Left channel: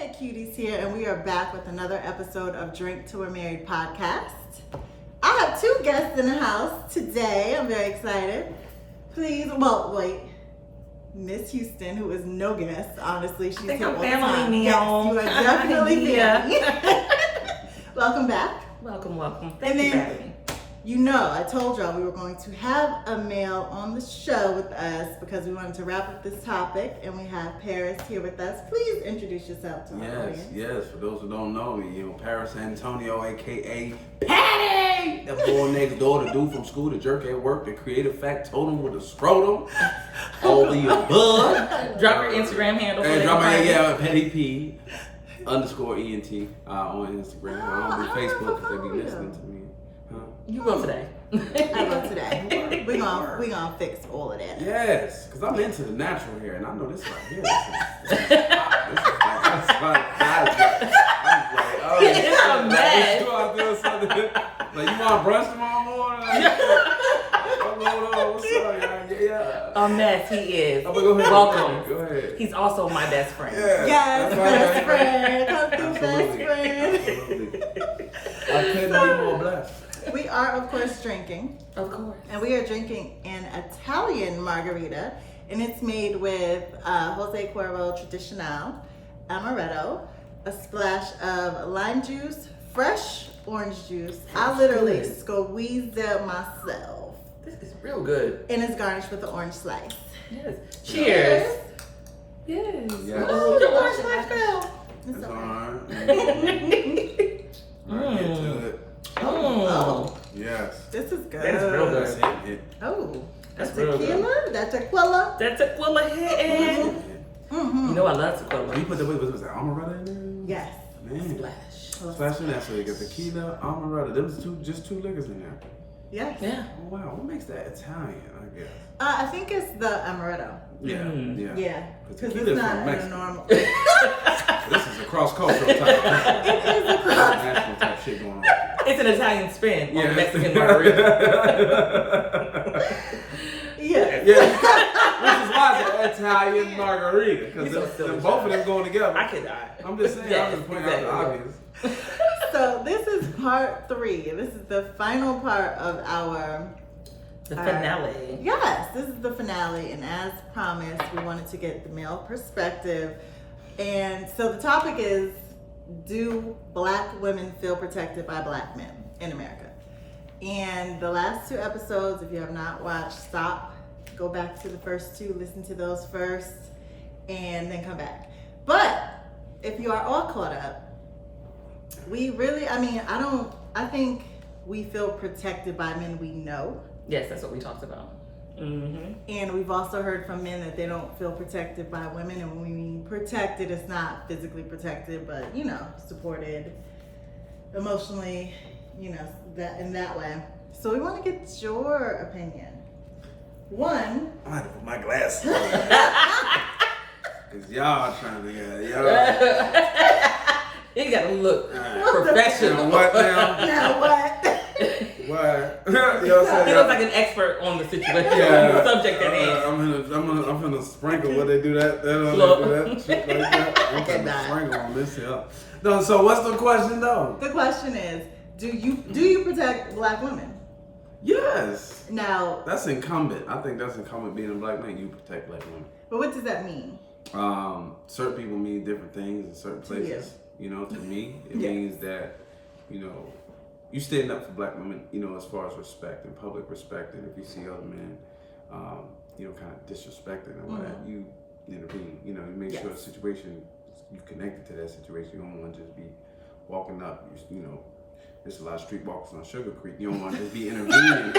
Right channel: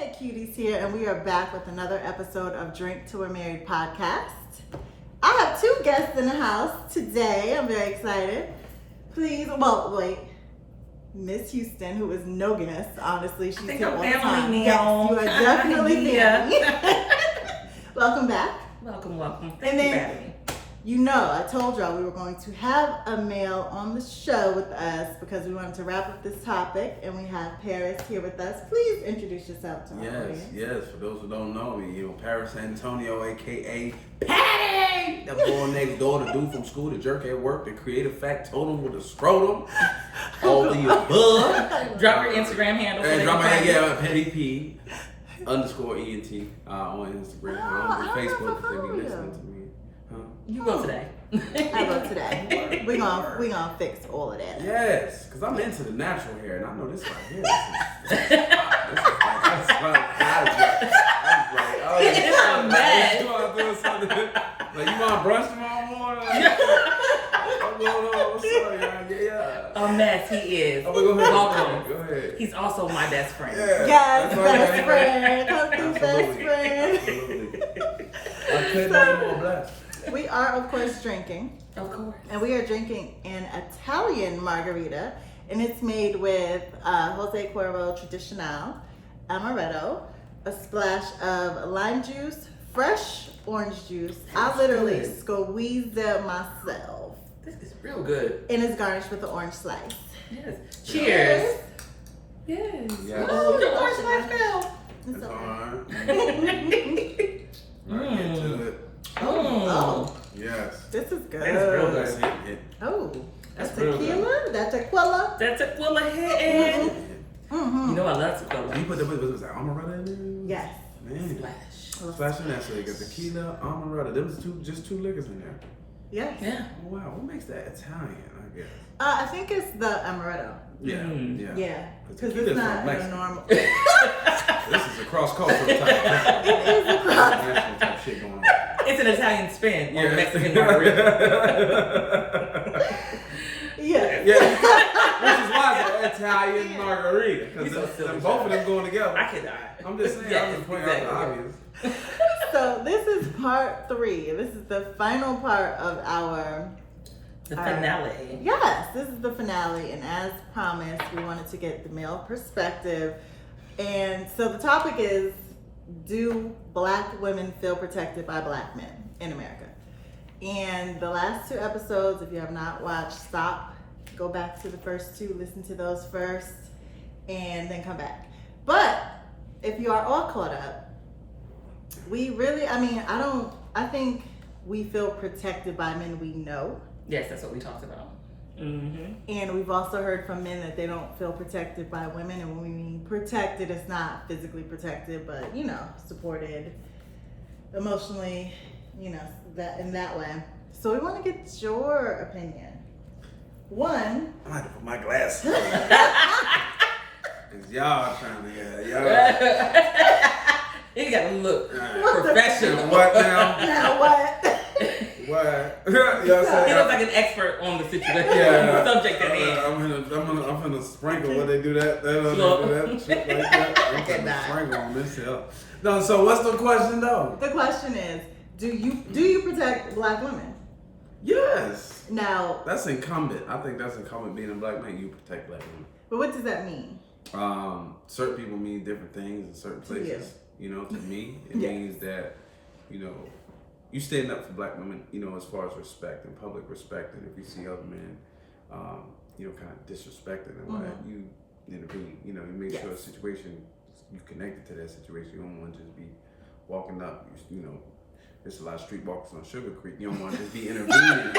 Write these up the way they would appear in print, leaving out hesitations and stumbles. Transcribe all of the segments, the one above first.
Hey Cuties here, and we are back with another episode of Drink Till We're Married podcast. I have two guests in the house today. I'm very excited. Miss Houston, who is no guest, honestly, she's here all the time. Yes, you are definitely family. Welcome back. Welcome. Thank you for having me. You know, I told y'all we were going to have a male on the show with us because we wanted to wrap up this topic, and we have Paris here with us. Please introduce yourself to our audience. Yes. For those who don't know me, Paris Antonio, aka Patty, the boy next door, the dude from school, the jerk at work, the creative factotum with the scrotum, all the above. Drop your Instagram handle. Patty P _ENT on Instagram. I don't do Facebook because they be listening to me. You go today. I go today. We gonna fix all of that. Yes, because I'm into the natural hair, and I know this right here. This is hot. I'm like, oh, it's a mess. I feel something. Like, you want brunch tomorrow morning? What's up, yeah. A mess he is. Oh, go ahead. Welcome. Go ahead. He's also my best friend. Yeah, yes, best friend. Come through, best friend. I couldn't be more blessed. We are, of course, drinking. Of course. And we are drinking an Italian Margarita. And it's made with Jose Cuervo Tradicional Amaretto, a splash of lime juice, fresh orange juice. I literally squeezed it myself. This is real good. And it's garnished with the orange slice. Yes. Cheers. Yes. Oh, the orange slice It's fell. alright. Get to it. Oh. Yes. This is good. It's real good. Oh. That's tequila? That's tequila? That's tequila head. Mm-hmm. You know I love tequila. You put was that Amaretto in there? Yes. Man. Splash. Splash in that, so you got tequila, Amaretto. There was just two liquors in there. Yes. Yeah. Oh wow, what makes that Italian? I guess. I think it's the Amaretto. Yeah. Yeah. Because Tequila's it's not from Mexico. normal. This is a cross-cultural type. It is a cross. National type shit going on. It's an Italian spin on Yeah. Mexican margarita. Yeah. Which is why it's an Italian margarita, because both of them going together. I could die. I'm just saying, I'm just pointing out the obvious. So this is part 3. This is the final part of our finale. Yes, this is the finale, and as promised, we wanted to get the male perspective. And so the topic is, do Black women feel protected by Black men in America? And the last 2 episodes, if you have not watched, stop, go back to the first 2, listen to those first, and then come back. But if you are all caught up, I think we feel protected by men we know. Yes, that's what we talked about. Mm-hmm. And we've also heard from men that they don't feel protected by women. And when we mean protected, it's not physically protected, but, supported emotionally, that in that way. So we want to get your opinion. One. I had to put my glasses on. Because y'all trying to get You gotta look professional. What now? Now what? What? He looks like an expert on the situation, the subject at hand. I'm gonna sprinkle what they do that. They do that shit like that. I'm gonna sprinkle on this here. No, so what's the question though? The question is, do you protect Black women? Yes. Now that's incumbent. I think that's incumbent. Being a Black man, you protect Black women. But what does that mean? Certain people mean different things in certain places. To me, it means that, you stand up for Black women, as far as respect and public respect. And if you see other men, kind of disrespecting and all that, you intervene. You make sure a situation, you connected to that situation. You don't want to just be walking up, there's a lot of streetwalkers on Sugar Creek. You don't want to just be intervening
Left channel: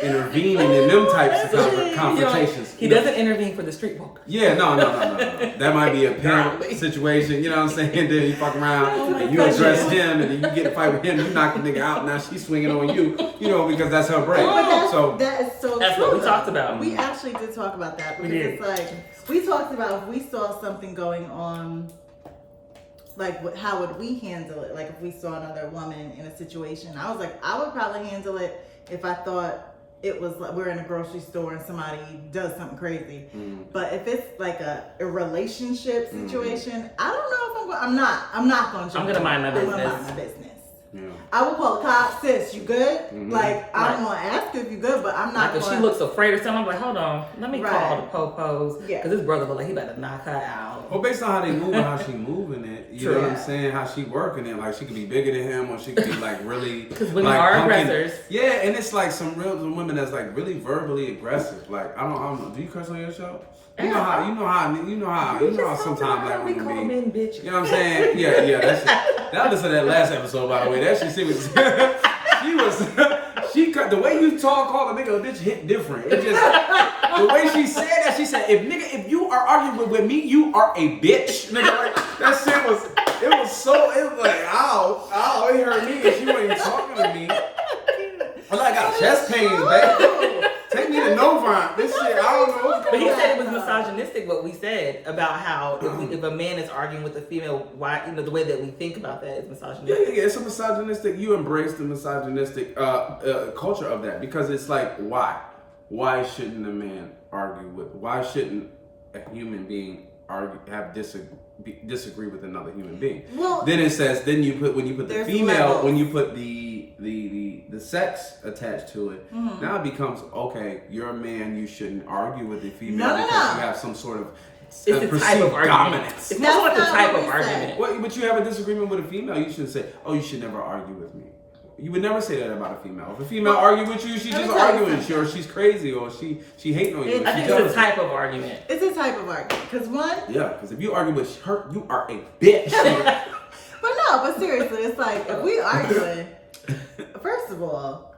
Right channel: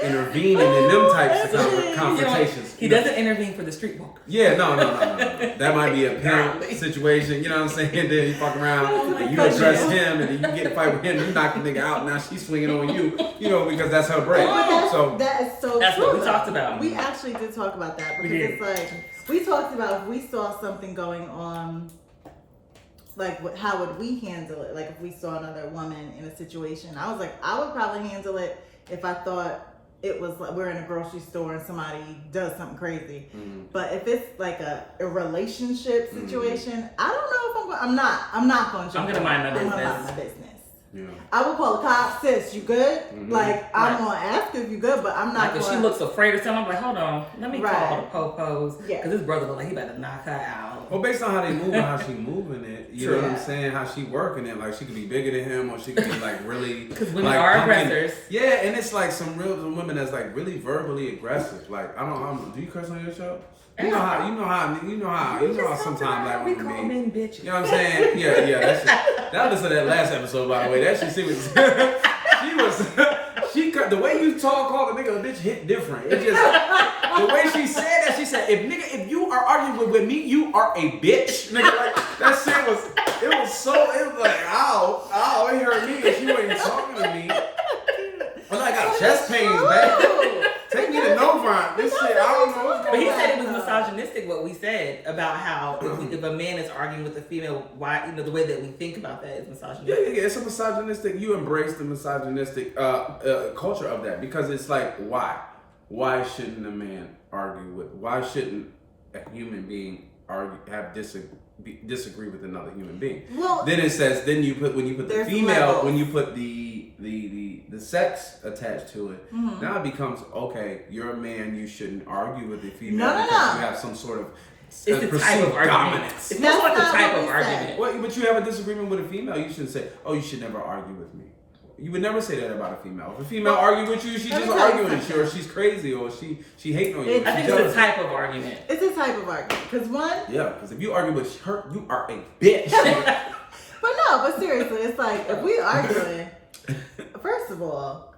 in them types of confrontations. He doesn't intervene for the streetwalkers. Yeah, no. That might be a pimp situation, you know what I'm saying? Then you fuck around and you address him and then you get in a fight with him, you knock the nigga out, now she's swinging on you, because that's her break. That is so that's true. What we talked about. We actually did talk about that because it's like, we talked about if we saw something going on, like how would we handle it? Like if we saw another woman in a situation, I was like, I would probably handle it if I thought it was like we're in a grocery store and somebody does something crazy. But if it's like a relationship situation, I don't know if I'm I'm not gonna jump. I'm gonna mind my business. I'm gonna mind my business. Yeah. I will call the cops, sis, you good? Mhm. Like, I'm gonna ask if you good, but I'm not Like, if gonna. she looks afraid or something, I'm like, hold on, let me call the popos. Yeah. Because his brother look like he about to knock her out. Well, based on how they move and how she moving it, you know what I'm saying? How she working it, like she could be bigger than him, or she could be like really. Because women like, are pumpkin. aggressors. Yeah, and it's like some women that's like really verbally aggressive. Like I don't. Do you curse on your show? You know how sometimes black women be. Men bitches. You know what I'm saying? Yeah. That listen to that last episode, by the way. That she was. The way you call the nigga a bitch hit different. It just the way she said that. She said, if you are arguing with me, you are a bitch, nigga. Like that shit was. It was like ow, it hurt me, and she wasn't even talking to me. Well, I got chest pains, man. Take me to Novant. This shit, I don't know what's But going he on. said it was misogynistic what we said about how if a man is arguing with a female, why the way that we think about that is misogynistic. Yeah. It's a misogynistic. You embrace the misogynistic culture of that because it's like, why? Why shouldn't a man argue with? Why shouldn't a human being disagree with another human being? Well, then it says when you put the female, levels. when you put the sex attached to it, now it becomes okay. You're a man. You shouldn't argue with the female because you have some sort of perceived dominance. It's not like a type of argument. Well, but you have a disagreement with a female. You shouldn't say, "Oh, you should never argue with me." You would never say that about a female. If a female argue with you, she's just arguing with you, or she's crazy, or she hating on you. I think it's a type of argument. It's a type of argument. Because because if you argue with her, you are a bitch. but seriously, it's like, if we arguing, first of all,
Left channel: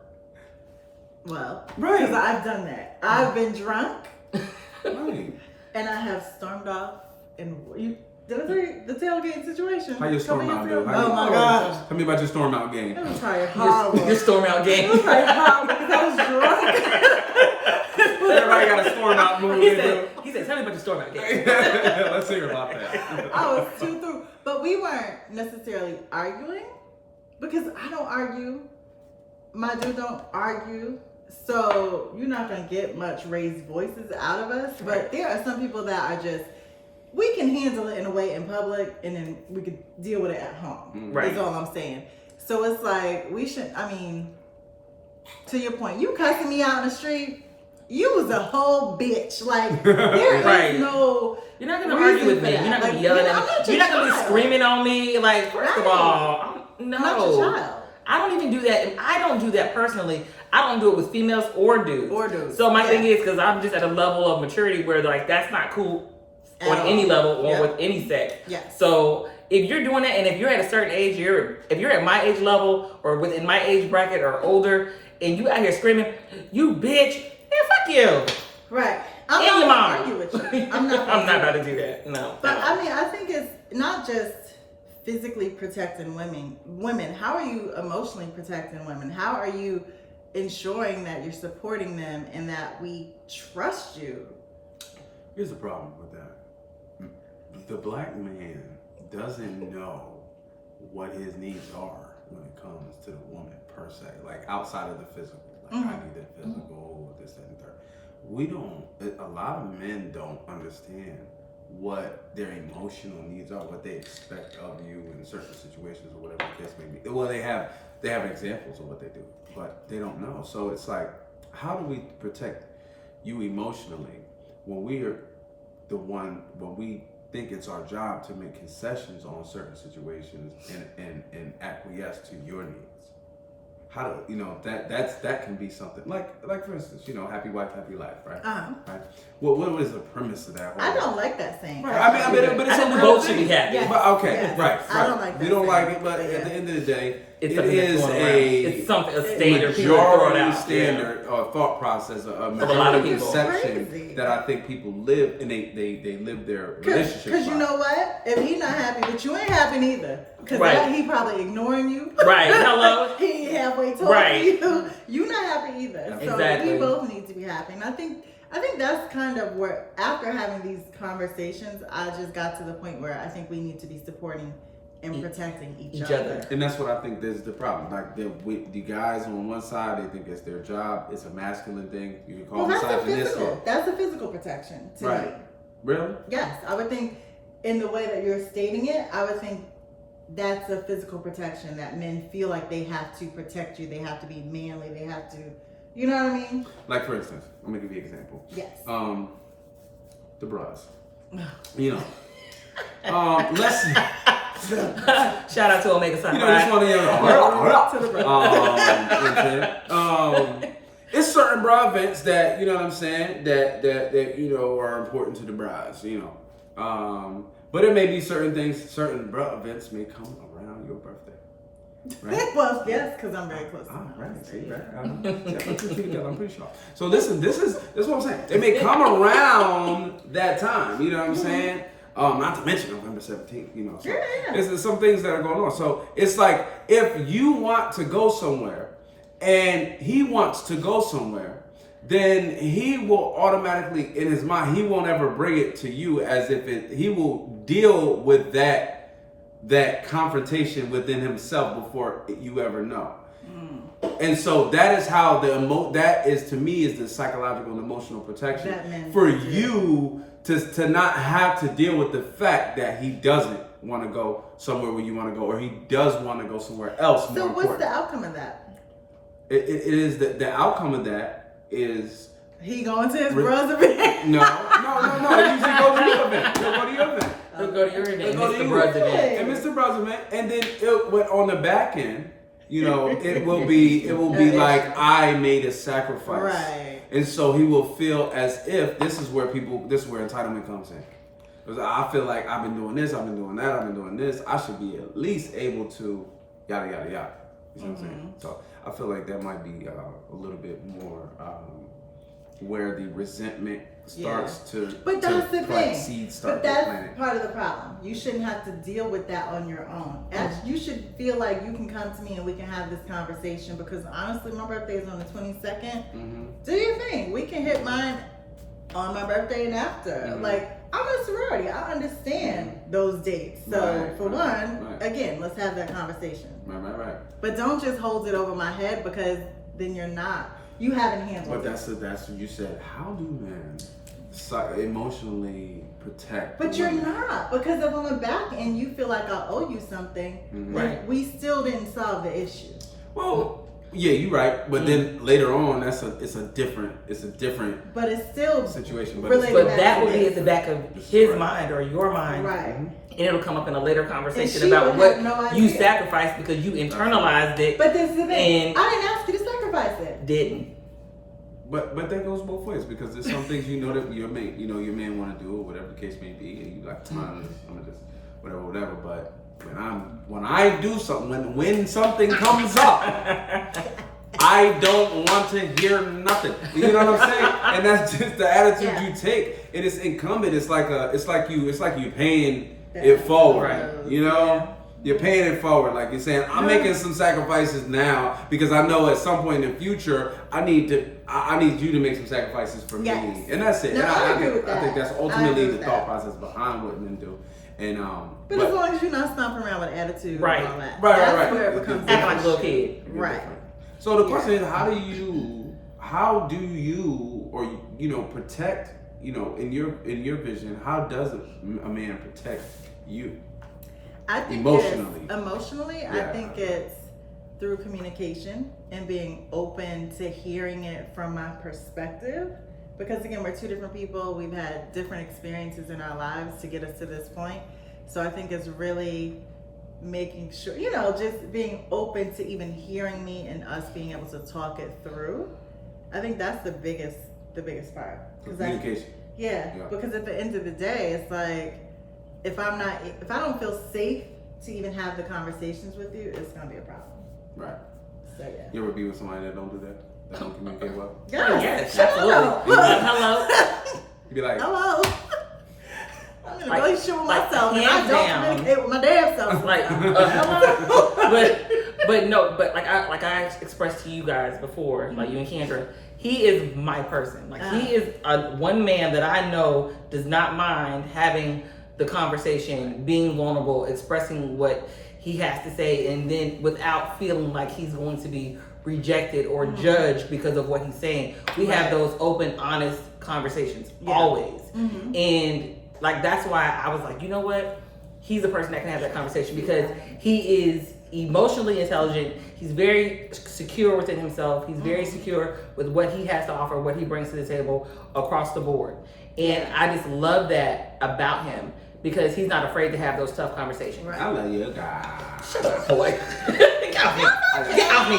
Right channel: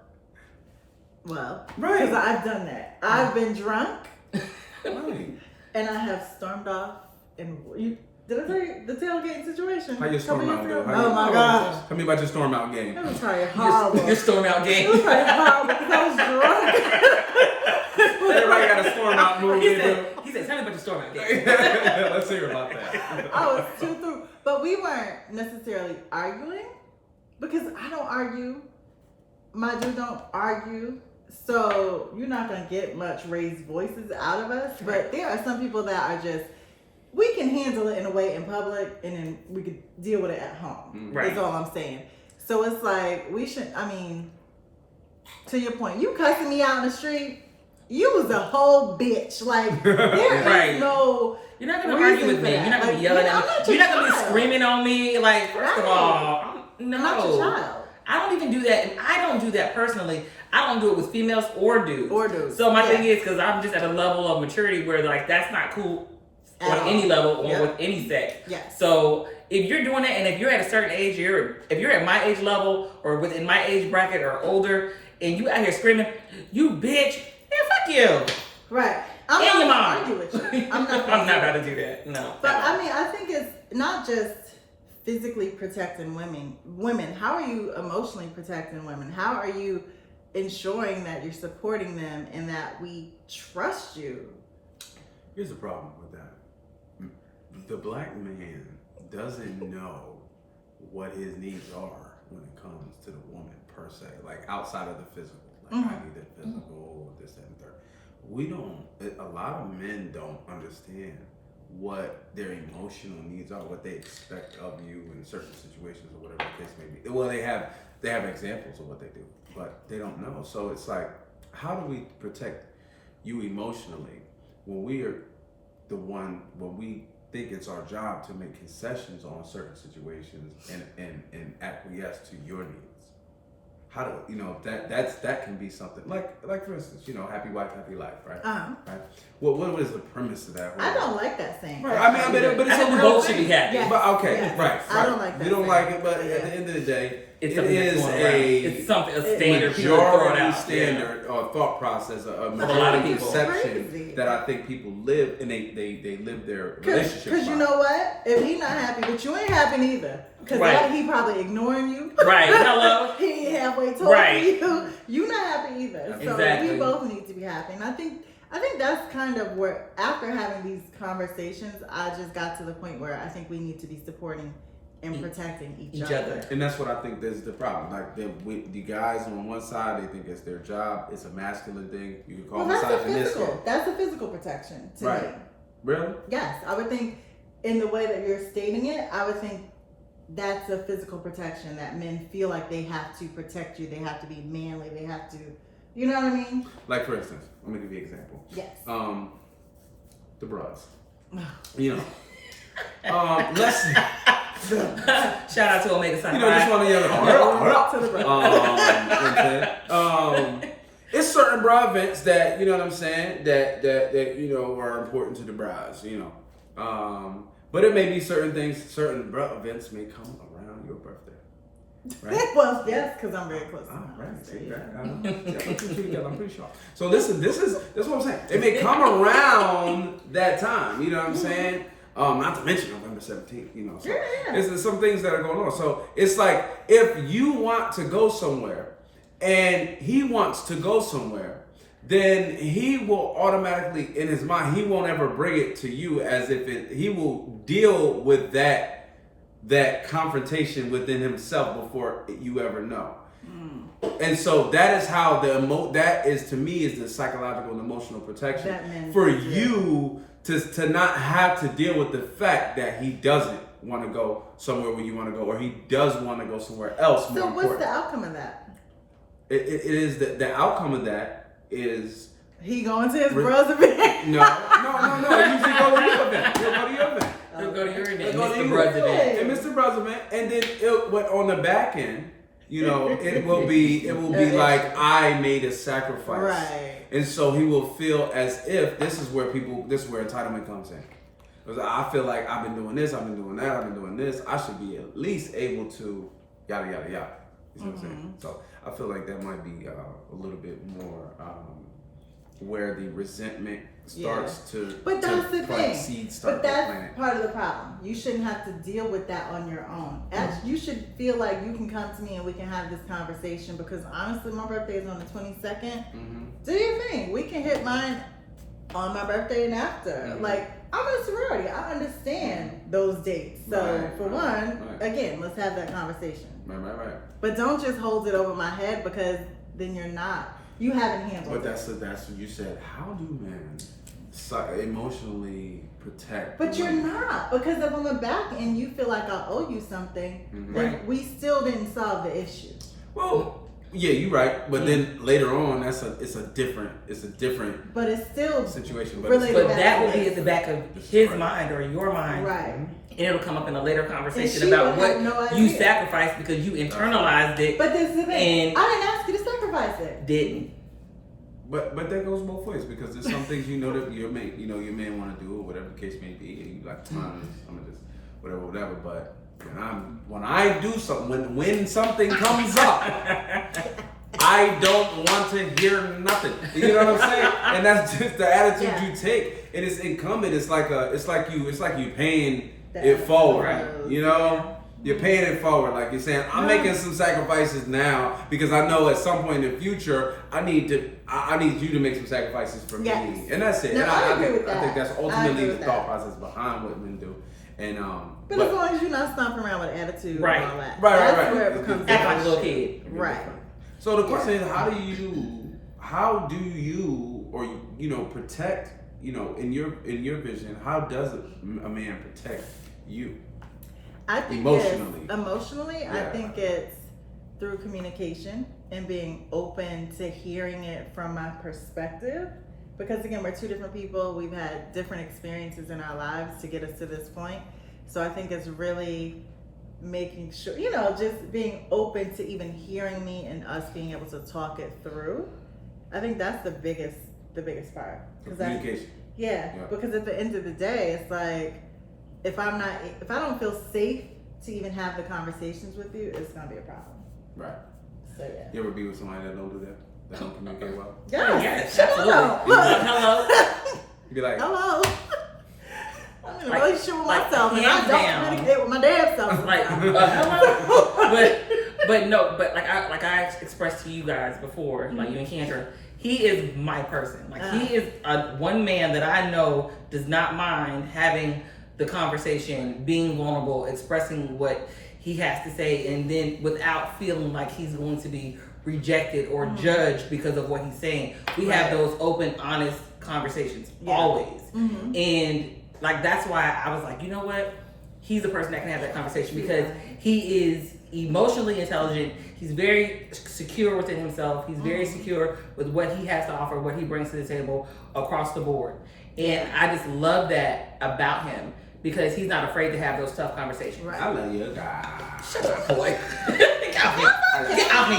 well, because I've done that. I've been drunk, Right. and I have stormed off, and did I tell you the tailgate situation? How your storm out do? Oh my gosh. Tell me about your storm out game. It was probably horrible. Your storm out game. It was probably horrible because I was drunk. Everybody got a storm out move. He said, tell me about your storm out game. Let's hear about that. I was too through. But we weren't necessarily arguing because I don't argue. My dude don't argue. So you're not going to get much raised voices out of us. But there are some people that are just, we can handle it in a way in public and then we could deal with it at home. Right. That's all I'm saying. So it's like, we should, to your point, you cussing me out in the street, you was a whole bitch. Like, there is no... You're not going to argue with me. You're not going to be yelling at me. You're not going to be screaming on me. Like, first of all, no. I'm not your child. I don't even do that. And I don't do that personally. I don't do it with females or dudes. So my thing is, because I'm just at a level of maturity where, like, that's not cool on any level or with any sex. Yes. So if you're doing that, and if you're at a certain age, if you're at my age level or within my age bracket or older, and you out here screaming, "You bitch," man, fuck you. Right. I'm not your gonna mom. argue with you. I'm not about to do that. No. But I think it's not just physically protecting women. How are you emotionally protecting women? How are you ensuring that you're supporting them and that we trust you? Here's the problem with that. The black man doesn't know what his needs are when it comes to the woman per se, like outside of the physical. Like I need that physical, this, that, and third. A lot of men don't understand what their emotional needs are, what they expect of you in certain situations or whatever the case may be. Well, they have examples of what they do, but they don't know. So it's like, how do we protect you emotionally when we are when we think it's our job to make concessions on certain situations and acquiesce to your needs? How do that can be something like for instance, happy wife, happy life, right? Right. What is the premise of that? I don't like that saying. Right. But it's a real thing. Yes. But okay, yes. right. I don't like that. We don't saying. like it, but at the end of the day, It's a standard majority standard or thought process, a a lot of majority people. perception Crazy. that I think people live and they live their relationship. Because you know what? If he's not happy, but you ain't happy neither. Because he probably ignoring you. Right. Hello. He ain't halfway talking to you. You not happy either. So Exactly. we both need to be happy. And I think that's kind of where, after having these conversations, I just got to the point where I think we need to be supporting and protecting each other. And that's what I think is the problem. Like the guys on one side, they think it's their job. It's a masculine thing. You can call it misogynistic. That's a physical protection to me. Really? Yes, I would think in the way that you're stating it, I would think that's a physical protection that men feel like they have to protect you. They have to be manly. They have to, you know what I mean? Like for instance, I'm gonna give you an example. Yes. The bras. You know. Let's. Shout out to Omega Sci-Fi. You know, just want to it's certain bra events that, you know what I'm saying, that you know are important to the bras, you know. But it may be certain things, certain bra events may come around your birthday. Right? Well, yes, because I'm very close. Right. See that? I'm pretty sure. So listen, this is what I'm saying. It may come around that time. You know what I'm saying? Not to mention November 17th. You know, so there's some things that are going on. So it's like if you want to go somewhere, and he wants to go somewhere, then he will automatically, in his mind, he won't ever bring it to you as if he will deal with that confrontation within himself before you ever know. And so that is how that is, to me, is the psychological and emotional protection for you to not have to deal with the fact that he doesn't want to go somewhere where you want to go, or he does want to go somewhere else. So what's the outcome of that? It is the outcome of that is he going to his bros event. No. They usually go to your event. They'll go to your event. They'll go to your event. Mr. Bros event. And Mr. Bros event, and then on the back end, you know, it will be like I made a sacrifice, right? And so he will feel as if this is where entitlement comes in. Because I feel like I've been doing this, I've been doing that, I've been doing this. I should be at least able to yada yada yada. You know what I'm saying? So I feel like that might be a little bit more where the resentment starts to. But that's the thing. But that's part of the problem. You shouldn't have to deal with that on your own. You should feel like you can come to me and we can have this conversation, because honestly, my birthday is on the 22nd. Do your thing. We can hit mine on my birthday and after. Like, I'm in a sorority. I understand those dates. So again, let's have that conversation. Right. But don't just hold it over my head, because then you haven't handled it. But that's what you said. How do men emotionally protect? But you're not, because if on the back end you feel like I owe you something, then we still didn't solve the issue. Well, yeah, you're right. But then later on, it's a different. But it's still situation. But that will be at the back of his mind or your mind, right? And it'll come up in a later conversation about what you sacrificed because you internalized it. But this is the thing. I didn't ask you to sacrifice it. Didn't. But that goes both ways, because there's some things that your man want to do, or whatever the case may be, and you like, I'm gonna just whatever. But when I do something, when something comes up, I don't want to hear nothing. You know what I'm saying? And that's just the attitude you take. And it's incumbent. It's like you paying it forward. Right. You know? You're paying it forward. Like you're saying, I'm making some sacrifices now because I know at some point in the future I need you to make some sacrifices for me. And that's it. No, I think that's ultimately the thought process behind what men do. And but as long as you're not stomping around with attitude and all that. Right. That's where it becomes like a little kid. Right. So the question is, how do you protect, in your vision, how does a man protect you? I think emotionally, I think it's through communication and being open to hearing it from my perspective. Because again, we're two different people. We've had different experiences in our lives to get us to this point. So I think it's really making sure, just being open to even hearing me and us being able to talk it through. I think that's the biggest part. Communication. Because at the end of the day, it's like, if I don't feel safe to even have the conversations with you, it's gonna be a problem. Right. So yeah. You ever be with somebody that don't do that? That don't communicate well? Yes, absolutely. Hello. You be like, hello. I'm in a relationship with myself, and I don't communicate with my damn self. But like I expressed to you guys before, like you and Kendra, he is my person. Like he is one man that I know does not mind having the conversation, being vulnerable, expressing what he has to say, and then without feeling like he's going to be rejected or judged because of what he's saying. We have those open, honest conversations always. And like that's why I was like, you know what? He's the person that can have that conversation because he is emotionally intelligent. He's very secure within himself. He's very secure with what he has to offer, what he brings to the table across the board. And I just love that about him because he's not afraid to have those tough conversations. Right. I love you, guy. Shut up, boy. Get off me. Get off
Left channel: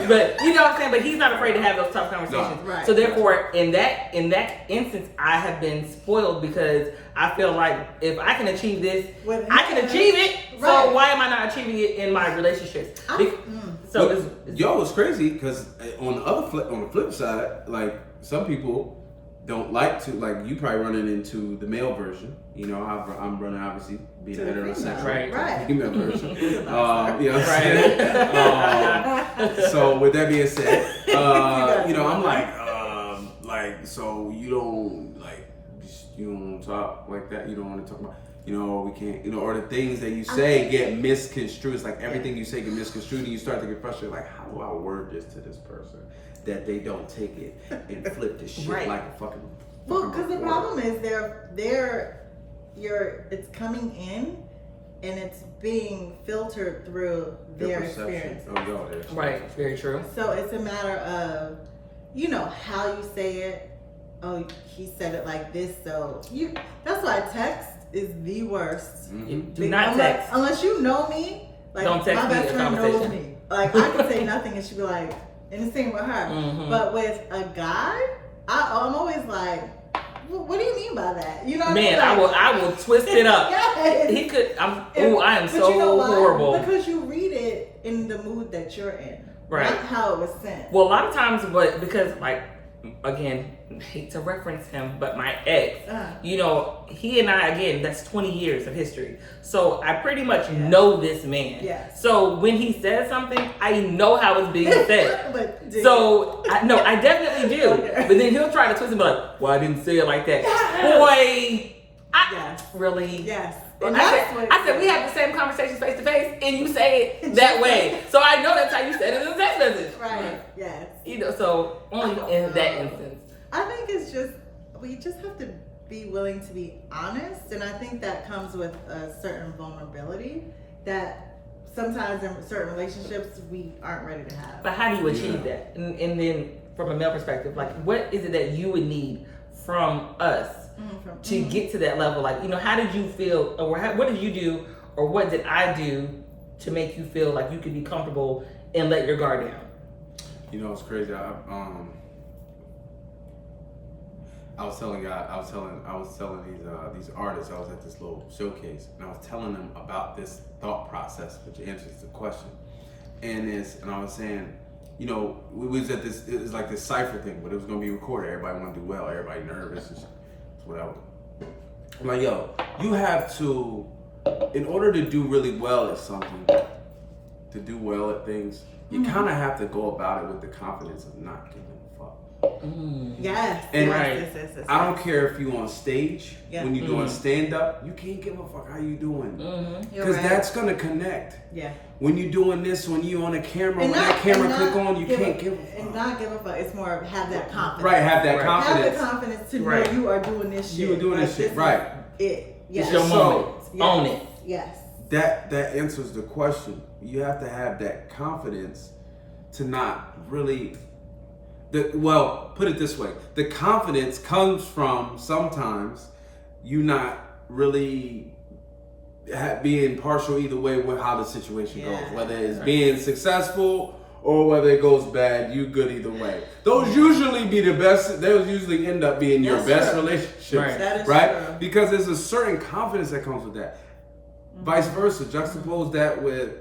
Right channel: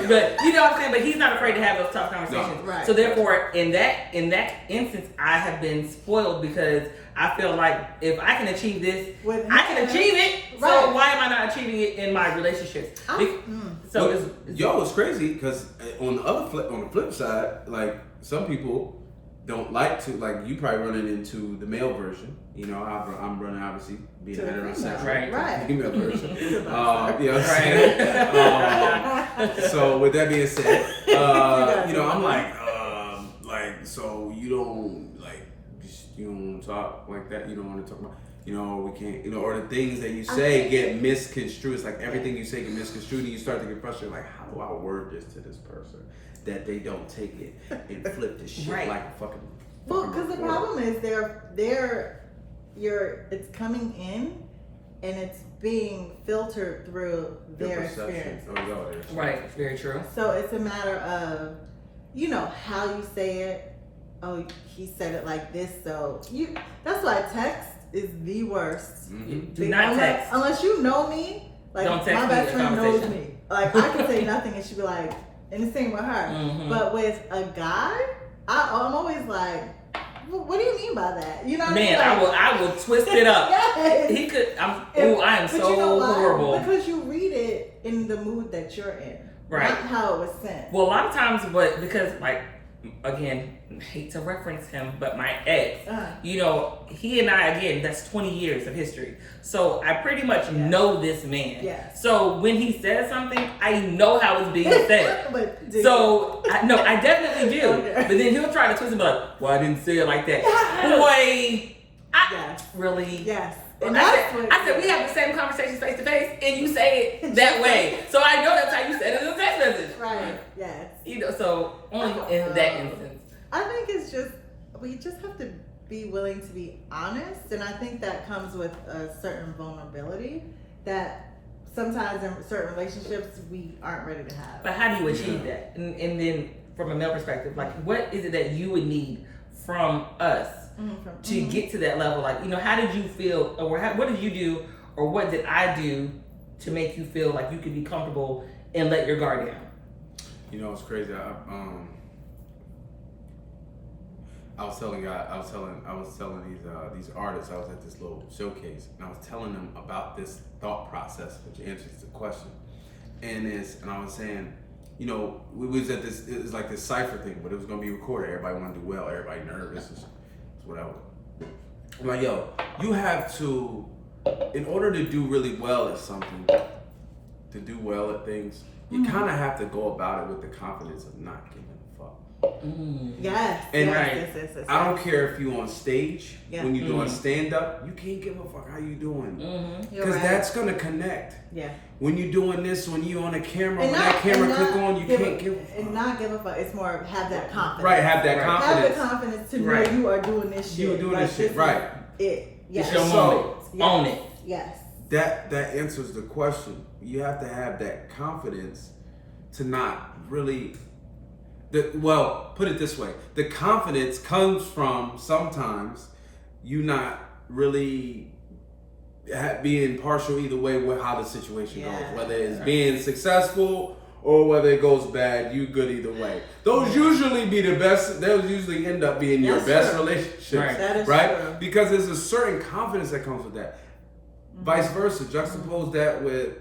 me. But you know what I'm saying? But he's not afraid to have those tough conversations. No. Right. So therefore, in that instance, I have been spoiled because I feel like if I can achieve this, I can achieve it. Right. So why am I not achieving it in my relationships? So it's crazy because on the flip side, like some people don't like to, like you probably running into the male version. You know, I'm running obviously being a heterosexual, right? Female version. You know what I'm saying? So with that being said, you know, I'm like, so you don't talk like that. You don't want to talk about, you know, we can't, you know, or the things that you say get misconstrued. It's like everything you say get misconstrued, and you start to get frustrated. Like, how do I word this to this person that they don't take it and flip this shit like a fucking. Well, because the problem is it's coming in and it's being filtered through their experience. Right, very true. So it's a matter of, you know, how you say it. Oh, he said it like this, so that's why text is the worst. Do not text. Unless you know me. Like, don't text my best friend knows conversation. me. Like, I can say nothing and she'd be like, and the same with her. But with a guy, I'm always like, what do you mean by that? You know what I mean? Like, I will twist it up. Yes. He could. I am so horrible. Because you read it in the mood that you're in, right? Not how it was sent. Well, a lot of times, because like, again, hate to reference him, but my ex, you know, he and I, again, that's 20 years of history. So I pretty much know this man. Yes. So when he says something, I know how it's being said. But so I definitely do. Okay. But then he'll try to twist and be like, well, I didn't say it like that. Yes. Boy, Yes. Really? Yes. And I said, we have the same conversations face to face, and you say it that way. So I know that's how you said it in the text message. Right. Yes. You know, so only in that instance. I think it's just, we just have to be willing to be honest. And I think that comes with a certain vulnerability that sometimes in certain relationships we aren't ready to have. But how do you achieve that? And then from a male perspective, like what is it that you would need from us to get to that level? Like, you know, how did you feel, or what did you do, or what did I do to make you feel like you could be comfortable and let your guard down? You know, it's crazy. I was telling these artists. I was at this little showcase, and I was telling them about this thought process, which answers the question. And I was saying, you know, we was at this. It was like this cipher thing, but it was gonna be recorded. Everybody wanted to do well. Everybody nervous, and whatever. I'm like, yo, you have to, in order to do really well at something, to do well at things, you kind of have to go about it with the confidence of not giving a fuck. Yes. And yes. I don't care if you on stage, when you're doing stand up, you can't give a fuck how you doing. Because that's gonna connect. Yeah. When you're doing this, when you on a camera, when that camera click on, you can't give a fuck. And not give a fuck. It's more of have that confidence. Right, have that confidence. Have the confidence to know you are doing this shit. You are doing this shit, right. Yes. It's your moment. Own it. Yes. That answers the question. You have to have that confidence to not really... put it this way. The confidence comes from sometimes you not really being partial either way with how the situation goes. Whether it's being successful or whether it goes bad, you good either way. Those usually be the best. Those usually end up being your best relationships, right? Because there's a certain confidence that comes with that. Vice versa, juxtapose that with,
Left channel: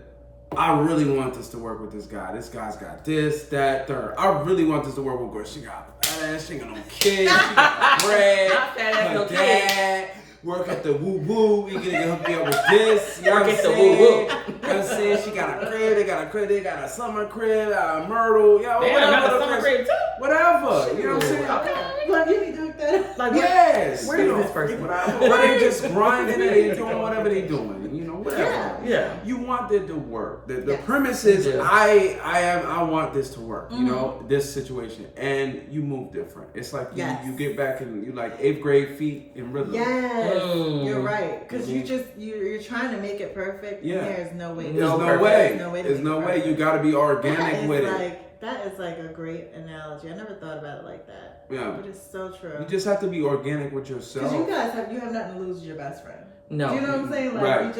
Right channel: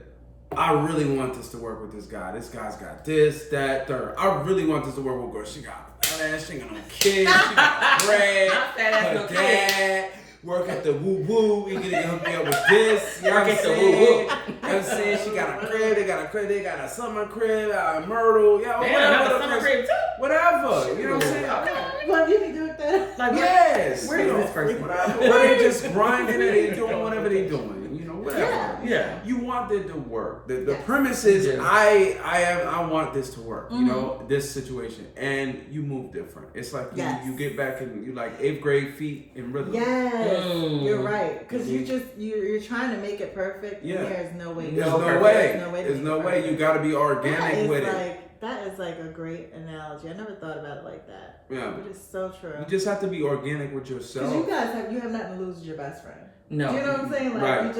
I really want this to work with this guy. This guy's got this, that, third. I really want this to work with girl. She got ass, she got no kids, she got bread, her dad, work at the woo-woo, he gonna hook me up with this, you know what I'm saying? You know what I'm saying? She got a crib, they got a summer crib, a Myrtle, whatever. Summer crib too? Whatever, you know what I'm saying? Well, you need to hook that. Like, yes. Where is this person? Where they just grinding and they doing whatever they doing, you know? whatever. Yeah. You want it to work. The premise is I want this to work. You know, this situation, and you move different. It's like you get back and you like 8th grade feet in rhythm. Yes, you're right. Because you're trying to make it perfect. Yeah. And there's no way. There's no way. You got to be organic with it. That is like a great analogy. I never thought about it like that. Yeah. But it's so true. You just have to be organic with yourself. Because you guys have nothing to lose to your best friend. No. Do you know what I'm saying? Like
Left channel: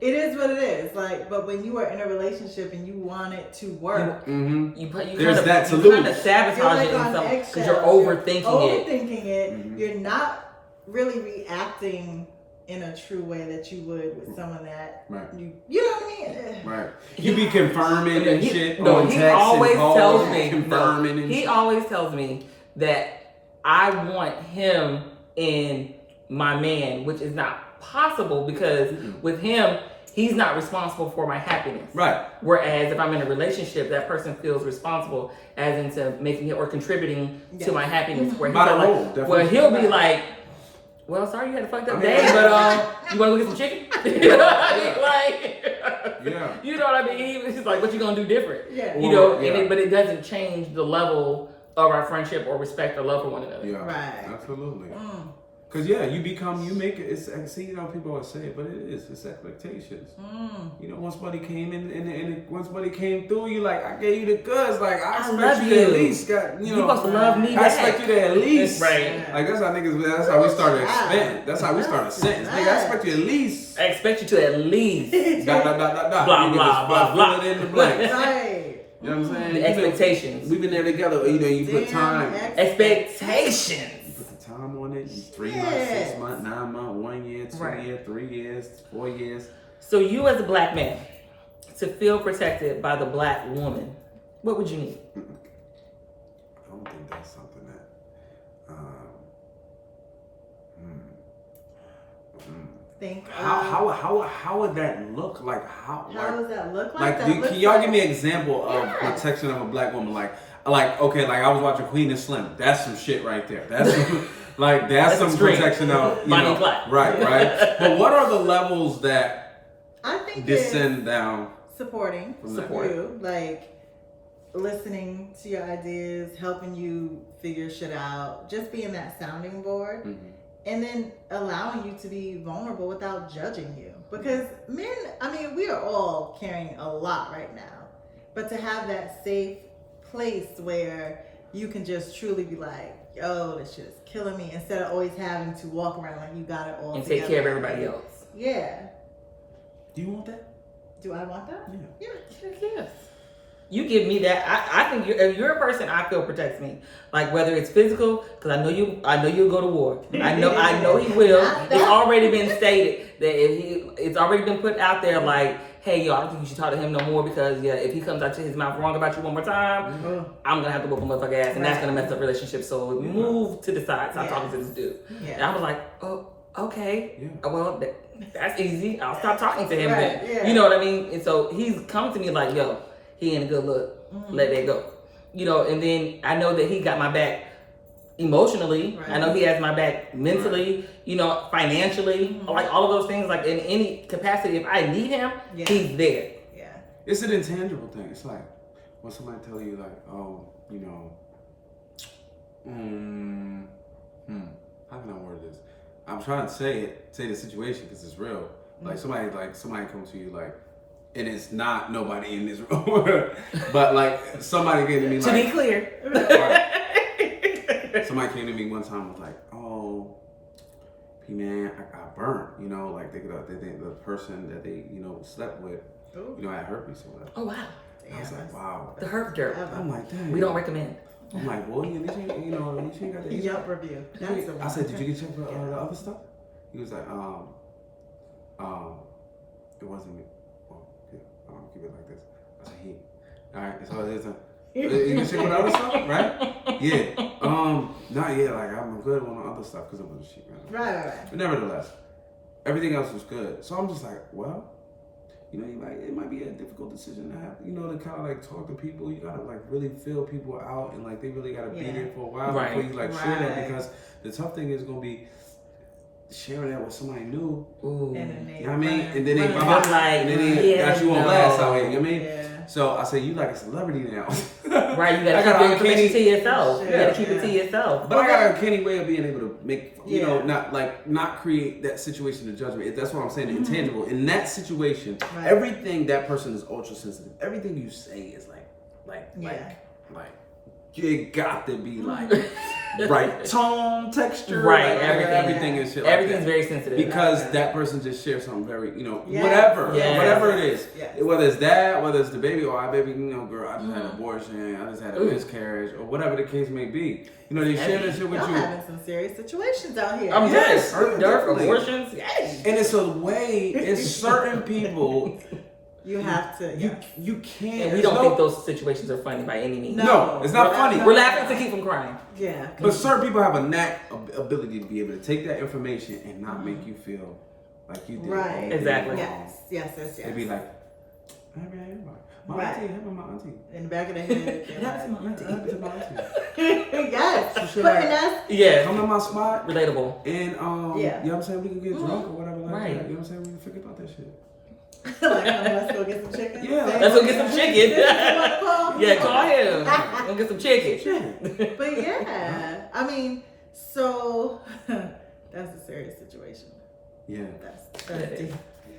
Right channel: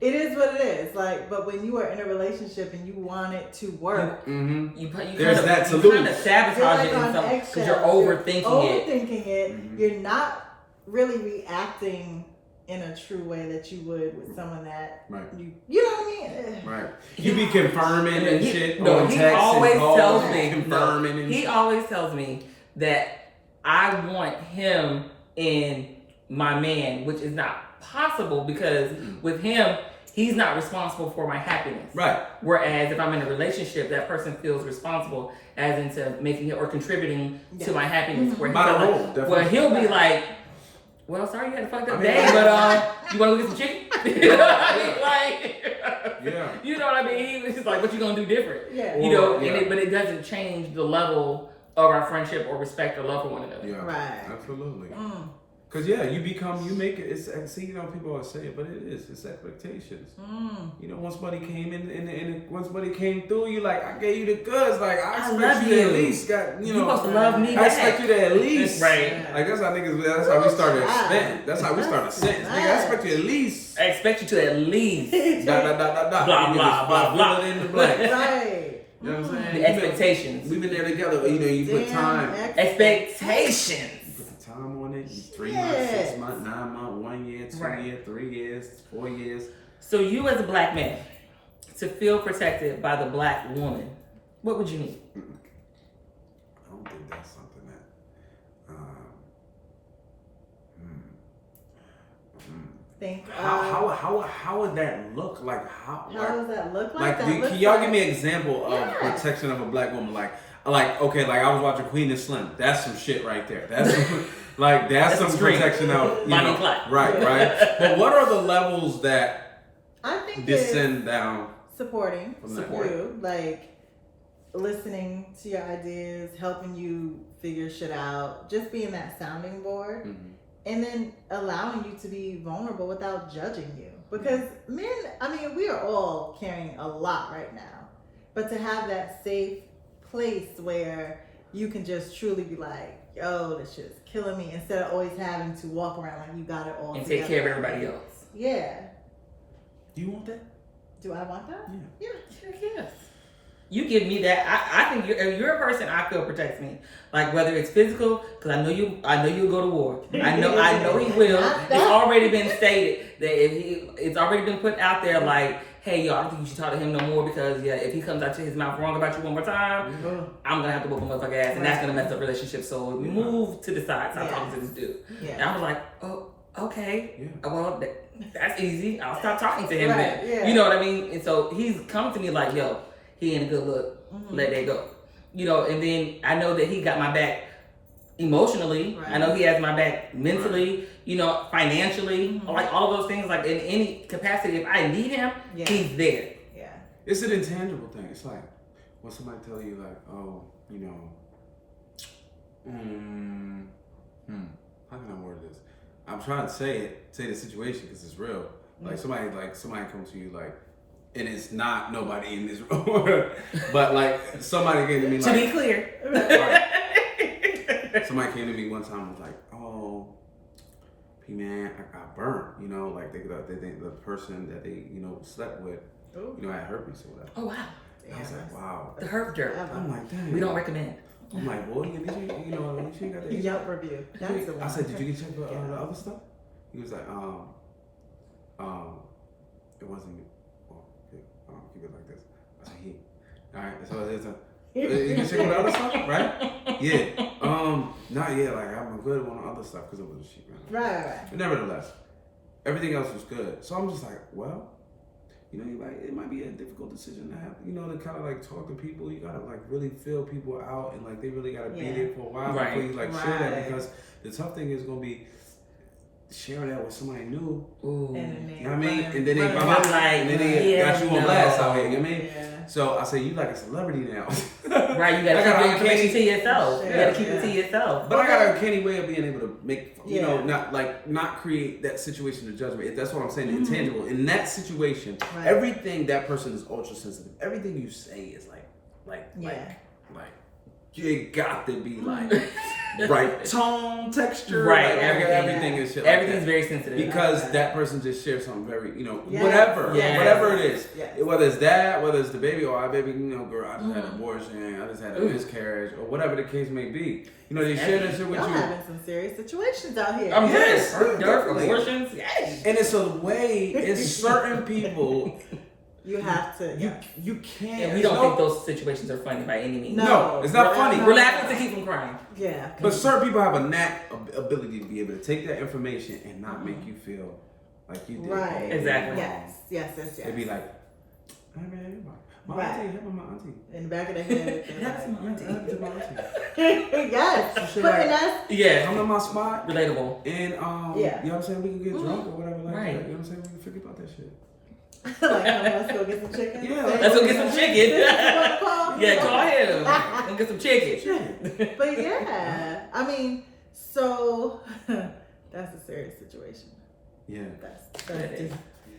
it is what it is. Like, but when you are in a relationship and you want it to work, there's that to you lose. kind of sabotage it because you're overthinking it. You're not really reacting in a true way that you would with someone that you know what I mean? Right. You be confirming and shit on text and calls and confirming and he always tells me that I want him in my man, which is not possible because with him, he's not responsible for my happiness. Right. Whereas if I'm in a relationship, that person feels responsible as into making it or contributing to my happiness. Where he'll be like, well, sorry you had a fucked up day, but you want to go get some chicken? You know what I mean? He's like, what you gonna do different? Yeah. You know, but it doesn't change the level of our friendship or respect or love for one another. Yeah, right. Absolutely. Because you make it. People always say it, but it's expectations. You know, once somebody came in and once somebody came through, you like, I gave you the goods. Like I expect you to at least you supposed to love me. I expect you to at least right. Like that's how niggas. That's how we started expanding. That's how we started sentence. Nigga, I expect you at least. I expect you to at least. Blah blah blah. Fill it in the blank. Right. You know what I'm saying? The expectations. We've been there together. You know, you put time. Expectations. Time on it, 3 months, 6 months, 9 months, 1 year, 2 years, 3 years, 4 years. So you as a black man, to feel protected by the black woman, what would you need? I don't think that's something that how would that look like? How does that look like? Can y'all give me an example of protection of a black woman? Like I was watching Queen and Slim. That's some shit right there. That's that's some extreme. Protection of right. But what are the levels that I think descend down? Supporting you, like listening to your ideas, helping you figure shit out, just being that sounding board. And then allowing you to be vulnerable without judging you. Because men, we are all carrying a lot right now. But to have that safe place where you can just truly be like, yo, this shit is killing me, instead of always having to walk around like you got it all and together. Take care of everybody else. Yeah. Do you want that? Do I want that? Yeah. Yes. You give me that. I think you're a person I feel protects me. Like whether it's physical, because I know you'll go to war. I know he will. It's already been stated that it's already been put out there. Like, hey, yo, I don't think you should talk to him no more because if he comes out to his mouth wrong about you one more time, I'm gonna have to whoop him motherfucker ass, and that's gonna mess up relationships. So move to the side. Stop talking to this dude. Yeah. And I was like, oh, okay. Yeah. Well, that's easy. I'll stop talking to him. Right. Then. Yeah. You know what I mean? And so he's come to me like, yo, he ain't a good look. Let that go. You know, and then I know that he got my back emotionally. Right. I know he has my back mentally, you know, financially, like all of those things, like in any capacity. If I need him, he's there. Yeah. It's an intangible thing. It's like when somebody tell you like, oh, you know, how can I word this? I'm trying to say the situation because it's real. Like somebody comes to you like, and it's not nobody in this room, but like somebody came to me like. To be clear. Right. Somebody came to me one time and was like, "Oh, P man, I got burnt. You know, like the person that they slept with, had herpes or whatever." Oh wow. I was like, "Wow." The herp dirt. I'm like, "Dang." We don't recommend. I'm like, "Boy, at least you ain't got that." Yelp review. That's the one. I said, "Did you get checked for the other stuff?" He was like, it wasn't me. Keep it like this. I said, all right. So it's you can check with the other stuff, right? Yeah. Not yet. Like I'm good on the other stuff because it was a sheep, man. Right. But nevertheless, everything else was good. So I'm just like, well, it might be a difficult decision to have, to kind of like talk to people. You gotta like really feel people out, and like they really gotta be there for a while before you like share that, because the tough thing is gonna be sharing that with somebody new. Ooh. And then You know what I mean? running- And then they running. like, and then they got you on blast out here. You know what I mean? Yeah. So I say you like a celebrity now. Right, you I gotta got keep an your information uncanny- to yourself. You Yeah. gotta keep it to yourself. But I got an uncanny way of being able to make, you know, Yeah. not create that situation of judgment. That's what I'm saying, the intangible. In that situation, Right. everything that person is ultra sensitive. Everything you say is like, you got to be like right tone, texture, Right, like, everything is shit. Everything's like that. very sensitive. Because that person just shares something very, you know, Yes. whatever it is. Yes. Whether it's that, whether it's the baby, or I baby, you know, girl, I just had an abortion, I just had a miscarriage, or whatever the case may be. You know, they share that shit with Y'all you. having some serious situations out here. I'm Yes, yes, definitely. abortions. Yes. And it's a way, it's certain people, You have to. you can't. And we don't think those situations are funny by any means. No, it's not funny. We're laughing to keep from crying. Yeah. But certain people have a ability to be able to take that information and not make you feel like you did. Right. Exactly. Yes. They'd be like, hey man, my Right. auntie, help my auntie. In the back of the head. That's my auntie. Help to my auntie. Yes. Should But I- and that's Yeah. Come to my spot. Relatable. And Yeah. you know what I'm saying, we can get drunk or whatever like Right. that. You know what I'm saying? We can forget about that shit. like, let's go get some chicken. Yeah, Let's go get some chicken. This is what call me. Yeah, call him. Go get some chicken. But yeah, I mean, so that's a serious situation. Yeah. That's deep.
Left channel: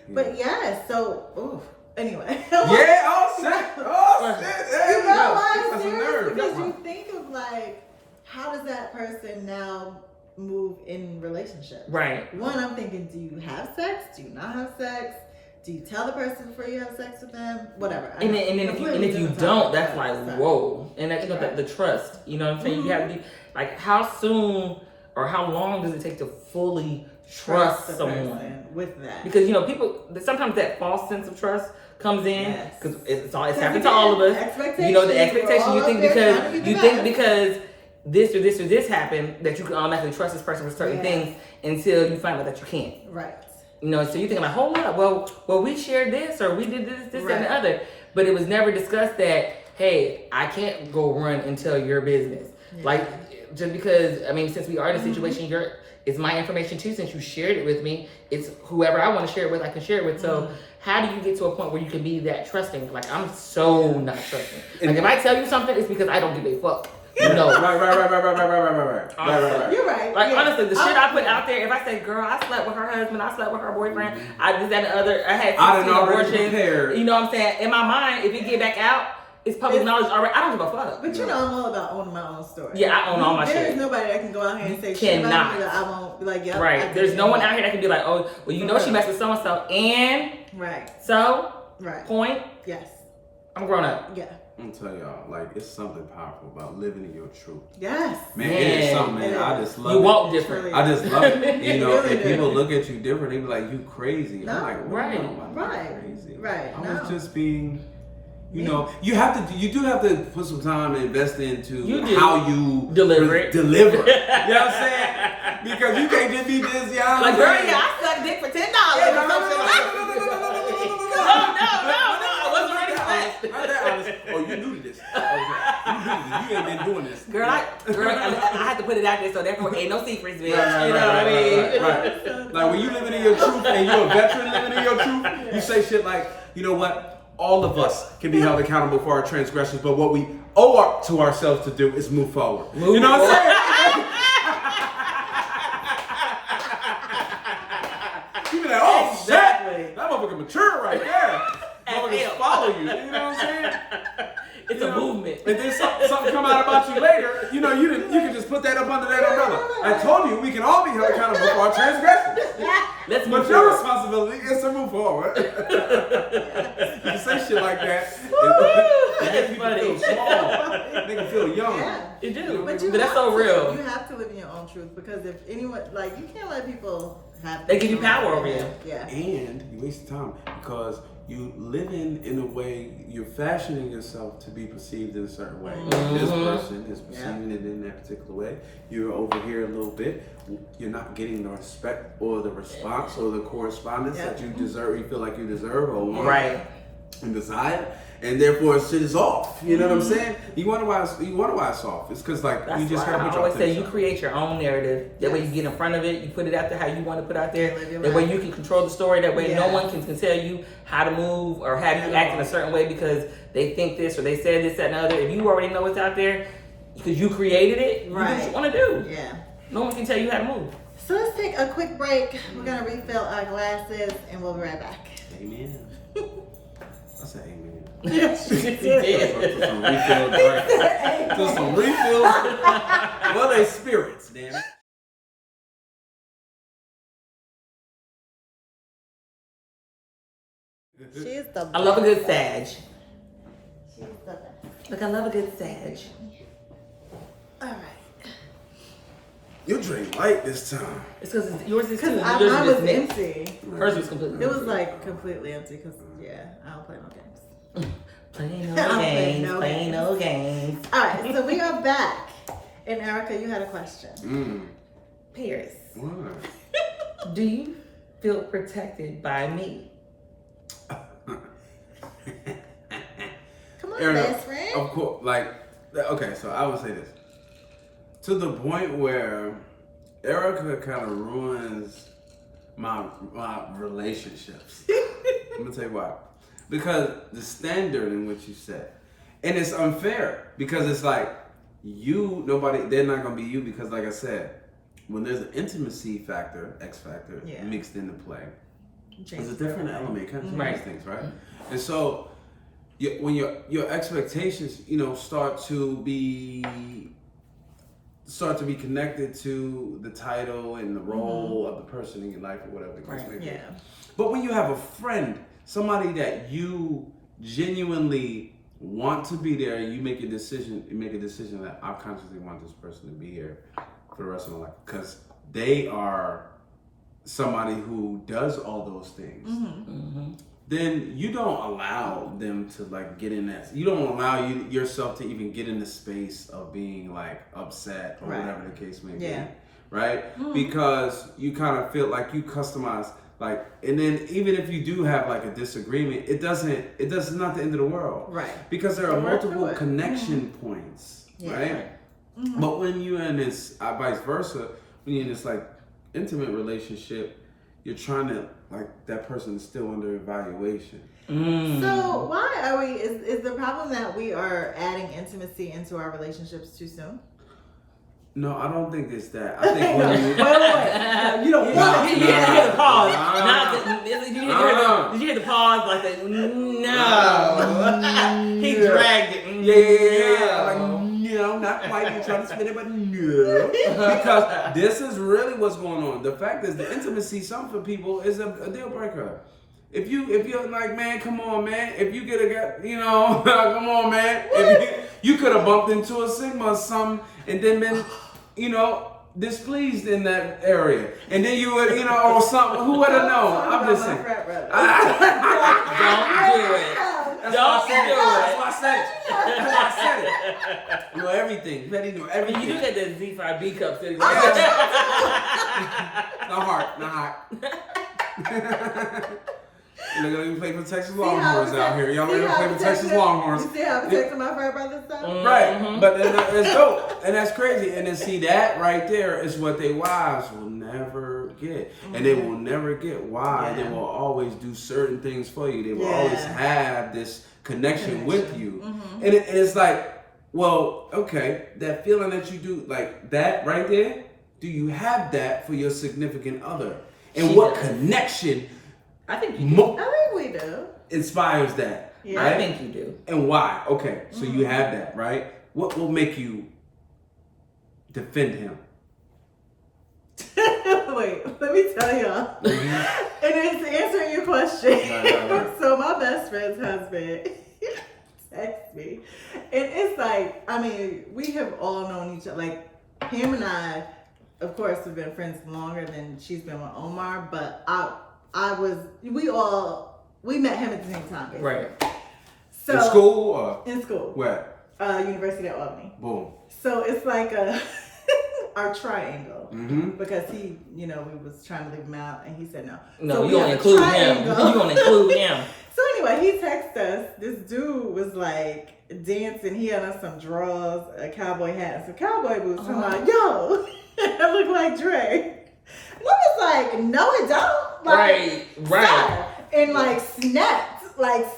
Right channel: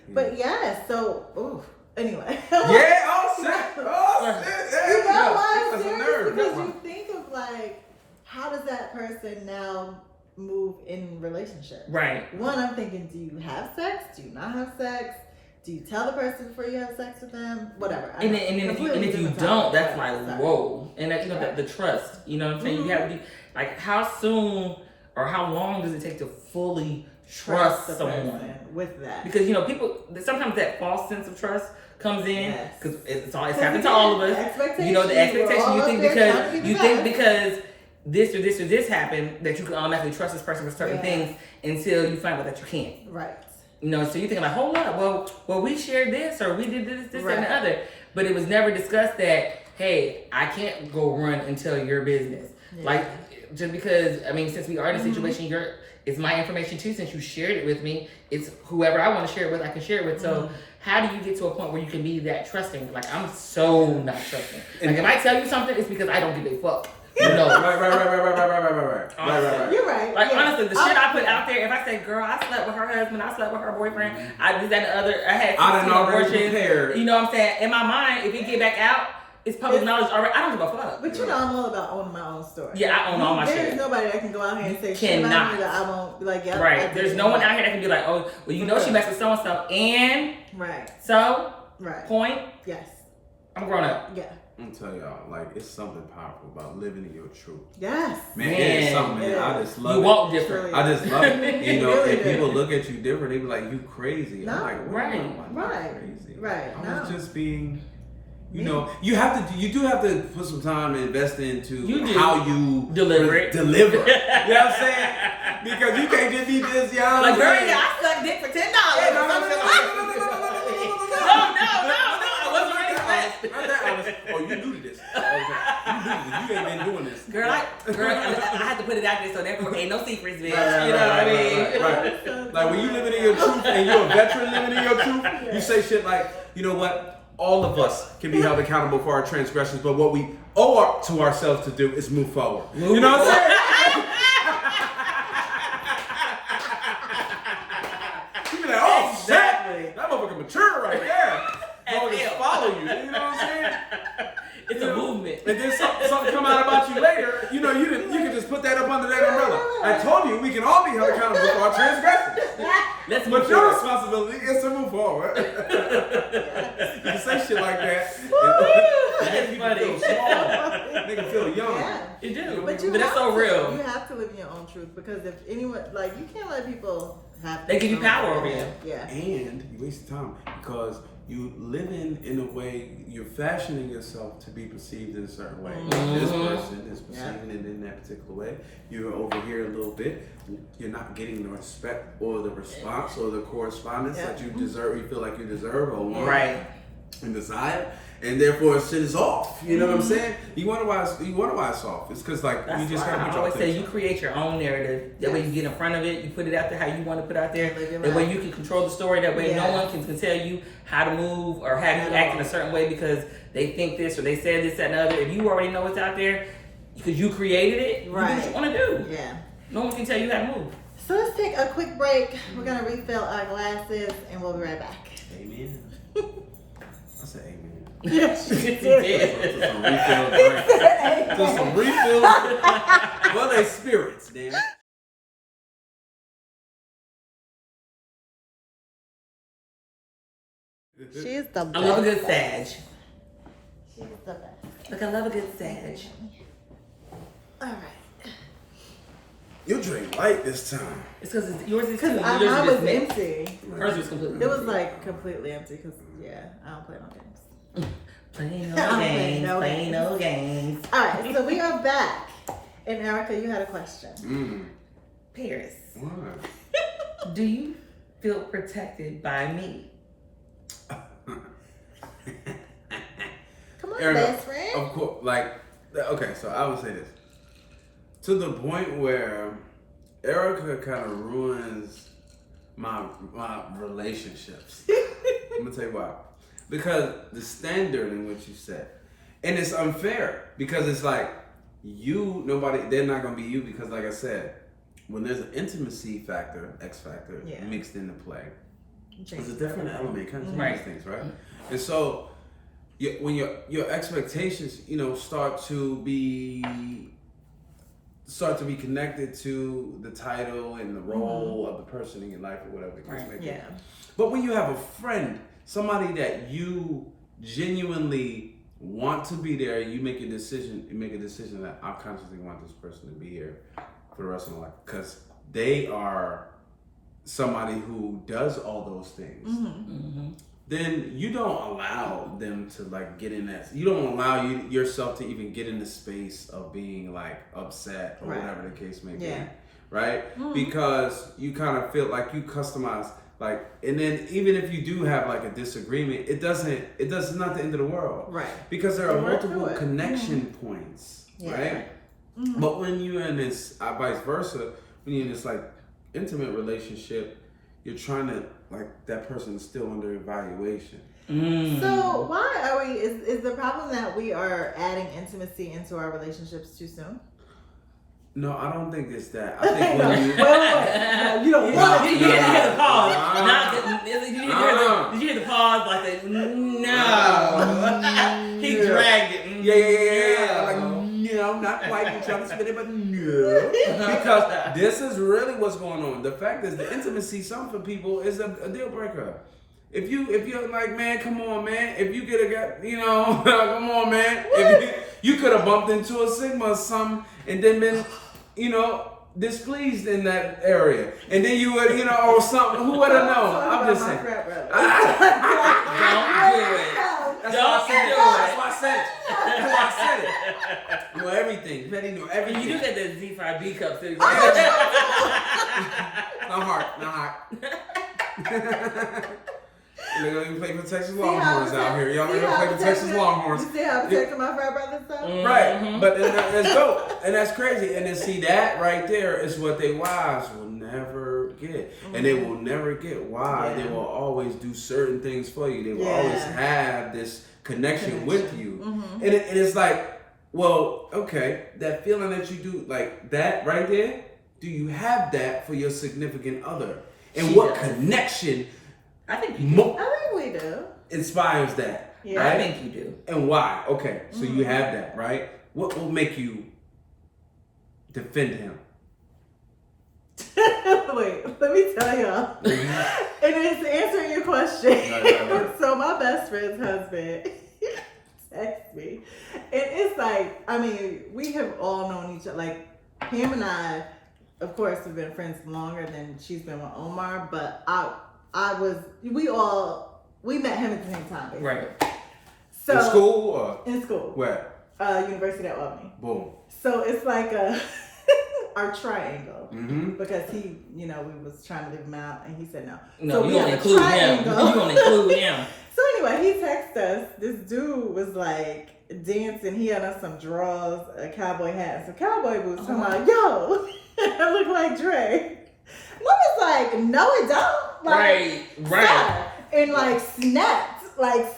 But yeah, so anyway. Yeah, oh shit. Oh shit. There You know why That's I'm a serious? nerve. Because you think of like, how does that person now move in relationships? Right. One, I'm thinking, do you have sex? Do you not have sex? Do you tell the person before you have sex with them? Whatever. And then if you don't, that's like, whoa. And that's Right. the trust. You know what I'm saying? You have to be like, how soon or how long does it take to fully trust the someone? person with that. Because you know, people sometimes that false sense of trust comes in Yes. because it's happened to all of us. Expectations. You know, the expectation We're you all think up there trying to keep it up. because this or this or this happened that you can automatically trust this person with certain things until you find out that you can't. Right. You know, so you think like, hold up, well, we shared this or we did this, Right. and the other, but it was never discussed that, hey, I can't go run and tell your business. Yeah. Like, just because, I mean, since we are in a situation, it's my information too. Since you shared it with me, it's whoever I want to share it with, I can share it with. So how do you get to a point where you can be that trusting? Like, I'm so not trusting. Like, if I tell you something, it's because I don't give a fuck. You know, Right. You're right. like yeah. honestly, the shit I put out there. If I say, "Girl, I slept with her husband, I slept with her boyfriend, I did that and the other, I had 16 I done already abortions," prepared. you know what I'm saying? In my mind, if it get back out, it's public knowledge already. I don't give a fuck. But you know, I'm all about owning my own story. Yeah, I own all my There's shit. nobody that can go out here and You say shit about cannot. me that I won't be like, yep, I Right. did There's it. no one out here that can be like, "Oh, well, you know she messed with so and so," and Right. so Right. point. Yes. I'm grown up. Yeah. I'm telling y'all, like, it's something powerful about living in your truth. Yes. Man, it is something, man. Yeah. I just love You it. walk different. I just love it. You know, Really if people do. look at you different, they be like, you crazy. No, I'm like, what right, do you know? I'm not right, crazy. right, I no. was just being, you Me. know, you do have to put some time and invest into You do. how you Deliver it. Deliver. You know what I'm saying? Because you can't just be this, y'all. Like, girl, yeah, I sucked dick for $10. I wasn't ready for that. Not that honest. Oh, you new to this. You ain't been doing this. Girl, I had to put it out there, so therefore ain't no secrets, bitch. Right, You know what I mean? right. Like when you living in your truth and you're a veteran living in your truth, you say shit like, you know what? All of us can be held accountable for our transgressions, but what we owe to ourselves to do is move forward. You know what I'm saying? You be like, oh shit, Exactly. that motherfucker mature right there. Motherfuckers hell. follow you. You know what I'm saying? It's a movement. And then something come out about you later, you know, you can just put that up under that umbrella. I told you we can all be held accountable for our transgressions. Let's move But your forward. responsibility is to move forward. You can say shit like that. It makes people feel small. Make them feel young. Yeah. You do. But But that's so real. You have to live in your own truth because if anyone, like, you can't let people have. They give you power over you. Yeah. And you waste time because you living in a way, you're fashioning yourself to be perceived in a certain way. This person is perceiving it in that particular way. You're over here a little bit. You're not getting the respect or the response or the correspondence that you deserve, you feel like you deserve or want Right. and desire. and therefore shit is off. You know what I'm saying? You wonder why it's off. It's because like That's you just why gotta I put your always say you attention. create your own narrative. That way you get in front of it, you put it out there how you want to put out there. Live your That way life. you can control the story. That way no Yeah. one can tell you how to move or how At to act all. in a certain way because they think this or they said this, that, and the other. If you already know what's out there, because you created it, you do what Right. you want to do. Yeah. No one can tell you how to move. So let's take a quick break. We're gonna refill our glasses and we'll be right back. Amen. I said amen. Yes, you To did. some refill drink. To some refill. Well, they spirits, damn it. She's the best. I love a good sag. She's the best. Look, I love a good sag. All right. You drink light this time. It's because yours is too. Because Yours mine is was just mixed. empty. Hers was completely It was like completely empty because, yeah, I don't play no games. Playing no Playing games, no playing games. no games. All right, so we are back. And Erica, you had a question. Paris, What? do you feel protected by me? Come on, Erica, best friend. of course, like, okay, so I would say this. To the point where Erica kind of ruins my relationships. I'm gonna tell you why. Because the standard in which you set, and it's unfair because it's like they're not gonna be you because, like I said, when there's an intimacy factor, X factor, Yeah. mixed into play, there's a Changes different everything. element, kind of Right. changes things, right? And so, when your expectations, start to be connected to the title and the role of the person in your life or whatever the case may be. Yeah. But when you have a friend, somebody that you genuinely want to be there, you make a decision that I consciously want this person to be here for the rest of my life because they are somebody who does all those things. Then you don't allow them to like get in that. You don't allow yourself to even get in the space of being like upset or Right. whatever the case may be, Yeah. right? Because you kind of feel like you customize like, and then even if you do have like a disagreement, it's not the end of the world, Right. Because there are You work through multiple it. connection points, Yeah. right? But when you're in this, vice versa, when you're in this like intimate relationship, you're trying to like that person is still under evaluation. So why are we? Is the problem that we are adding intimacy into our relationships too soon? No, I don't think it's that. I think when you Wait. No, you don't want Did to you hear the pause? Nah. Did you hear the pause? Like the no. He dragged it. Yeah. Like, no, not quite. You're trying to spin it, but no. Because this is really what's going on. The fact is, the intimacy, some for people, is a deal breaker. If you're like, man, come on, man. If you get come on, man. If you could have bumped into a Sigma or something and then been, displeased in that area, and then you would, or something. Who would have known? I'm just saying. Don't do it. That's why I said it. You know everything. Betty knew everything. You do get the Z5B cup sitting Not hard. You're gonna play for Texas Longhorns out here. Y'all are gonna play for Texas Longhorns. You see how I'm protecting my frat brothers stuff? Right, but it's dope, and that's crazy. And then see that right there is what they wives will never get, and they will never get why they will always do certain things for you. They will always have this connection with you, and it's like, well, okay, that feeling that you do like that right there. Do you have that for your significant other? And what connection? I think you do. I think we do. Inspires that, Yeah. right? I think you do. And why? Okay, so you have that, right? What will make you defend him? Wait, let me tell y'all. And it's answering your question. Right. So my best friend's husband texts me. And it's like, we have all known each other. Like, him and I, of course, have been friends longer than she's been with Omar, but we met him at the same time, basically. Right. So, in school or In school. where? University of Albany. Boom. So it's like our triangle. Mm-hmm. Because he, we was trying to leave him out and he said no. No, So you we don't have a include him. triangle. You don't include him. So anyway, he texted us. This dude was like dancing. He had on some drawers, a cowboy hat, and some cowboy boots. Talking about, yo, I look like Dre. We was like, no, it don't. Like, right. Stop. And like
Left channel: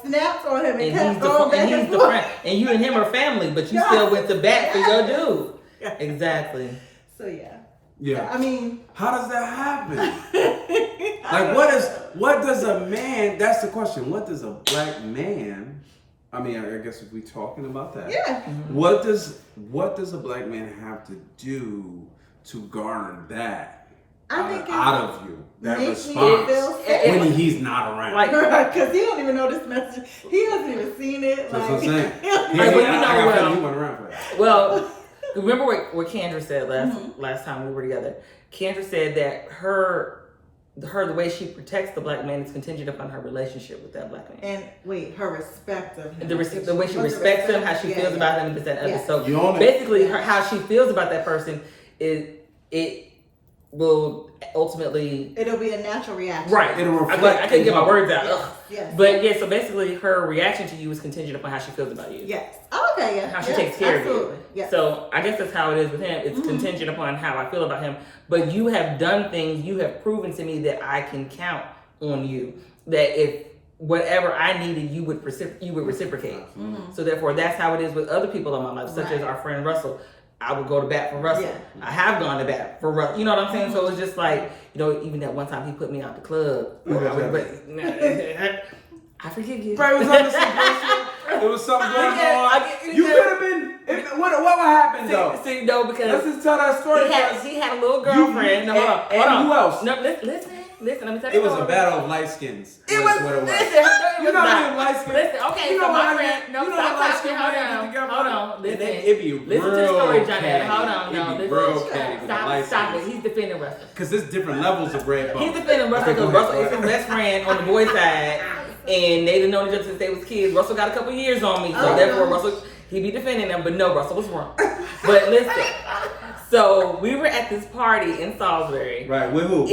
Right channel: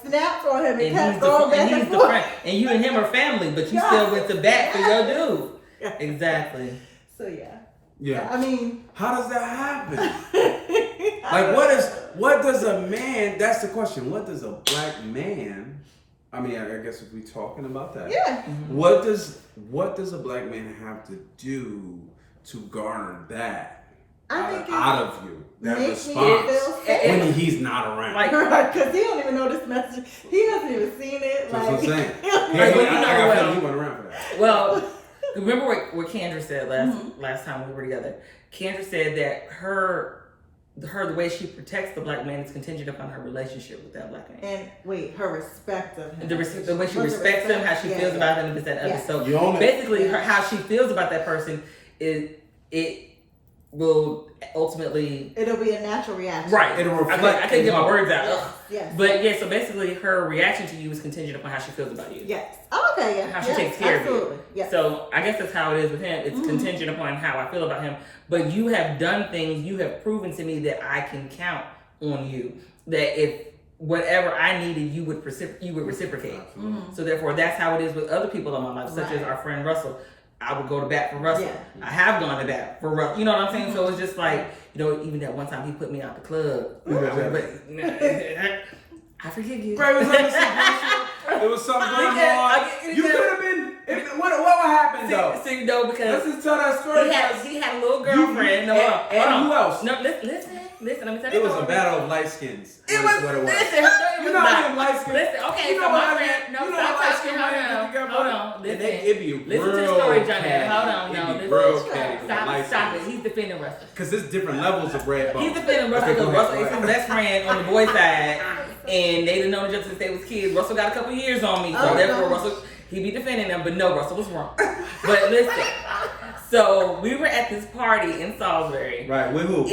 snapped on him and And kept he's going back and forth. and you and him are family, but you Yeah. still went to bat for your dude. Yeah. Exactly. So yeah. Yeah. I mean, How does that happen? Like, what does a man, that's the question. What does a black man, I mean, I guess if we talking about that. yeah. What does a black man have to do to garner that I think out of you? That make me response feel safe. when he's not around. Like, Because he don't even know this message. He hasn't even seen it. That's like, what I'm saying. he don't Yeah, Like, but you I know got what? feeling he went around for that. Well, remember what Kendra said last time we were together? Kendra said that the way she protects the black man is contingent upon her relationship with that black man. And wait, her respect of him. The way she respects him, how she feels about him, and this, that, and other. So You own it. basically, how she feels about that person is it will ultimately It'll be a natural reaction. right. It'll I reflect. couldn't get my his words out. Yes. Ugh. Yes. But yeah, so basically, her reaction to you is contingent upon how she feels about you. Yes. Oh, okay. Yeah. How she yes, takes care absolutely. of you. Yes. So I guess that's how it is with him. It's contingent upon how I feel about him. But you have done things, you have proven to me that I can count on you. That if whatever I needed, you would reciprocate. So therefore, that's how it is with other people in my life, such as Right. our friend Russell. I would go to bat for Russell. Yeah. I have gone to bat for Russell. You know what I'm saying? So it's just like, even that one time he put me out the club. I forgive you. Bro, it was on the situation. There was something going on. You could have been. What would happen though? See, no, Let's because just tell that story. he had a little girlfriend. No, hold on. And who else? No, listen. Let me tell you. It was a battle of light skins. It was what it was. Listen, You know how them light skins. Listen, okay, You know so what my I friend. mean? No, You know how stop light talking. skin Hold women on. get together. Hold on. And Listen. it be Listen to the real story, Johnny. catty. Hold on. No, It be listen. real catty with the light Stop it. skins. He's defending Russell. Because there's different levels of red bone. He's defending Russell because Russell is his best friend on the boys' side, and they didn't know each other since they was kids. Russell got a couple years on me, so therefore Russell, he be defending them. But no, Russell was wrong. But listen, so we were at this party in Salisbury. Right, with who?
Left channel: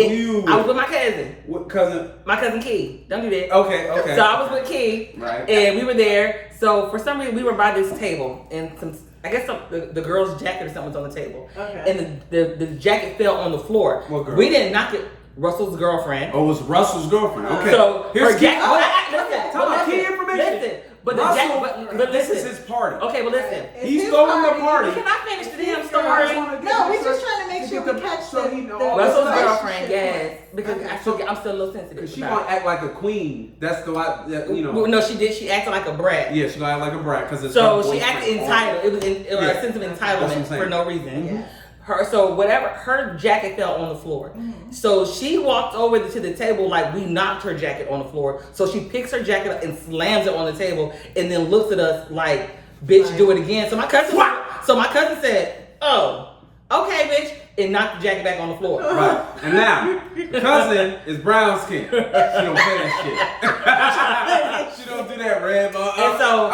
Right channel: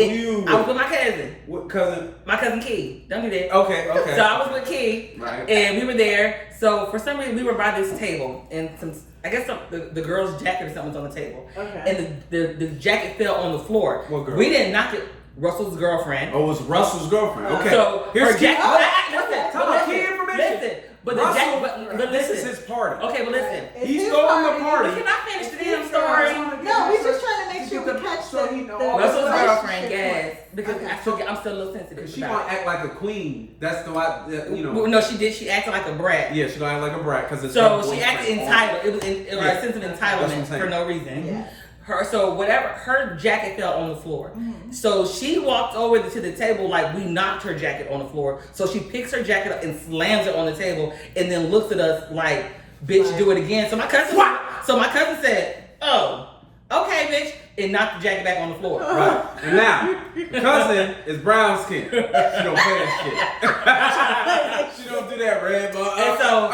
I was with my cousin. What cousin? My cousin Key. Don't do that. Okay. So I was with Key, Right. and we were there. So for some reason, we were by this table, and the girl's jacket or something was on the table. Okay. And the jacket fell on the floor. What girl? We didn't knock it. Russell's girlfriend. Oh, it was Russell's girlfriend. Okay. So here's her key. jacket. Tell me key information. Listen, but the Russell, jacket. But this listen. is his party. Okay, but listen. It's He's his throwing the party. party. Can I finish the damn I story? wanna get No, this we're just straight. trying to make To sure get we the- catch so the- he know the- all Russell's the girlfriend, relationship yes, because Okay. I'm still a little sensitive. Cause she about gonna act like a queen. That's the Well, no, she did. She acted like a brat. Yeah, she gonna act like a brat because it's So her she boyfriend. acted entitled. It was Yeah. a sense of That's what I'm entitlement saying. for no reason. Yeah. Her jacket fell on the floor. So she walked over to the table like we knocked her jacket on the floor. So she picks her jacket up and slams it on the table and then looks at us like, bitch, do it again. So my cousin said, oh, okay, bitch, and knocked the jacket back on the floor. Right. And now, cousin is brown skin. She don't play that shit. She don't do that red bone. And so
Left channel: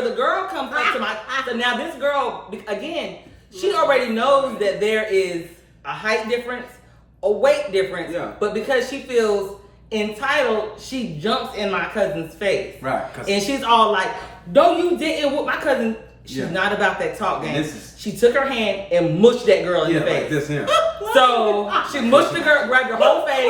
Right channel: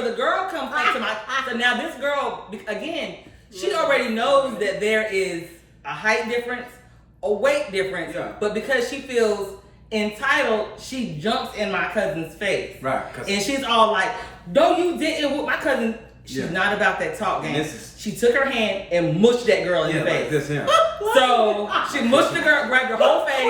the girl comes up to my. So now this girl, again, she already knows that there is a height difference, a weight difference. Yeah. But because she feels entitled, she jumps in my cousin's face. Right. And she's all like, "No, you didn't." With my cousin, she's Yeah. not about that talk game. This is- She took her hand and mushed that girl in the face. like this here. So she mushed the girl, grabbed her whole face.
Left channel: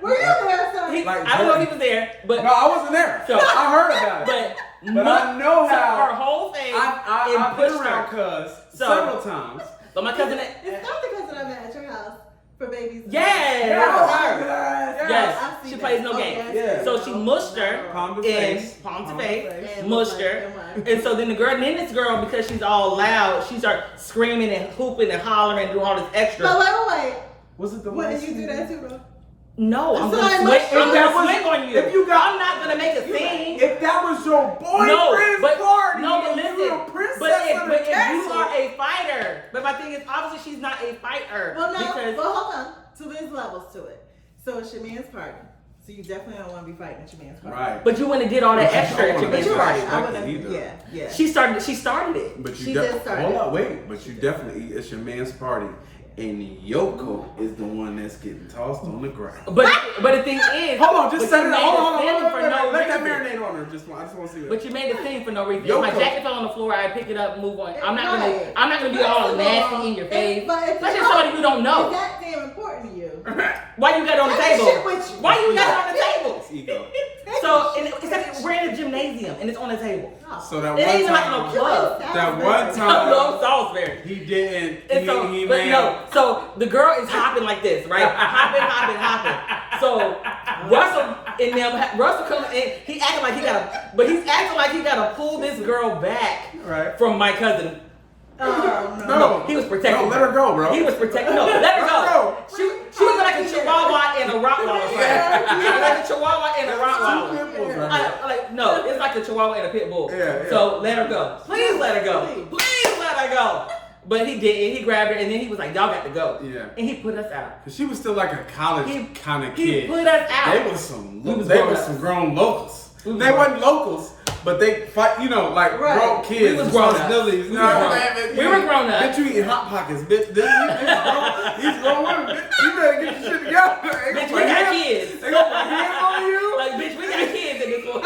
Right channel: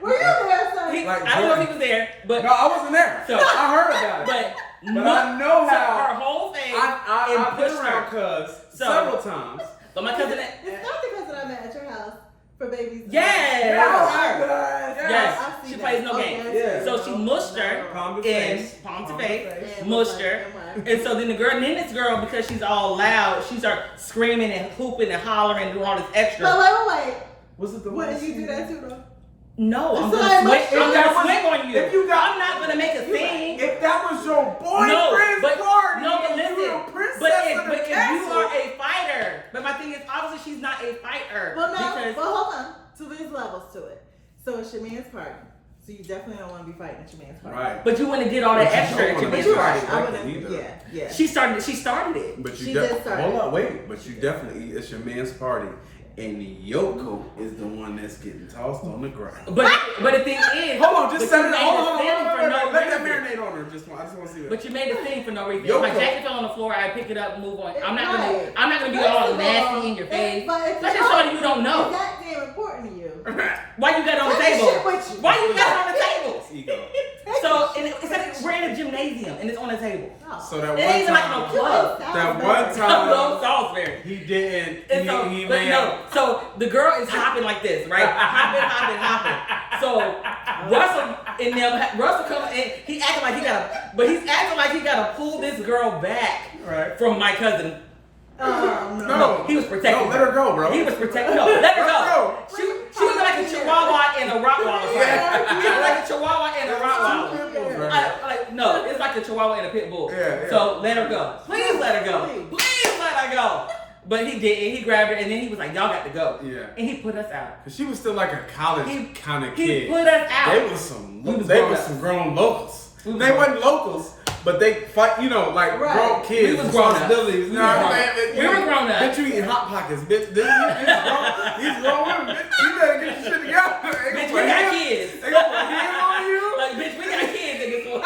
Were you there, son? Like I don't know if he was there, but No, I wasn't there. So- I heard about it. but I know took how- her whole face I've and been pushed around her. cuz So- several times. But my cousin, It's not the cousin I met at your house for babies. yeah, Oh, yes, I've seen she that. plays no Okay, games. Yeah. So she mushed her Palm to and face. palm to Palm to face, face. mushed her, and so then this girl, because she's all loud, she started screaming and hooping and hollering and doing all this extra. But wait. Was it the What one did you do that to though? No, I'm So gonna I swing. must- I'm if that gonna was- swing on you. if you got- I'm not gonna make a scene. If that was your boyfriend's but party, no, but and listen, you were a princess but of if the you castle. are a fighter, but my thing is obviously she's not a fighter. Well, no. because Well, hold on. So there's levels to it. So it's your man's party. So you definitely don't want to be fighting at your man's party. Right. but you wouldn't have did all that But you extra don't at your wanna man's be You're party. right. I Respected wouldn't. either. Yeah. She started it. But She you did start hold it. up, wait. But you definitely, it's your man's party. and Yoko is the one that's getting tossed on the ground. But the thing is, hold on, just set it. Hold on. Let that reason. marinate on her. I just want to see that. But you made the thing for no reason. Yoko. My jacket fell on the floor. I pick it up, move on. I'm not gonna be all nasty in your face. Let's just show you don't know. Is that damn important to you? Why you got it on the table? Why you got it on the table? It's ego. So it's like we're in a gymnasium and it's on the table. So that It one ain't even like time, no club. that one time, No, Salisbury. he didn't. And so, He but made no, so the girl is hopping like this, right? Hopping. So Russell comes in, he's acting like he gotta pull this girl back from my cousin. No, he was protecting. No, let her go, bro. He was protecting. No, let her go. She was like a Chihuahua and a Rottweiler. She was like a Chihuahua and a Rottweiler. No, it's like a Chihuahua and a pit bull. Yeah. So let her go. Please let her go. Please let her go. But he didn't. He grabbed her and then he was like, "Y'all got to go." Yeah. And he put us out. Cause she was still like a college kind of kid. He put us out. They was some grown locals. They wasn't locals, but they fight. You know, like grown kids. We was grown up. We were grown up. Bitch, you eating Hot Pockets, bitch. These grown women, bitch. You better get your shit together. Bitch, we got kids. They gonna put hands on you. Like, bitch, we got kids in this one.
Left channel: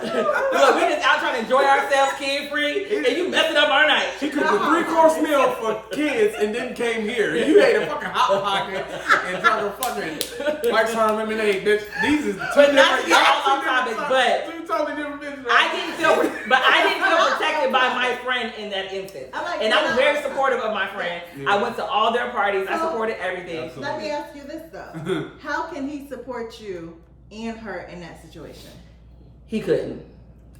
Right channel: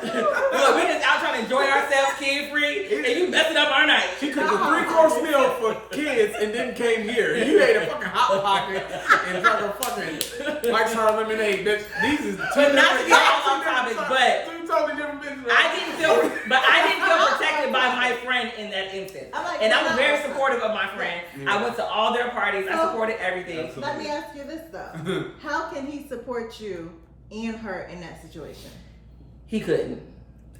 Look, we just out trying to enjoy ourselves, kid free, and you messing up our night. She cooked a 3-course meal for kids and then came here. You ate a fucking Hot Pocket and drank a fucking Mike's Hard Lemonade, bitch. These is two different topics, but two totally different bitches. I didn't feel protected by my friend in that instance. And I was very supportive of my friend. I went to all their parties. I supported everything. Absolutely. Let me ask you this though. How can he support you and her in that situation? He couldn't.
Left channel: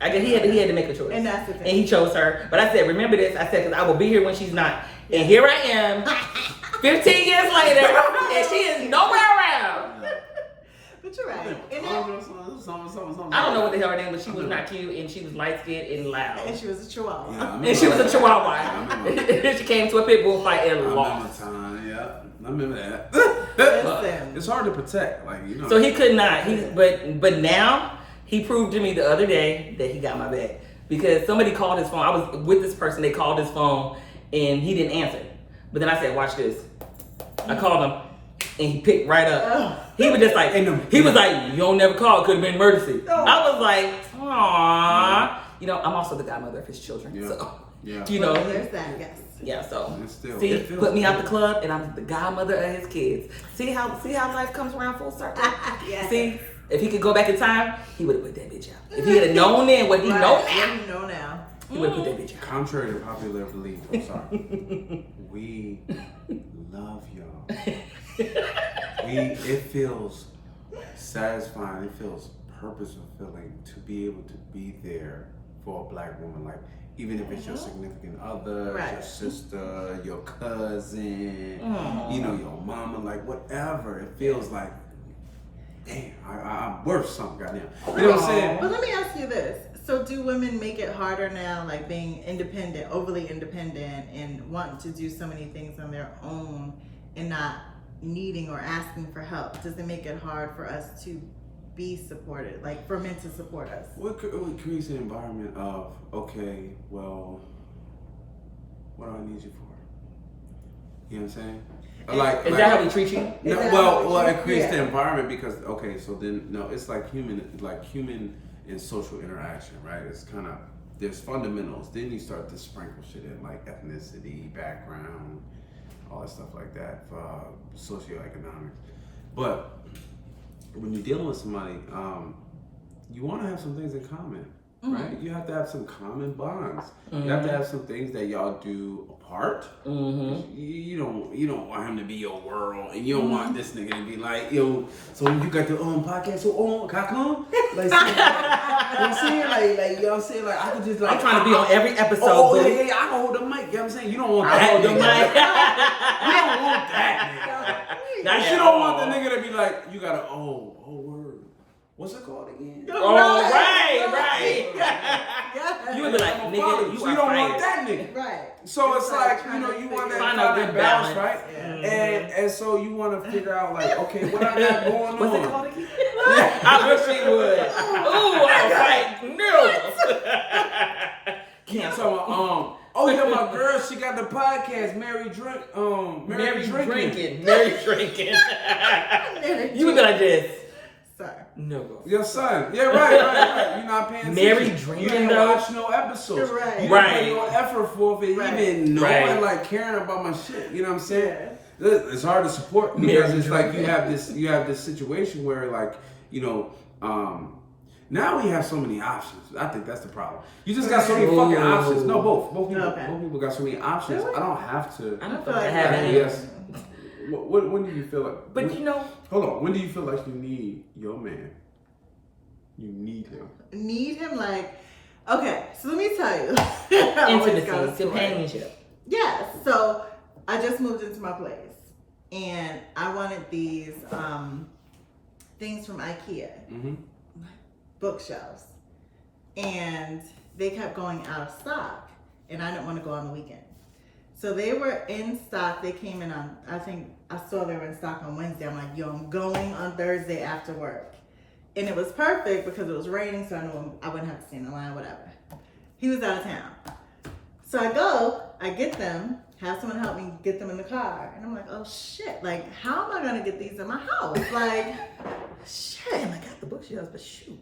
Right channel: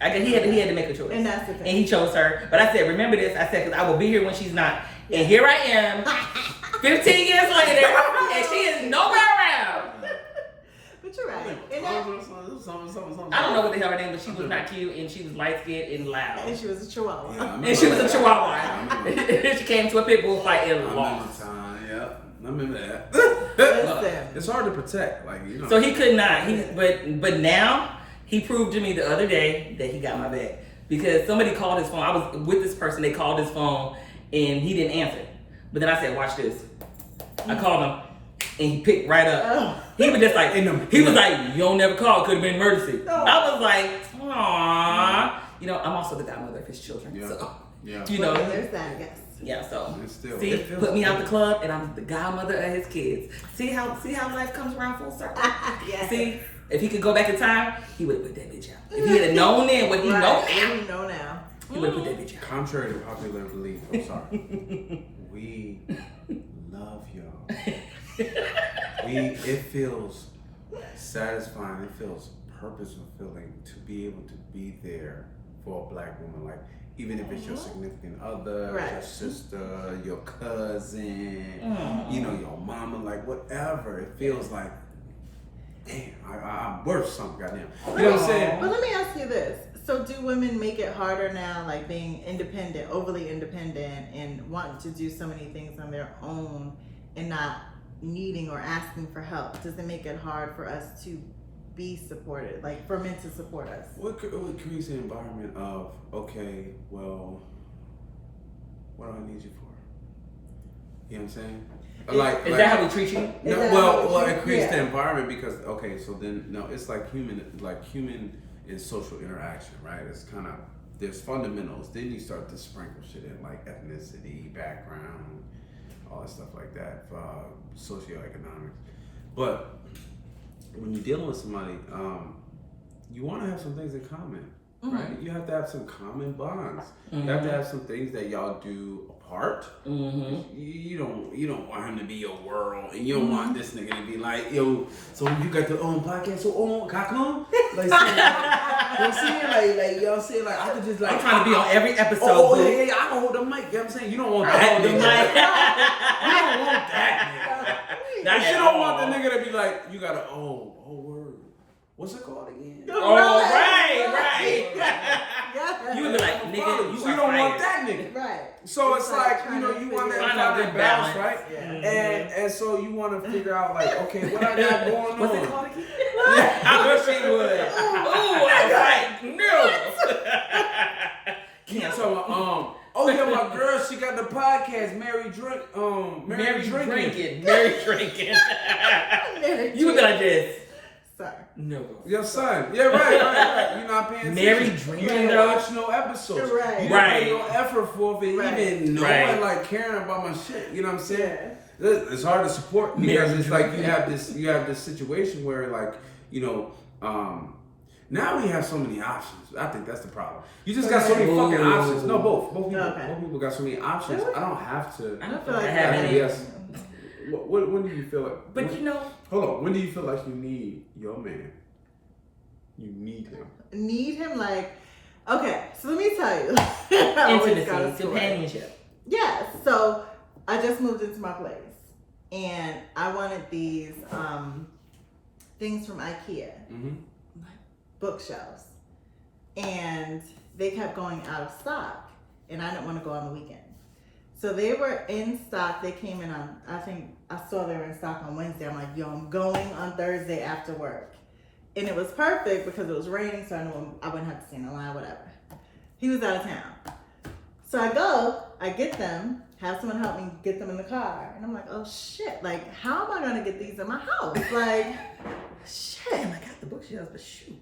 I guess he had to make a choice. And that's the thing. And he chose her. But I said, remember this. I said, because I will be here when she's not. And here I am, 15 years later, and she is nowhere around. But you're right. I I don't know what the hell her name was. She was not cute, and she was light skinned and loud. And she was a chihuahua. Yeah, And she was a Chihuahua. She came to a pit bull fight and lost. I remember that. Listen. It's hard to protect, like you know. So he could not. But now he proved to me the other day that he got my back because somebody called his phone. I was with this person. They called his phone and he didn't answer. But then I said, "Watch this." I called him and he picked right up. He was just like, he was like, "You don't never call. It could have been emergency." I was like, "Aww." You know, I'm also the godmother of his children. Yeah. So, Yeah. you know. Well, there's that, yes. Yeah, so Still, see, put me out the club, and I'm the godmother of his kids. See how life comes around full circle. Yes. See, if he could go back in time, he would have put that bitch out. If he had known then what he knows What now, you know now. he would have put that bitch out. Contrary to popular belief, I'm sorry. We love y'all. It feels satisfying. It feels purpose fulfilling to be able to be there for a black woman, like even if it's your significant other, your sister, your cousin, you know, your mama, like whatever. It feels like, damn, I'm worth something, goddamn. You know what I'm saying? But let me ask you this. So do women make it harder now, like being independent, overly independent, and wanting to do so many things on their own and not needing or asking for help? Does it make it hard for us to be supported, like for men to support us? What creates an environment of, okay, well, what do I need you for? You know what I'm saying? Is that how we treat you? No, well, it creates the environment because, okay, so then, no, it's like human and social interaction, right? It's kind of, there's fundamentals. Then you start to sprinkle shit in, like ethnicity, background, all that stuff like that, socioeconomics. But when you're dealing with somebody, you want to have some things in common, right? You have to have some common bonds. You have to have some things that y'all do apart. You don't want him to be your world, and you don't want this nigga to be like, yo, so you got the podcast, so can I come? Like, you know what I'm saying? Like, you know what I'm saying? Like, I could just like, I'm trying to be on every episode. Oh, yeah, I can hold the mic. You know what I'm saying? You don't want that nigga. You don't want that nigga. You don't want the nigga to be like, you gotta, oh word. What's it called again? Oh, right. You would be like, nigga, you don't want that nigga. Right. So it's like, you know, you want that find kind a of good balance, balance. right? And so you want to figure out like, okay, what I got going What's on. it called again? I wish he would. Ooh, I was like, no. So Oh yeah, my girl, she got the podcast, Mary Drinking. Mary drinking. You would be like this. Sorry. No. Your son. Yeah, right. You're not paying attention. Mary drinking, You ain't though. watch no episodes. Right. You didn't put no effort forth in even knowing, Right. like, caring about my shit. You know what I'm saying? Yeah. It's hard to support because Mary it's like drinking. you have this situation where, like, you know, now we have so many options. I think that's the problem. You just got so many fucking options. No, both people. Okay. Both people got so many options. Really? I don't have to. I don't feel feel like I like have that. any. Yes. When do you feel like? But when, you know, hold on. When do you feel like you need your man? You need him. Need him like, okay, so let me tell you. I always got a intimacy, story. companionship. Yes, so I just moved into my place and I wanted these things from IKEA, Mm-hmm. bookshelves, and they kept going out of stock and I didn't want to go on the weekend. So they were in stock. They came in on, I think I saw they were in stock on Wednesday. I'm like, yo, I'm going on Thursday after work. And it was perfect because it was raining, so I knew I wouldn't have to stand in line, whatever. He was out of town. So I go, I get them, have someone help me get them in the car. And I'm like, oh shit, like, how am I gonna get these in my house? Like, shit. Damn, I got the bookshelves, but shoot.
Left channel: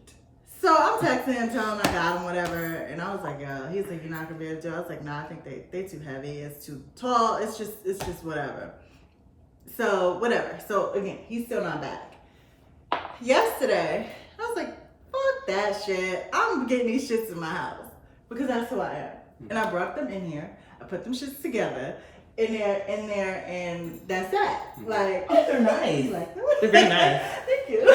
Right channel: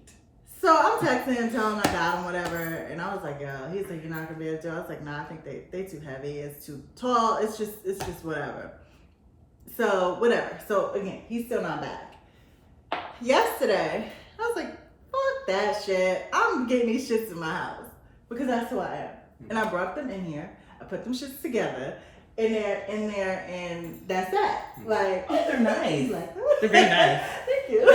So I'm texting him, telling him I got them, whatever. And I was like, yo, he's like, you're not gonna be able to do it. I was like, nah, I think they too heavy, it's too tall, it's just whatever. So, whatever. So again, he's still not back. Yesterday, I was like, fuck that shit. I'm getting these shits in my house because that's who I am. And I brought them in here. I put them shits together in there, and that's that. Like, Oh, they're nice. like, They're very nice. Thank you.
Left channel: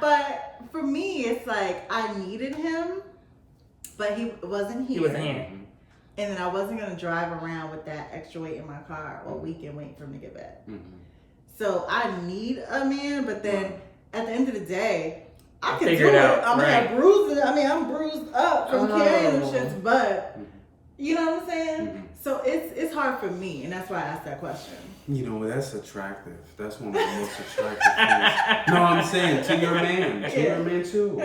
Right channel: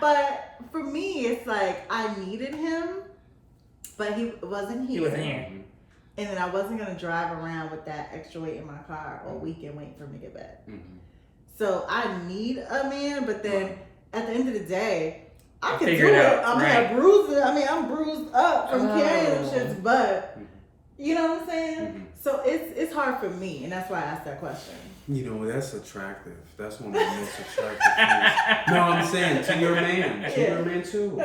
But for me, it's like I needed him, but he wasn't here. He wasn't here. And then I wasn't gonna drive around with that extra weight in my car all weekend waiting for him to get back. Mm-hmm. So I need a man, but then at the end of the day, I I'll can figure do it it. out, I'm gonna right. have bruises. I mean, I'm bruised up from carrying Oh. shits, but you know what I'm saying? Mhm. So it's hard for me, and that's why I asked that question. You know, that's attractive. That's one of the most attractive things. No, I'm saying to your man. To your man too.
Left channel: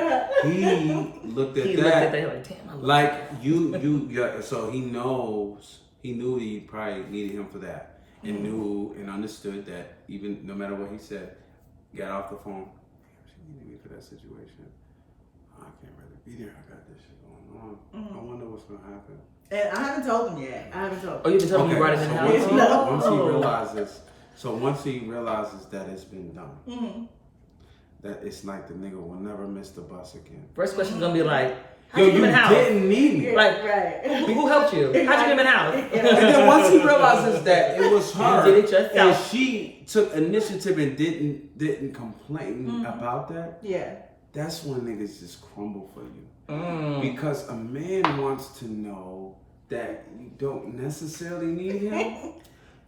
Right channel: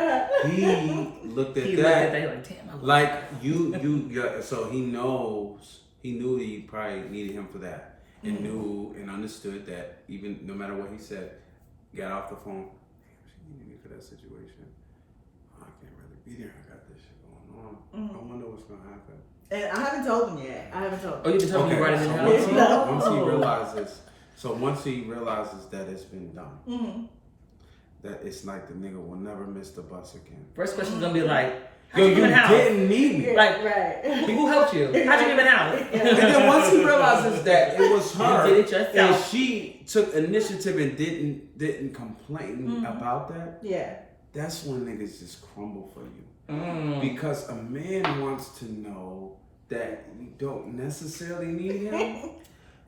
He looked at He that. looked at that like, damn, I love Like you yeah, so he knew he probably needed him for that. And knew and understood that even no matter what he said, got off the phone. Damn, she needed me for that situation. I can't really be there. I got this shit going on. I wonder what's gonna happen. And I haven't told him yet. I haven't told him. Oh, you've been telling me right in the so house. once he realizes that it's been done, Mm-hmm. that it's like the nigga will never miss the bus again. First question's gonna be like, how'd Yo, you you get in the house? didn't need me. Like, right. Who helped you? How'd you get in the house? And then once he realizes that it was her, You did it yourself. and she took initiative and didn't complain about that, Yeah. that's when niggas just crumble for you. Mm. Because a man wants to know that you don't necessarily need him,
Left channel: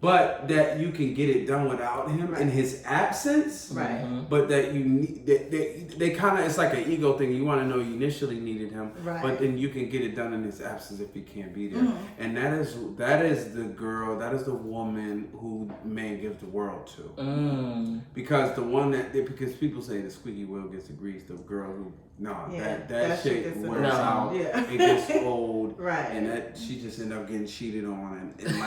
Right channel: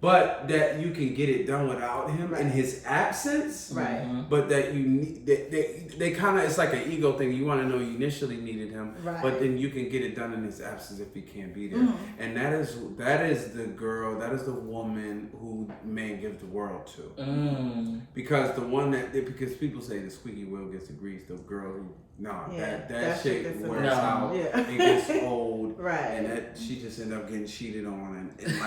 but that you can get it done without him in his absence. Right. Mhm. But that you need, they kind of, it's like an ego thing. You want to know you initially needed him, Right. but then you can get it done in his absence if he can't be there. And that is the girl, that is the woman who man gives the world to. Mm. Because because people say the squeaky wheel gets the grease, the girl who, Yeah, that shit gets the wears grease. out, Yeah. it gets old, Right. and that she just end up getting cheated on and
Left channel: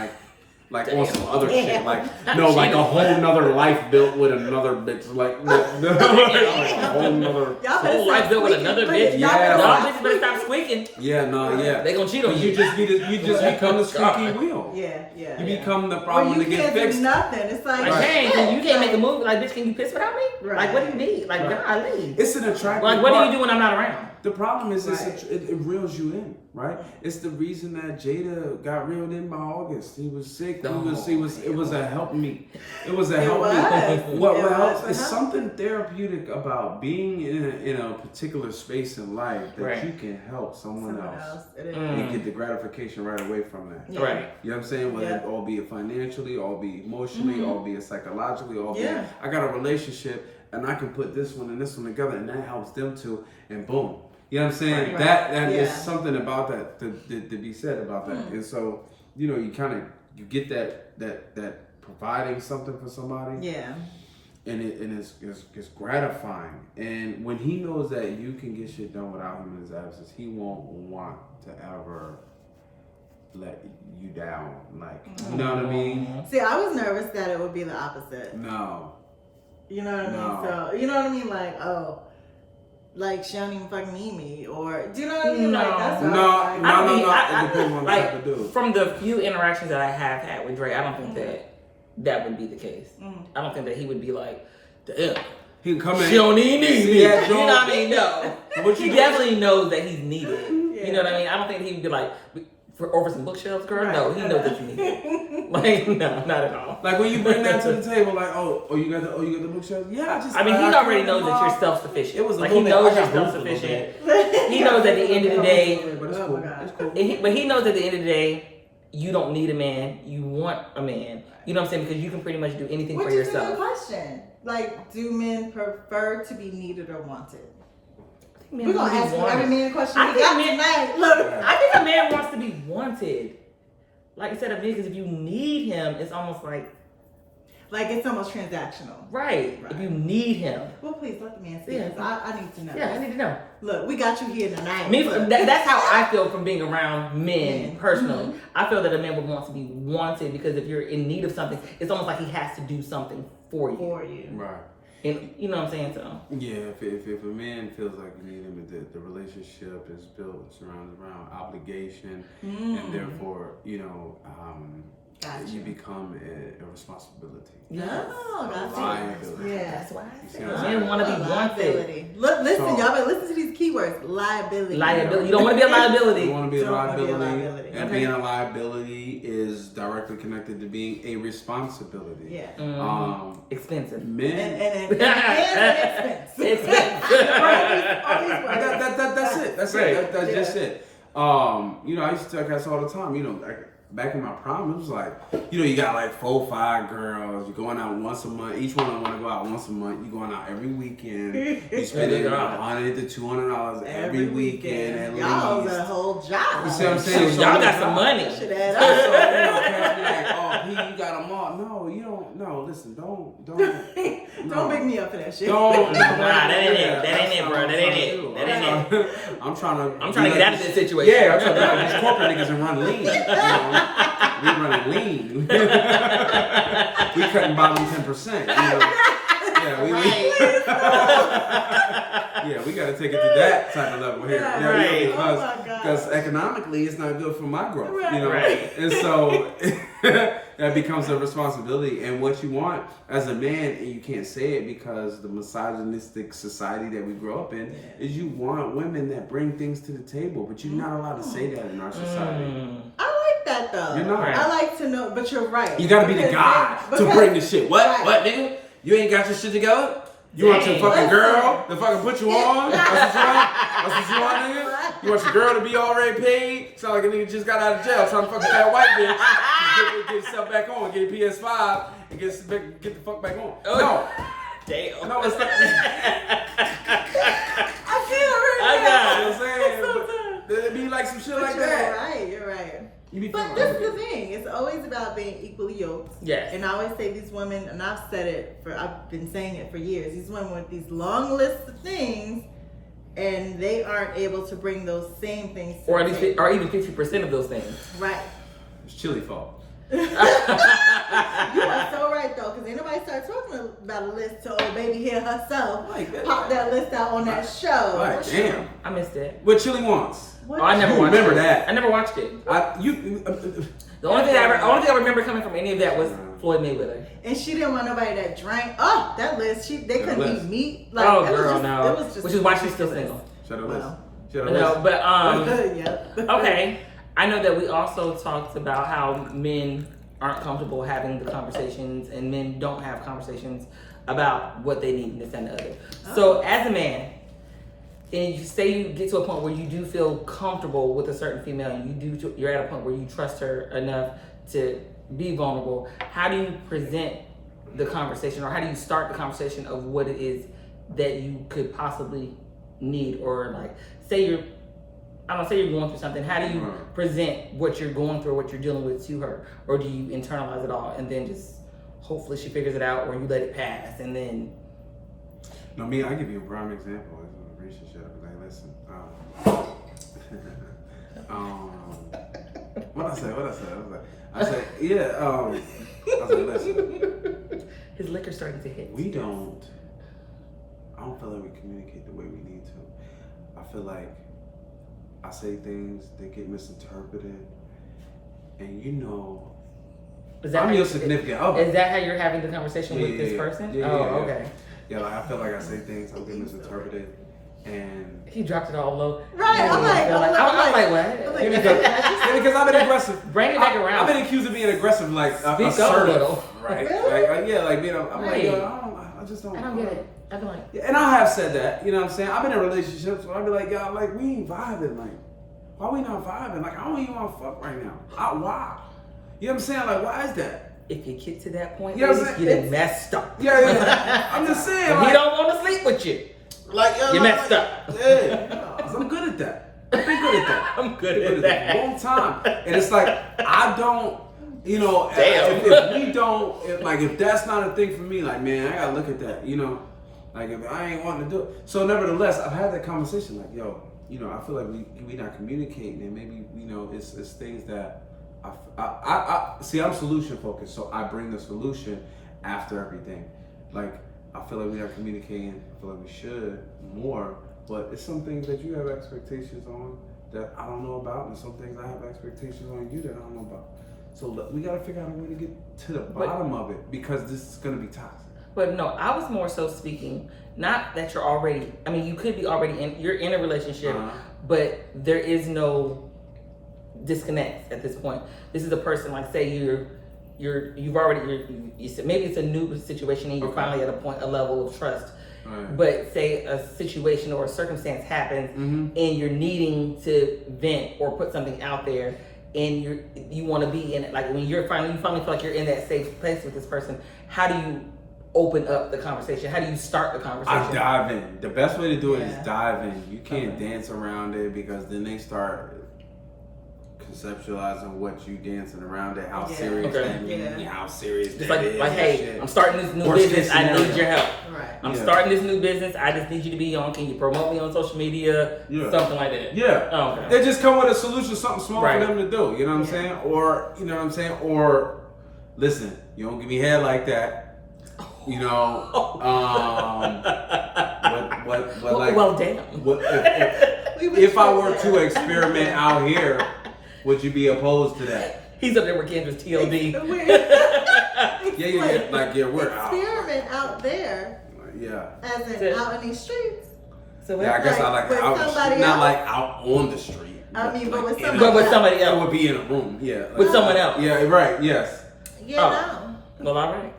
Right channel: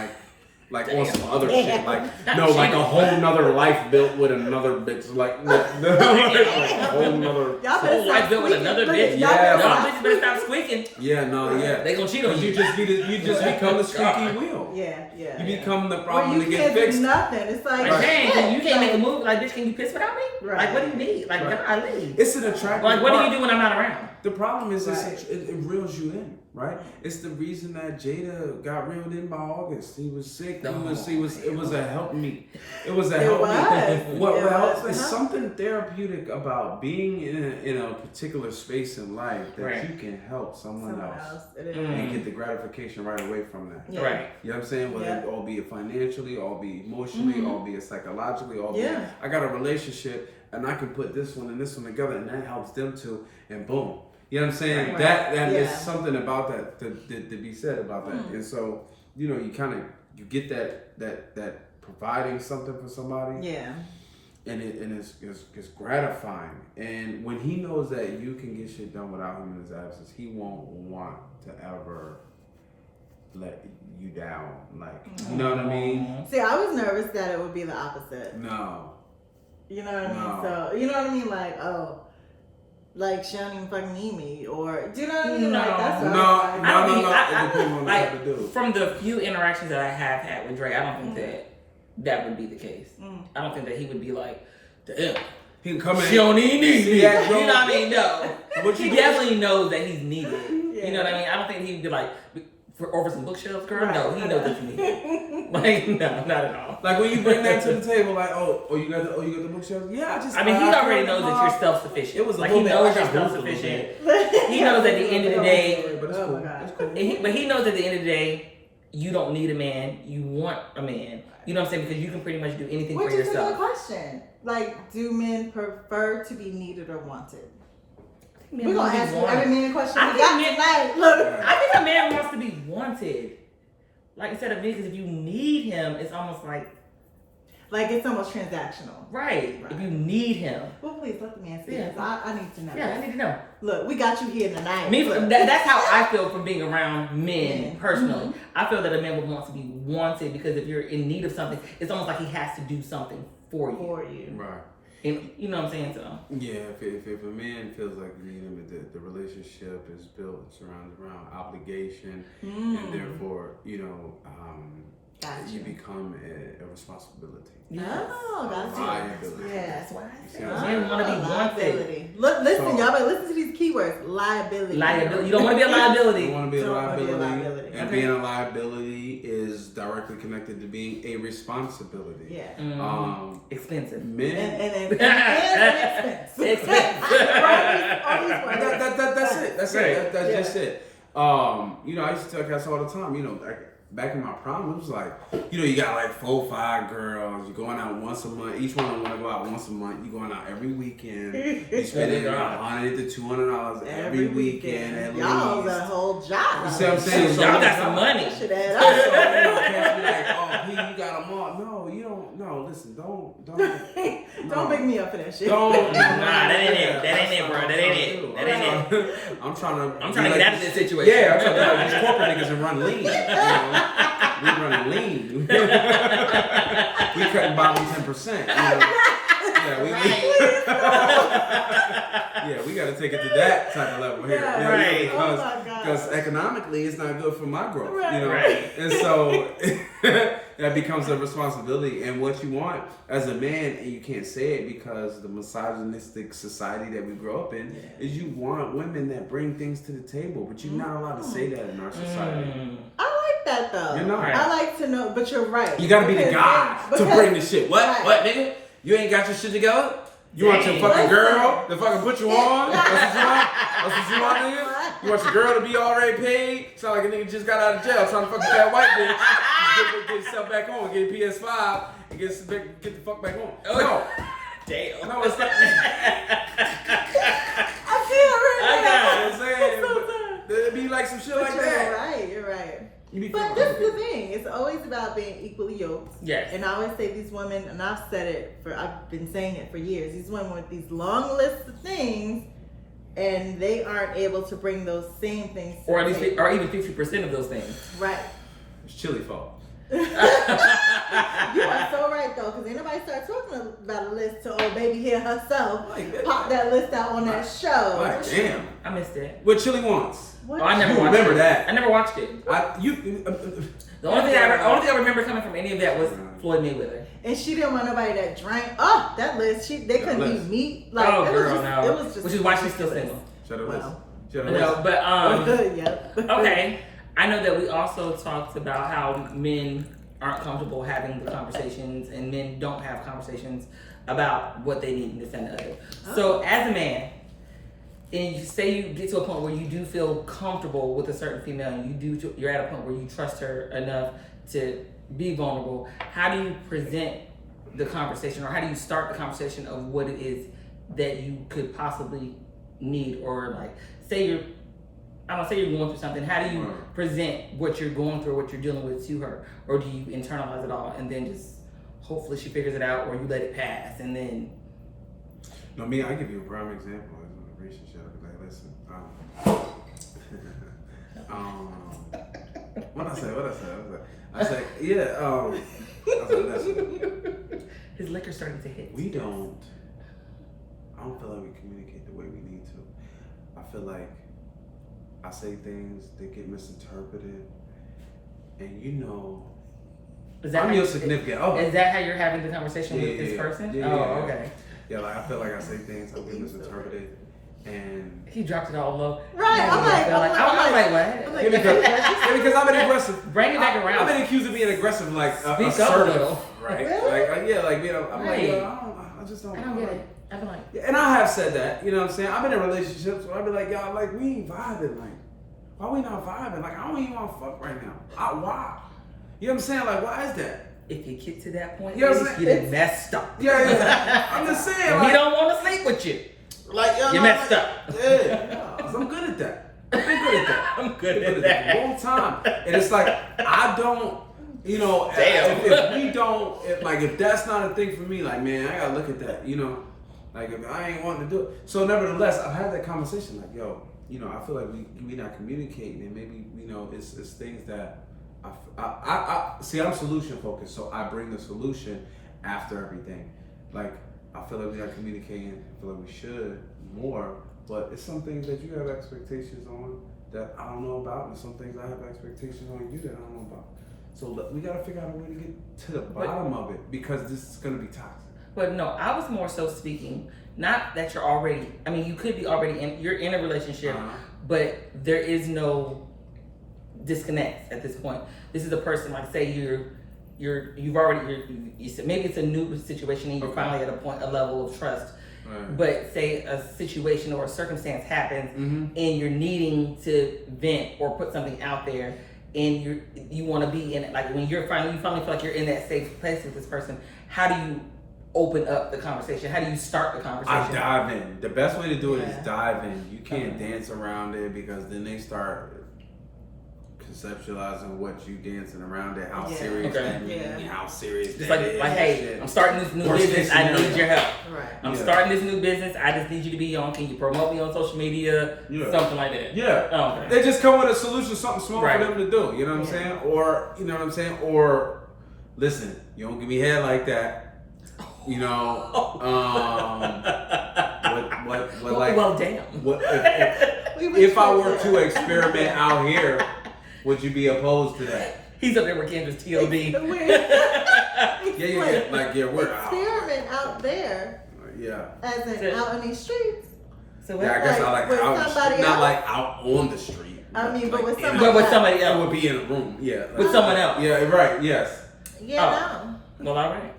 like Damn. on some other shit, like a whole nother life built with another bitch, like a whole nother. Y'all Whole life built with another bitch. Yeah, Y'all like- bitches better stop squeaking. Yeah, no, yeah. They gonna cheat on You you. just become the squeaky wheel. Yeah. Yeah. You become the Well, problem you to get can't do fixed. nothing. It's like, Like, Right. dang, you can't make a like, move. Like, bitch, can you piss without me? Right. Like, what do you need? Like, Right. golly. It's an attractive. Like, what do part. you do when I'm not around? The problem is Right. it reels you in, right? It's the reason that Jada got reeled in by August. He was sick. It was a help me. It was a help me. It's something therapeutic about being in a particular space in life that Right. you can help someone else It is. and get the gratification right away from that. Yeah. Right. You know what I'm saying? Whether Yeah. it all be it financially, all be emotionally, all be it psychologically, all be Yeah. I got a relationship and I can put this one and this one together and that helps them too, and boom. You know what I'm saying? Right. That Yeah. is something about that to be said about that. And so, you get that providing something for somebody, Yeah. and it's gratifying. And when he knows that you can get shit done without him in his absence, he won't want to ever let you down. Like, you know what I mean? See, I was nervous that it would be the opposite. No. You know what I mean? So, you know what I mean? Like, oh, like she don't even fucking need me, or do you know what I mean? No. Like that's what No. I It I depends on the like, type of dude. from the few interactions that I have had with Dre, I don't think that would be the case. I don't think that he would be like, damn. He can come in. She don't even need me. that You know joint? what I mean? No. What He you definitely knows that he's needed. Yeah. You know what I mean? I don't think he'd be like, over some bookshelves, girl. Right. No, he knows that he's needed. Like, no, not at all. Like when you bring that to the table, like, you got the bookshelf. Yeah, I mean, he already knows that you're self-sufficient. It was a like little he bit- knows I you're got room for a little self-sufficient. He knows at the end of the day, but it's Oh cool. my God. It's cool. but he knows at the end of the day, you don't need a man. You want a man. You know what I'm saying? Because you can pretty much do anything Which for is a good yourself. question. Like, do men prefer to be needed or wanted? Men We're want gonna to be ask you every wanted. man question I we got think men- tonight. Look, I think a man wants to be wanted. Like instead of niggas, if you need him, it's almost like like it's almost transactional. right. If you need him, Well, please let the man see Yeah. this. I need to know. yeah, I need to know. Look, we got you here tonight. Me, Look. that's how I feel from being around men Men. personally. I feel that a man would want to be wanted because if you're in need of something, it's almost like he has to do something for you. For you. Right. And you know what I'm saying? So Yeah, if a man feels like you need him, the relationship is built surrounded around obligation, and therefore, Gotcha. you become a responsibility. Oh, that's Liability. Yeah. that's why You see what I'm men want to be wanted. Liability. Look, listen, So- y'all better listen to these keywords. Liability. Liability. You don't want to be a liability. You want to be a Don't wanna be a liability, liability. and Okay. being a liability is directly connected to being a responsibility. Yeah. Expensive. Men. And expense. Expense. Right, all these words. That's it. That's Right. it. That's Yeah. just it. I used to tell guys all the time. Like back in my prime, it was like, you got like 4 or 5 girls. You're going out once a month. Each one of them want to go out once a month. You're going out every weekend. You're spending $100 to $200 every weekend at Y'all least. a whole job. You see what I'm saying? So y'all got some money. Should add So, up. cats be like, oh, P, you got them all. No, you don't. No, listen, don't. Don't pick me up for that shit. Don't. Nah, that ain't it. That ain't it, bro. That ain't it. That ain't it. I'm trying to get out of this situation. Yeah, I'm trying to be like these corporate niggas and run lean. We running lean. We cutting bottom 10%. Yeah, we yeah, we got to take it to that type of level here. Yeah, right. Because economically, it's not good for my growth. Right. Right. And so that becomes a responsibility. And what you want as a man, and you can't say it because the misogynistic society that we grow up in, is you want women that bring things to the table. But you're not allowed to say that in our society. I like that though. You're not. I like to know, but you're right. You gotta be the guy to bring the shit. What? Right. What, nigga? You ain't got your shit together? You want your Dang. fucking girl to fucking put you on? That's what you want? That's what you want, nigga? You want your girl to be already paid? Sound like a nigga just got out of jail trying to fuck a fat white bitch. Get yourself back on, get a PS5, and get the fuck back on. No. Damn. No, it's not. I feel I got You know what I'm saying? But it'd be like some shit like that. You're right. You be But feeling this is the like thing. It's always about being equally yoked. Yes. And I always say these women, and I've said it I've been saying it for years. These women with these long lists of things, and they aren't able to bring those same things. To Or the at least, table. or even 50% of those things. Right. it's chili fault. You are so right though, because ain't nobody start talking about a list to old baby here herself. Like that. Pop that list out on that show. Like, damn. I missed it. What chili wants? What Oh, I never You watched remember it. that. I never watched it. The only thing I remember coming from any of that was Floyd Mayweather. And she didn't want nobody that drank. Oh, that list. They couldn't list. eat meat. Like, Oh, it was girl, just, no. It was just Which is why she's still single. Shut up. Well. Shut No, up. but Yep. okay. I know that we also talked about how men aren't comfortable having the conversations, and men don't have conversations about what they need in the center of it. So, as a man, and you say you get to a point where you do feel comfortable with a certain female, and you're at a point where you trust her enough to be vulnerable. How do you present the conversation, or how do you start the conversation of what it is that you could possibly need, or like say you're going through something. How do you present what you're going through, what you're dealing with to her, or do you internalize it all and then just hopefully she figures it out, or you let it pass and then? No, I give you a prime example. I was in a relationship. Like, listen, What I say, yeah. I said, listen. His liquor started to hit. I don't feel like we communicate the way we need to. I feel like I say things that get misinterpreted, and I'm your significant other. Is that how you're having the conversation with this person? Yeah, okay. Yeah, like I feel like I say things that get misinterpreted, and he dropped it all low. Right, I'm like, what? because I've been aggressive. Bring it back around. I've been accused of being aggressive, like assertive, right? Really? I'm like, I just don't. I don't get it. I've been like, and I have said that, you know what I'm saying? I've been in relationships where I'd be like, y'all, like, we ain't vibing. Like, why we not vibing? Like, I don't even want to fuck right now. Why? You know what I'm saying? Like, why is that? If you get to that point, you know what I'm saying? You're messed up. Yeah. I'm just saying, like, we don't want to sleep with you. Like, you're messed up. Yeah, 'cause I'm good at that. I've been good at that. I'm good at that. For a long time. And it's like, I don't, Damn. if we don't, if that's not a thing for me, like, man, I gotta look at that, Like, if I ain't wanting to do it. So, nevertheless, I've had that conversation, like, yo, I feel like we not communicating, and maybe, it's things that I see, I'm solution focused, so I bring the solution after everything. Like, I feel like we're not communicating. I feel like we should more, but it's some things that you have expectations on that I don't know about, and some things I have expectations on you that I don't know about. So we gotta figure out a way to get to the bottom of it, because this is gonna be toxic. But no, I was more so speaking, not that you're already, you could be already you're in a relationship, but there is no disconnect at this point. This is a person, like, say you've already, you said maybe it's a new situation and you're finally at a level of trust. Right. But say a situation or a circumstance happens, and you're needing to vent or put something out there, and you want to be in it. Like, when you finally feel like you're in that safe place with this person, how do you open up the conversation? How do you start the conversation? I dive in. The best way to do it is dive in. You can't dance around it, because then they start conceptualizing what you dancing around it, how serious that means, how serious that is. Like, hey, I'm starting this new business, I need your help. Right. I'm starting this new business, I just need you to be on. Can you promote me on social media? Something like that. Yeah. Oh, okay. They just come with a solution, something small for them to do. You know what I'm saying? Or, you know what I'm saying? Or, listen, you don't give me head like that. Well, damn. If I were to experiment out here, would you be opposed to that? He's up there with Kendra's TLD. Like, we're out. Experiment out there. As in out in these streets. So I guess I like out, not like out on the street. But with somebody else. I would be in a room. With someone else. Yeah, right. Yes. No. Well, all right.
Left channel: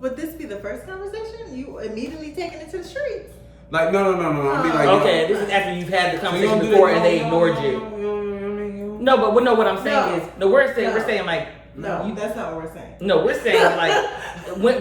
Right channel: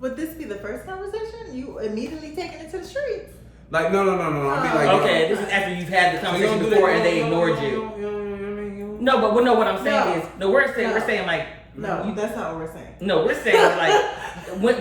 Would this be the first conversation? You immediately taking it to the streets? Like, no. I'll be like, okay, this is after you've had the conversation before and they ignored you. No, but what I'm saying is, we're saying like, no, that's not what we're saying. No, we're saying like,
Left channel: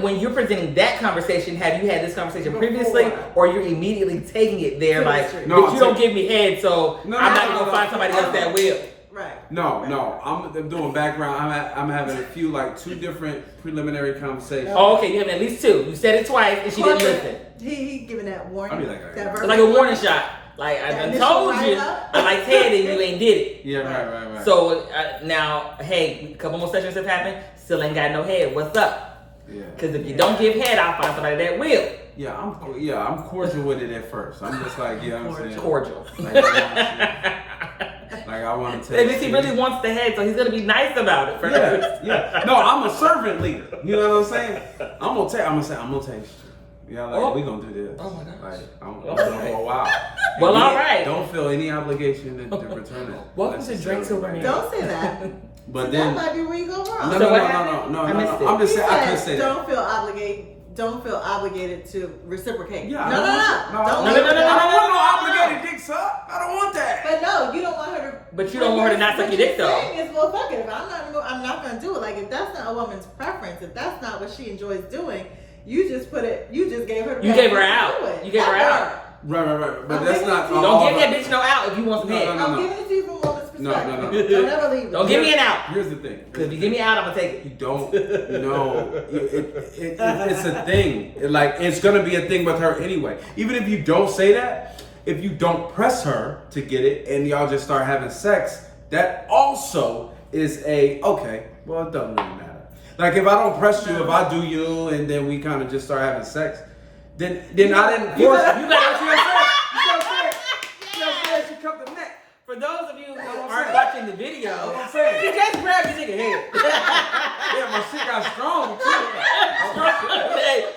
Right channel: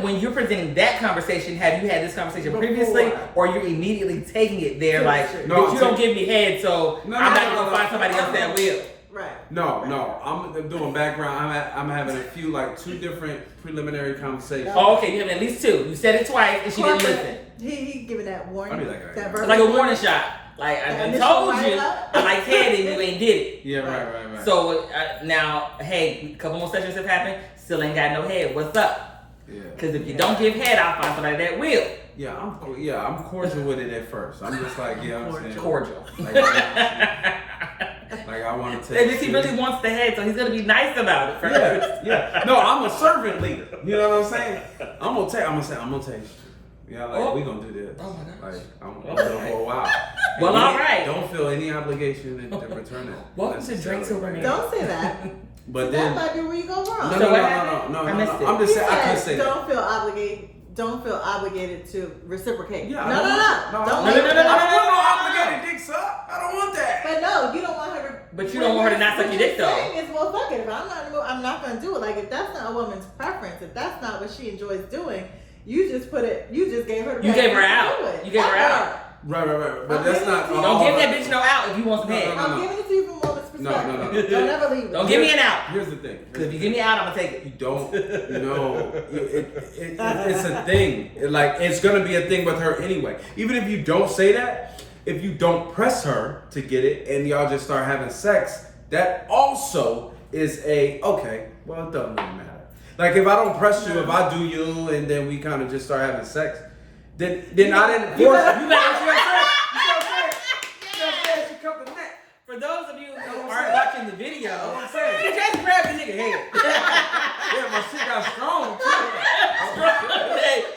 when you're presenting that conversation, have you had this conversation previously, or you're immediately taking it there like, but you don't give me head, so I'm not gonna find somebody else that will. Right. No. I'm doing background. I'm having a few, like, 2 different preliminary conversations. Oh, okay. You have at least 2. You said it twice, and she didn't listen. He giving that warning. I'll be like, like a warning shot. Like, I done told you, I like head, and you ain't get it. Yeah, right. So now, hey, a couple more sessions have happened. Still ain't got no head. What's up? Yeah. Because if you don't give head, I'll find somebody that will. Yeah, I'm cordial with it at first. I'm just like, I'm saying cordial. Like, I want to take. And he really wants the head, so he's gonna be nice about it first. Yeah. No, I'm a servant leader. You know what I'm saying? I'm gonna taste you. Yeah, like, we gonna do this. Oh my gosh. Like, I'm gonna do it for a while. Well, all right. Don't feel any obligation to return it. Welcome to Drinks Over Me. Don't say that. But then that might be where you go wrong. No. I'm just saying, I couldn't say that. Don't feel obligated to reciprocate. Yeah, No. I don't want no obligated dick suck. I don't want that. But no, you don't want her to. But you don't want her to not suck your dick though. What you're saying is, well, fuck it. If I'm not gonna do it. Like, if that's not a woman's preference, if that's not what she enjoys doing, you just gave her. You gave her out. You gave her out. Right. But that's not. Don't give that bitch no out if you want some head. I'm giving it to you from a woman's perspective. No. Don't ever leave it. Don't give me an out. Here's the thing. Because if you give me out, I'm gonna take it. You don't. It's a thing. Like, it's gonna be a thing with her anyway. Even if you don't say that, if you don't press her to get it, and y'all just start having sex, that also is okay, well, it doesn't really matter. Like if I don't press you, if I do you, and then we kind of just start having sex, then I didn't force you. You know what I'm saying? She come to neck. For those of you who aren't watching the video, you just grab the nigga head. Yeah, my shit got strong too.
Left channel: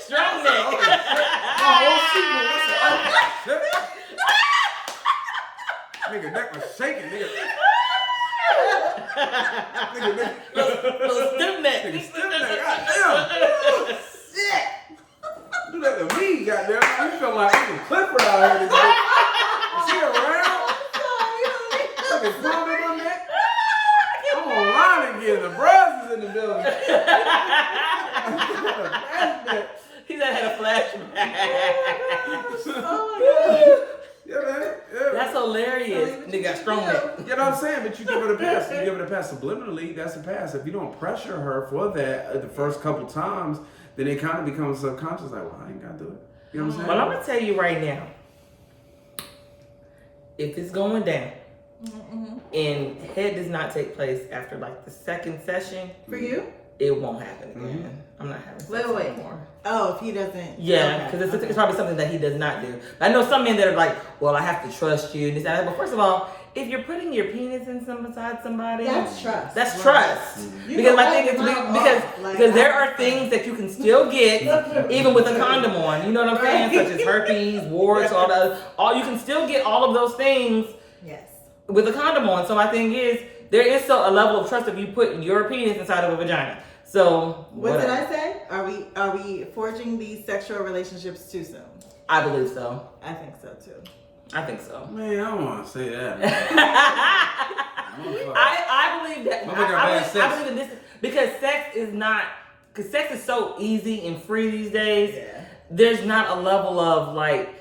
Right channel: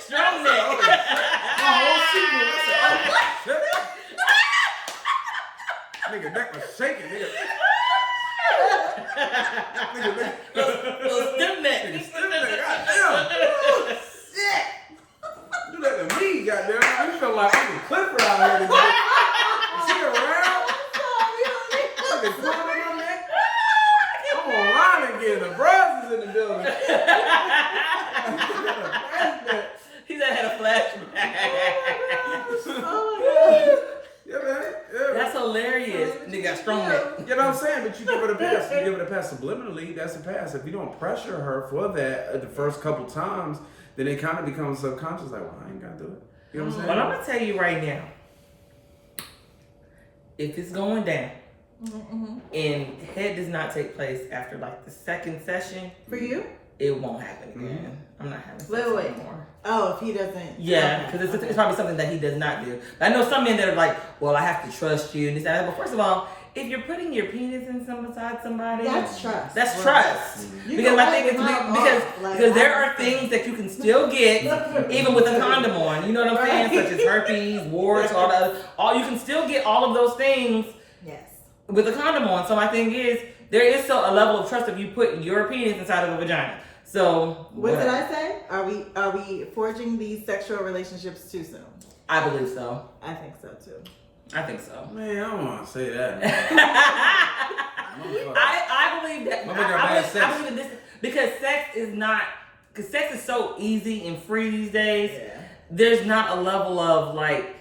Strong neck. My whole shit was nigga neck was shaking, nigga. Little stiff neck. Nigga stiff neck. Goddamn. Shit. Do that to me, goddamn. You feel like I'm a Clifford out here. This bitch. Is she around? Nigga pulling in my neck. I'm online again. The bros is in the building. He said I had a flashback. Oh my God. Yeah, man. Yeah. That's hilarious. Nigga got strong neck. You know what I'm saying? But you give it a pass. You give it a pass subliminally, that's a pass. If you don't pressure her for that the first couple times, then it kind of becomes subconscious, like, well, I ain't got to do it. You know what I'm saying? Well, I'm going to tell you right now. If it's going down, and head does not take place after like the second session, For you? it won't happen again. I'm not having sex anymore. Oh, if he doesn't. Yeah, because it's probably something that he does not do. I know some men that are like, well, I have to trust you. This, that. But first of all, if you're putting your penis in beside somebody, That's trust. That's Right. trust. You Because know I think what? because there are things that you can still get even with a condom on. You know what I'm saying? Such as herpes, warts, all you can still get all of those things. Yes. With a condom on. So my thing is, there is still a level of trust if you put your penis inside of a vagina. So What did I say? Are we forging these sexual relationships too soon? I believe so. I think so too. I think so. Man, I don't want to say that, man. I believe that. Motherfucker got bad sex. I believe that this because sex is so easy and free these days. Yeah. There's not a level of like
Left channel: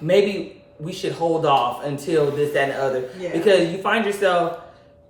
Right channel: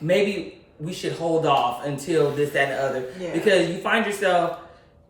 maybe we should hold off until this, that, and the other. Yeah. Because you find yourself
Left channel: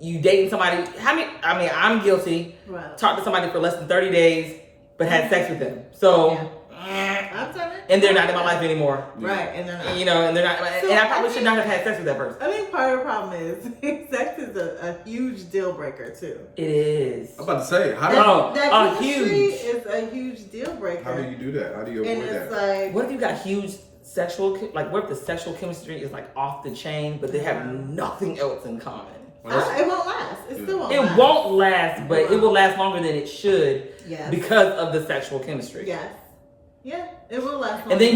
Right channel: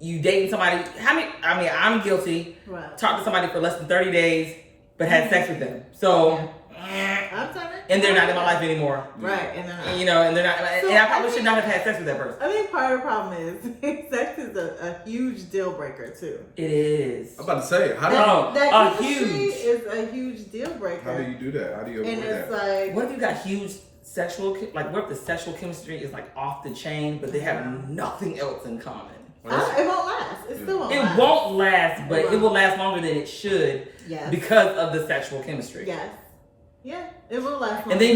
you dating somebody. I'm guilty. Wow. Talked to somebody for less than 30 days, but had sex with them. So. I'm telling you. And they're not in my life anymore. Right, and they're not. You know, and they're not. So and I probably should not have had sex with that person. I think part of the problem is sex is a huge deal breaker too. It is. I'm about to say, how do That chemistry huge. is a huge deal breaker. How do you do that? How do you And avoid it's that? like, What if you got huge sexual, like what if the sexual chemistry is like off the chain, but they have nothing else in common? it won't last. It still won't It last. won't last, but it will last longer than it should Yes. because of the sexual chemistry. Yes. Yeah, it will last. And then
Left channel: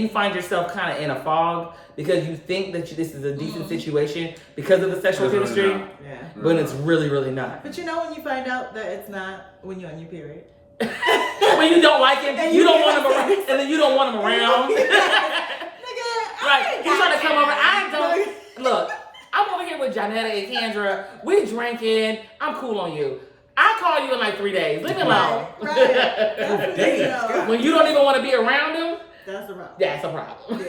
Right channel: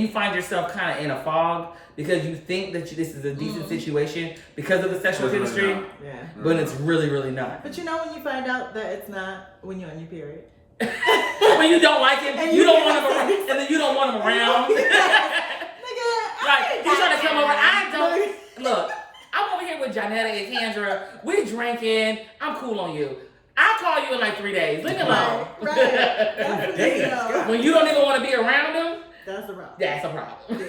you find yourself kind of in a fog because you think that this is a decent situation because of the sexual It's really chemistry, not. Yeah. but it's really, really not. But you know when you find out that it's not when you're on your period. When you don't like him, And you you don't can't want him around, and then you don't want him around. Nigga, Right, he's trying to come over. I don't look. I'm over here with Janetta and Kendra. We drinking. I'm cool on you. I'll call you in like 3 days. Leave me alone. Right. That's Days, you know, God. When you don't even want to be around him, that's the problem. that's a problem.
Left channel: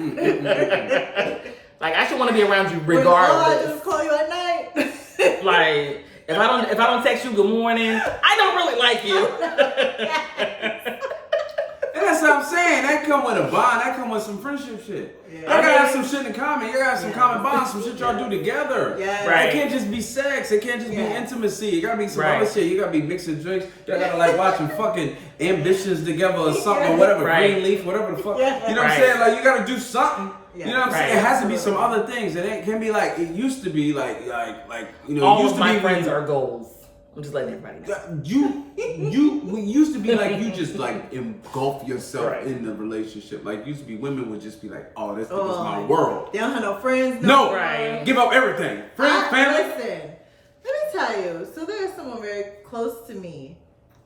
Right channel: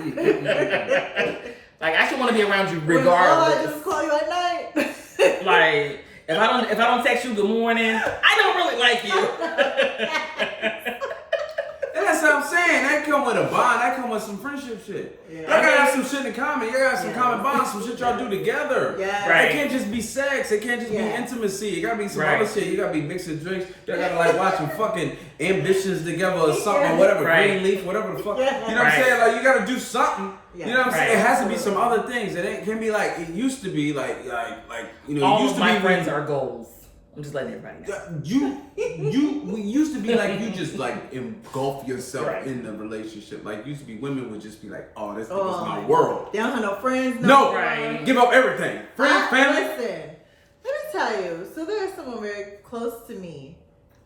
Yeah. Like I should want to be around you All I do is regardless. call you at night. Like if I don't text you good morning, I don't really like you. And that's what I'm saying. That come with a bond. That come with some friendship shit. Yeah. Y'all gotta have some shit in common. You gotta have some common bonds, some shit y'all do together. Yeah. Right. It can't just be sex. It can't just be Yeah. intimacy. It gotta be some Right. other shit. You gotta be mixing drinks. Y'all gotta like watching fucking Ambitions together or something or whatever. Right. Greenleaf, whatever the fuck. Yeah. You know what I'm Right. saying? Like you gotta do something. Yeah. You know what I'm saying? Right. It has to be some other things. It can't be like it used to be. Like you know. All it used of to my be friends are goals. I'm just letting everybody know. we used to be like you just like engulf yourself Right. in the relationship. Like used to be women would just be like, oh, this nigga's Oh, my world. They don't have no friends. No, Right. give up everything. Friends, family. Listen, let me tell you. So there's someone very close to me,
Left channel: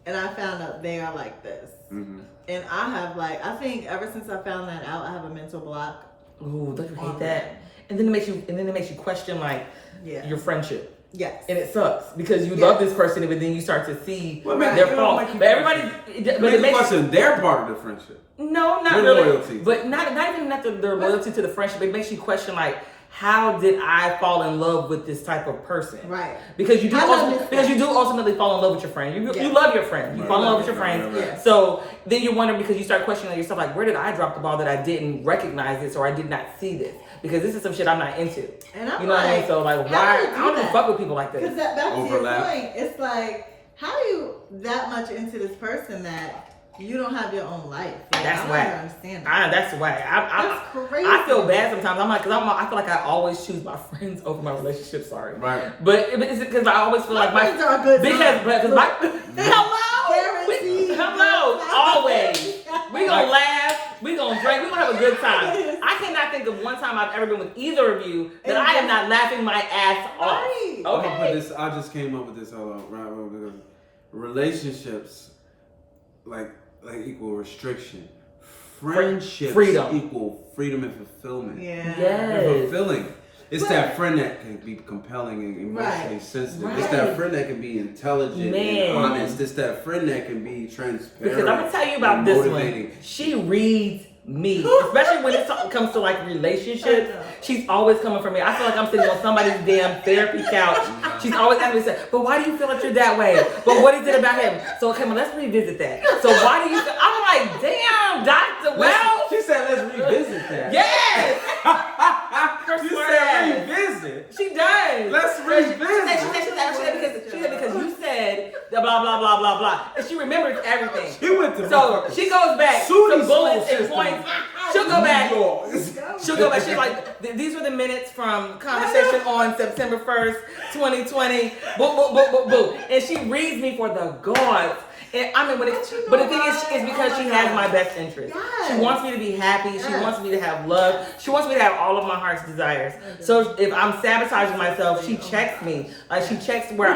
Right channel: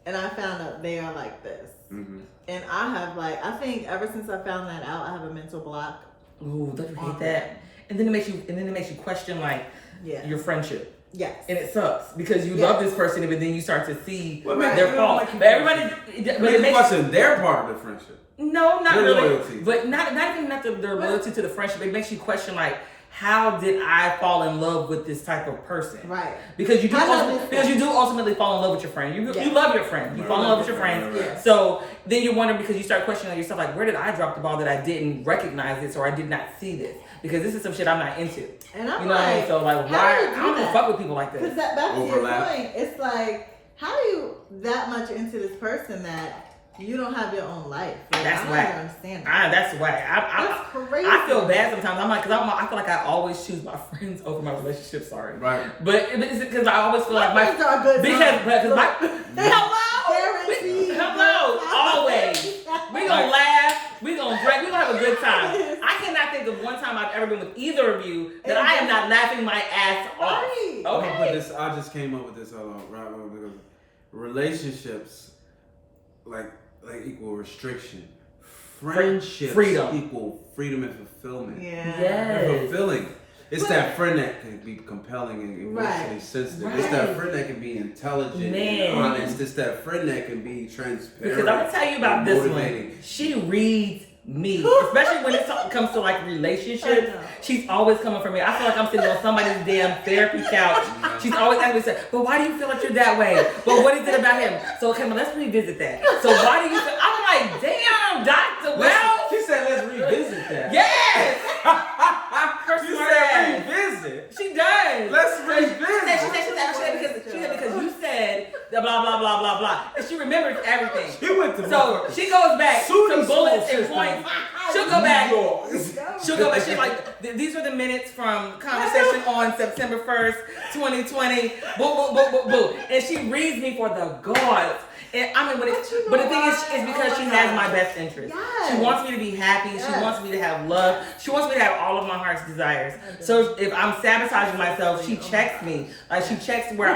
and I found out they are like this. Mm-hmm. And I have I think ever since I found that out, I have a mental block. Ooh, don't you hate on that? And then it makes you question like Yeah. your friendship. Yes. And it sucks because you Yeah. love this person, but then you start to see What makes their you faults. like you But everybody, But but it makes question their part of the friendship. no, not Their really. loyalty. But not even their loyalty to the friendship. It makes you question like, how did I fall in love with this type of person? Right. Because you do I love this ultimately fall in love with your friend. You Yeah. love your friend. You Right. fall in love with your friends. Right. Yeah. So then you wonder because you start questioning yourself like, where did I drop the ball that I didn't recognize this or I did not see this? because this is some shit I'm not into. And I'm you know what I mean? So like, why? I don't even fuck with people like Because this. that back to Overlap. your point, it's like, how are you that much into this person that you don't have your own life? Like, That's I don't whack. understand that. That's why That's crazy. I feel bad sometimes. I'm like, cause I feel like I always choose my friends over my relationships. Sorry, Right. but it's because I always feel like my friends are good. because my Guaranteed. hello, always. We gonna laugh, we gonna drink, we gonna have a good time. I cannot think of one time I've ever been with either of you that I am not laughing my ass off. Right. I'm gonna put Okay. this. I just came up with this. Right, because relationships like equal restriction. Friendships Freedom. equal freedom and fulfillment. Yeah. They're Yes. fulfilling. It's that friend that can be compelling and emotionally Right. sensitive. It's that friend that can be intelligent Man. and honest. It's that friend that can be transparent. Because I'm gonna tell you about and this motivating. one. She reads me, especially when it comes to like relationships. I know. She's always coming for me. I feel like I'm sitting on somebody's damn therapy couch. She's always asking me, "But why do you feel like you're that way? But what is it about him?" So come on, let's revisit that. So why do you? I'm like, damn, Doctor. Well, She said, "Let's revisit that." yes. You said revisit. She does. Let's revisit. She said because you said the blah blah blah blah blah, and she remembers everything. She went to So motherfucking she goes back SUNY some bullets school and system. points. She'll go back. New York. She'll go back. She's like, these were the minutes from conversation on September 1st, 2020. Boom, boom, boom, boom, boom. And she reads me for the gods. And I mean, but the thing is because she has my best interest. Yes. She wants me to be happy. She Yes. wants me to have love. She wants me to have all of my heart's desires. So if I'm sabotaging myself, she checks me. Like she checks where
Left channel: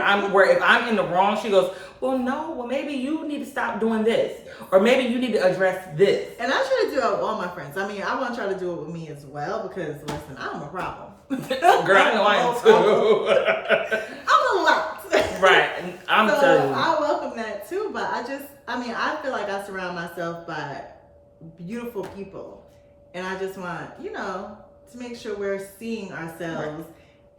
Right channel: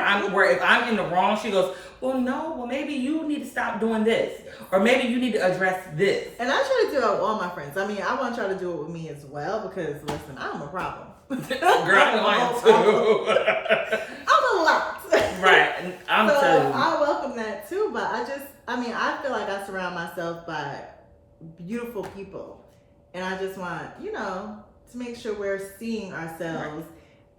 if I'm in the wrong, she goes, well, no, well maybe you need to stop doing this, or maybe you need to address this. And I try to do that with all my friends. I mean, I want to try to do it with me as well because listen, I'm a problem. Girl, I am too. I'm a lot. Right, and I'm So telling you. I welcome that too, but I feel like I surround myself by beautiful people. And I just want, to make sure we're seeing ourselves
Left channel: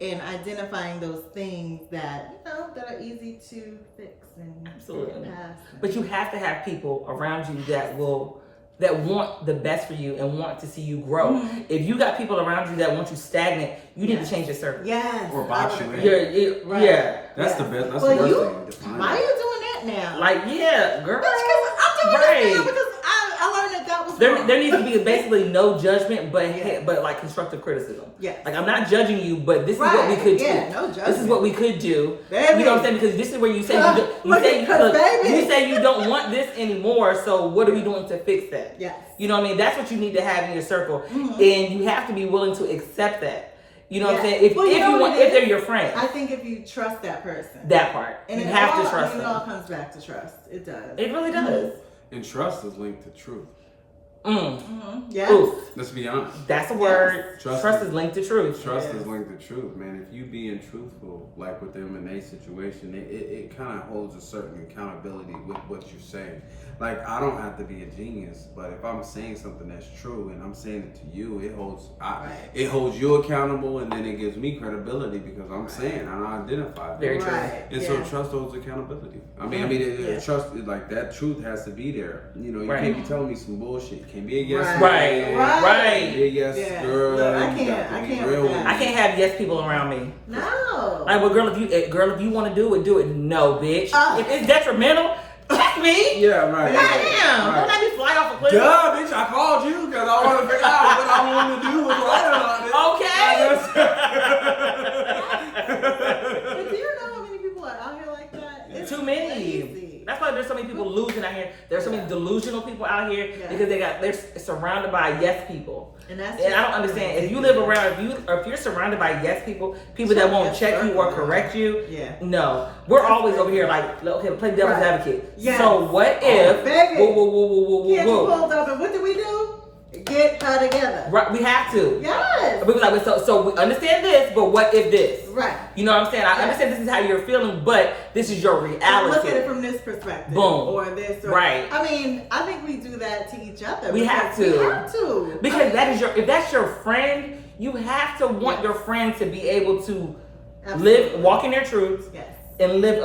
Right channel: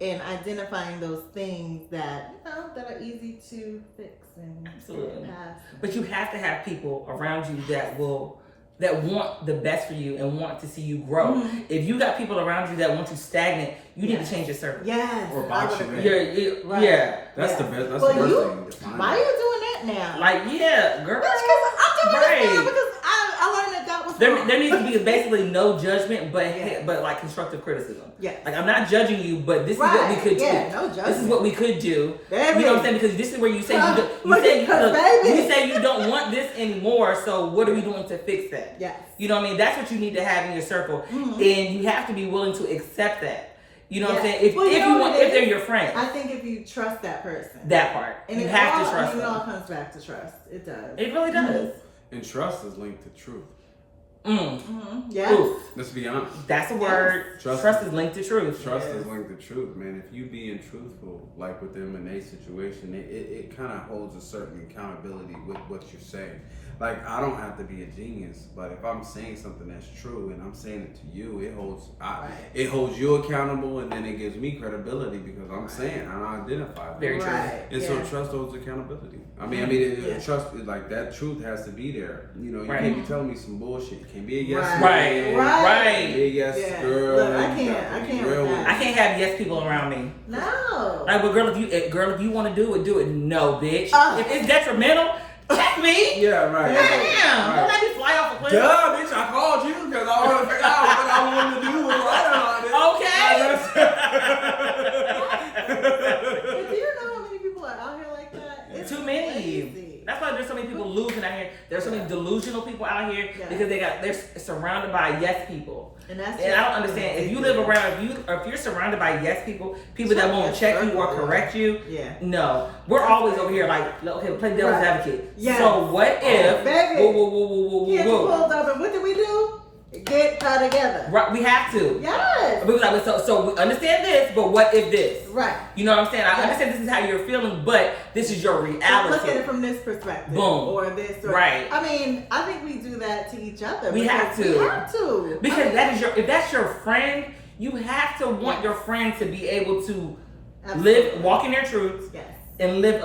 and identifying those things that, that are easy to fix and Absolutely. get past. But you have to have people around you that want the best for you and want to see you grow. Mhm. If you got people around you that want you stagnant, you need to change your circle. Yes. Or box I would you in. agree. Right. Yeah. That's the Yeah. best. That's Well, the worst you- thing. Define Why are that. you doing that now? Like, yeah, girl. That's because I'm doing this now Right. because I learned that God was There wrong. needs to be basically no judgment, Yeah. but like constructive criticism. Yes. Like I'm not judging you, but this is what we could do. Yeah, no judgment. This is what we could do. Baby. You know what I'm saying? Because this is where you say Baby. you say you don't want this anymore. So what are we doing to fix that? Yes. You know what I mean? That's what you need to have in your circle, Mhm. and you have to be willing to accept that. You know what I'm Yeah. saying? If Well, you if know you what want, it if they're is? your friend, I think if you trust that person. that part And you it have all, to trust it all them. comes back to trust. It does. It really does. And trust is linked to truth. Mm-hmm. Yes. Ooh, Let's be honest. that's a word. Trust Trust is linked to truth. Trust Yes. is linked to truth, man. If you being truthful, like with them in a situation, it kind of holds a certain accountability with what you're saying. Like, I don't have to be a genius, but if I'm saying something that's true and I'm saying it to you, it holds you accountable, and then it gives me credibility because I'm saying I identify. Very things. true. Right. And Yeah. so trust holds accountability. Yeah. Trust, like that truth has to be there. You know, you Right. can't be telling me some bullshit. You can't be a yes Right. man. Right. You can't be a yes Yeah. girl. Look, I You can't- got to I be can't real with with that. I can't have yes people around me. No. Like, well, girl, if you want to do it, no, bitch. If it's detrimental, check me. Yeah, right. Damn, Right. don't let me fly off a cliff. Duh, bitch, I called you because I want to figure out what I want to do with right on it. And do you know how many people are out here like that? It's Too many. crazy. That's why there's so many people losing out here. There's so many delusional people out here Yeah. because they're surrounded by yes people. And that's And I don't understand. If you live around, if you're surrounded by yes people that won't check you or correct you, Yeah. no. We're always over here like, okay, play devil's Right. advocate. Yes. So what if? Baby. Whoa. Can't you pulled up and what did we do? Get her together. Right, we have to. Yes. We was like, so we understand this, but what if this? Right. You know what I'm saying? I Yeah. understand this is how you're feeling, but this is your Look at reality. it from this perspective. Boom. Or this. Or, Right. I mean, I think we do that to each other. We because have to. We have to. Because if that's your friend, you have to want your friend to be able to Absolutely. walk in their truths Yes. and live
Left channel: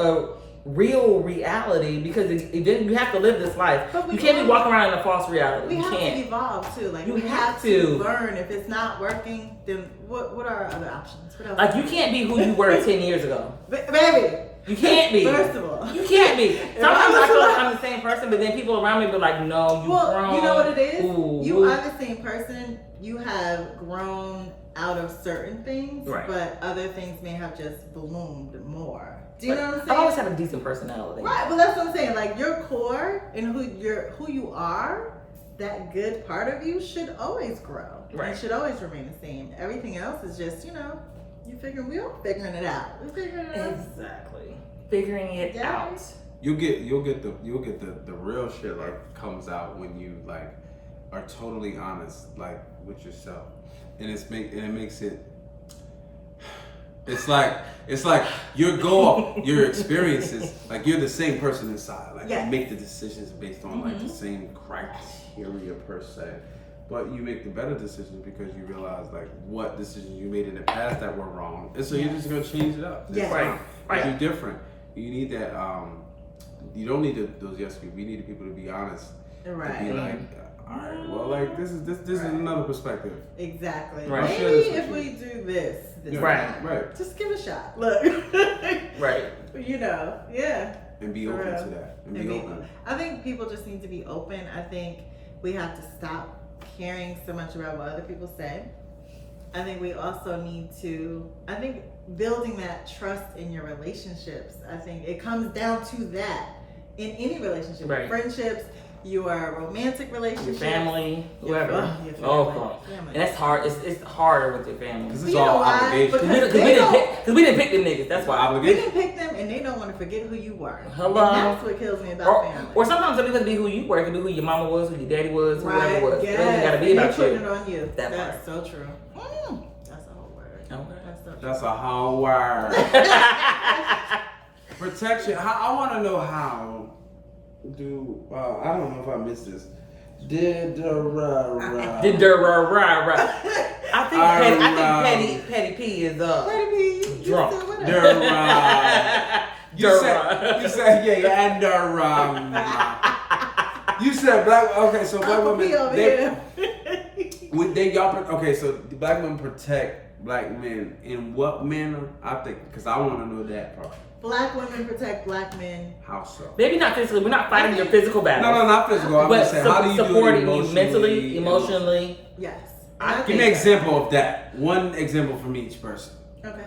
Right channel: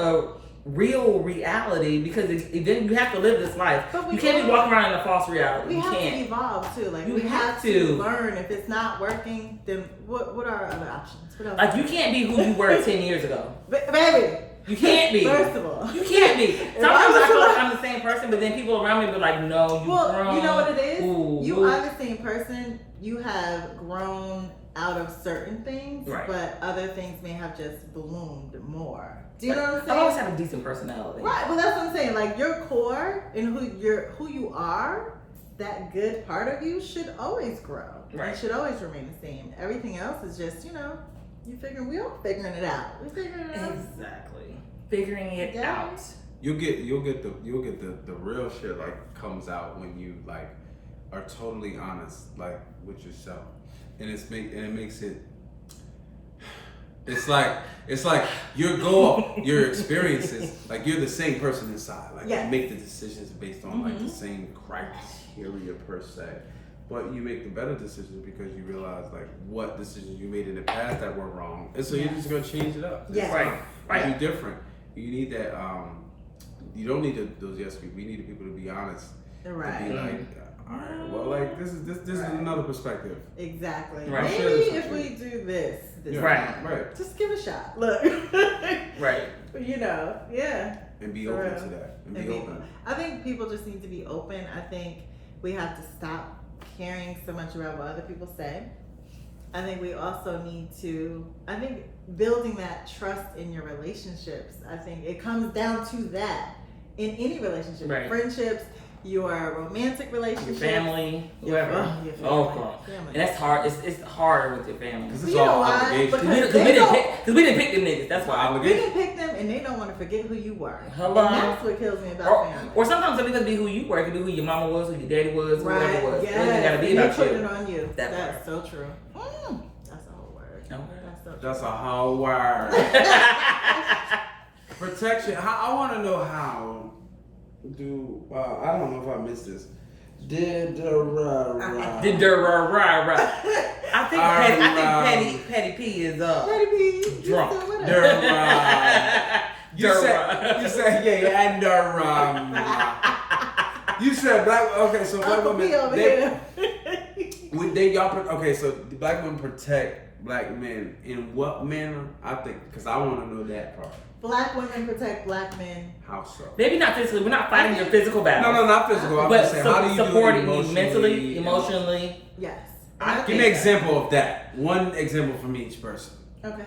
real reality, because then you have to live this life. You can't be walking around in a false reality. We You have can't. to evolve too. Like You we have have to. to learn. If it's not working, then what are our other options? What else? Like, you can't be who you were 10 years ago. Baby. You can't be. First of all, You can't be. If Sometimes I feel like was- I'm the same person, but then people around me be like, no, you Well, grown. you know what it is? Ooh, You ooh. are the same person. You have grown out of certain things, Right. but other things may have just bloomed more. Do you know what I'm I've saying? always had a decent personality. Right, but that's what I'm saying. Like your core and who you are, that good part of you should always grow. Right. It should always remain the same. Everything else is just, we all figuring it out. We're figuring it out. Exactly. Figuring it Yeah. out. You'll get the real shit like comes out when you like are totally honest like with yourself, and it makes it. It's like your goal, your experiences, like you're the same person inside. Like Yes. you make the decisions based on like the same criteria per se, but you make the better decisions because you realize like what decisions you made in the past that were wrong, and so you're just gonna change it up. Yes. Right. Do different. You need that. You don't need those yes people. We need the people to be honest. Right. And be like, all right, well, like this is Right. another perspective. Exactly. Right. Share Maybe this with if you. we do this Yeah, Right. right. just give it a shot. Look. Right. Yeah. And be For open real. to that. And And be be- open. I think people just need to be open. I think we have to stop caring so much about what other people say. I think we also need to, building that trust in your relationships, I think it comes down to that in any relationship. Right. Friendships, your romantic Your relationships. family, your- whoever. your family, Oh, God. family. And that's hard. It's harder with your family. Because You it's know all why? obligation. Because Because they don't- we didn't pick them niggas. That's It's why. We obligation. didn't pick them and they don't want to forget who you were. Hello? And that's what kills me about family. Or sometimes it doesn't be who you were. It could be who your mama was, who your daddy was, whoever Right, it was. It doesn't yes. gotta be And about putting you. it on you. That That's so true. That's a whole word. Okay. That's so true. That's a whole word. Protection. I want to know how do I don't know if I missed this. Did Did right. I think Petty P is Petty P, you drunk. still with us? You said and you said black. Okay, so black Uncle P women over here. okay. So the black women protect black men in what manner? I think because I want to know that part. Black women protect black men. How so? Maybe not physically. We're not fighting your physical battle. No, not physical. I'm But just saying, how do you do it supporting you emotionally? mentally, emotionally. Yes. Give me an example of that. One example from each person. Okay.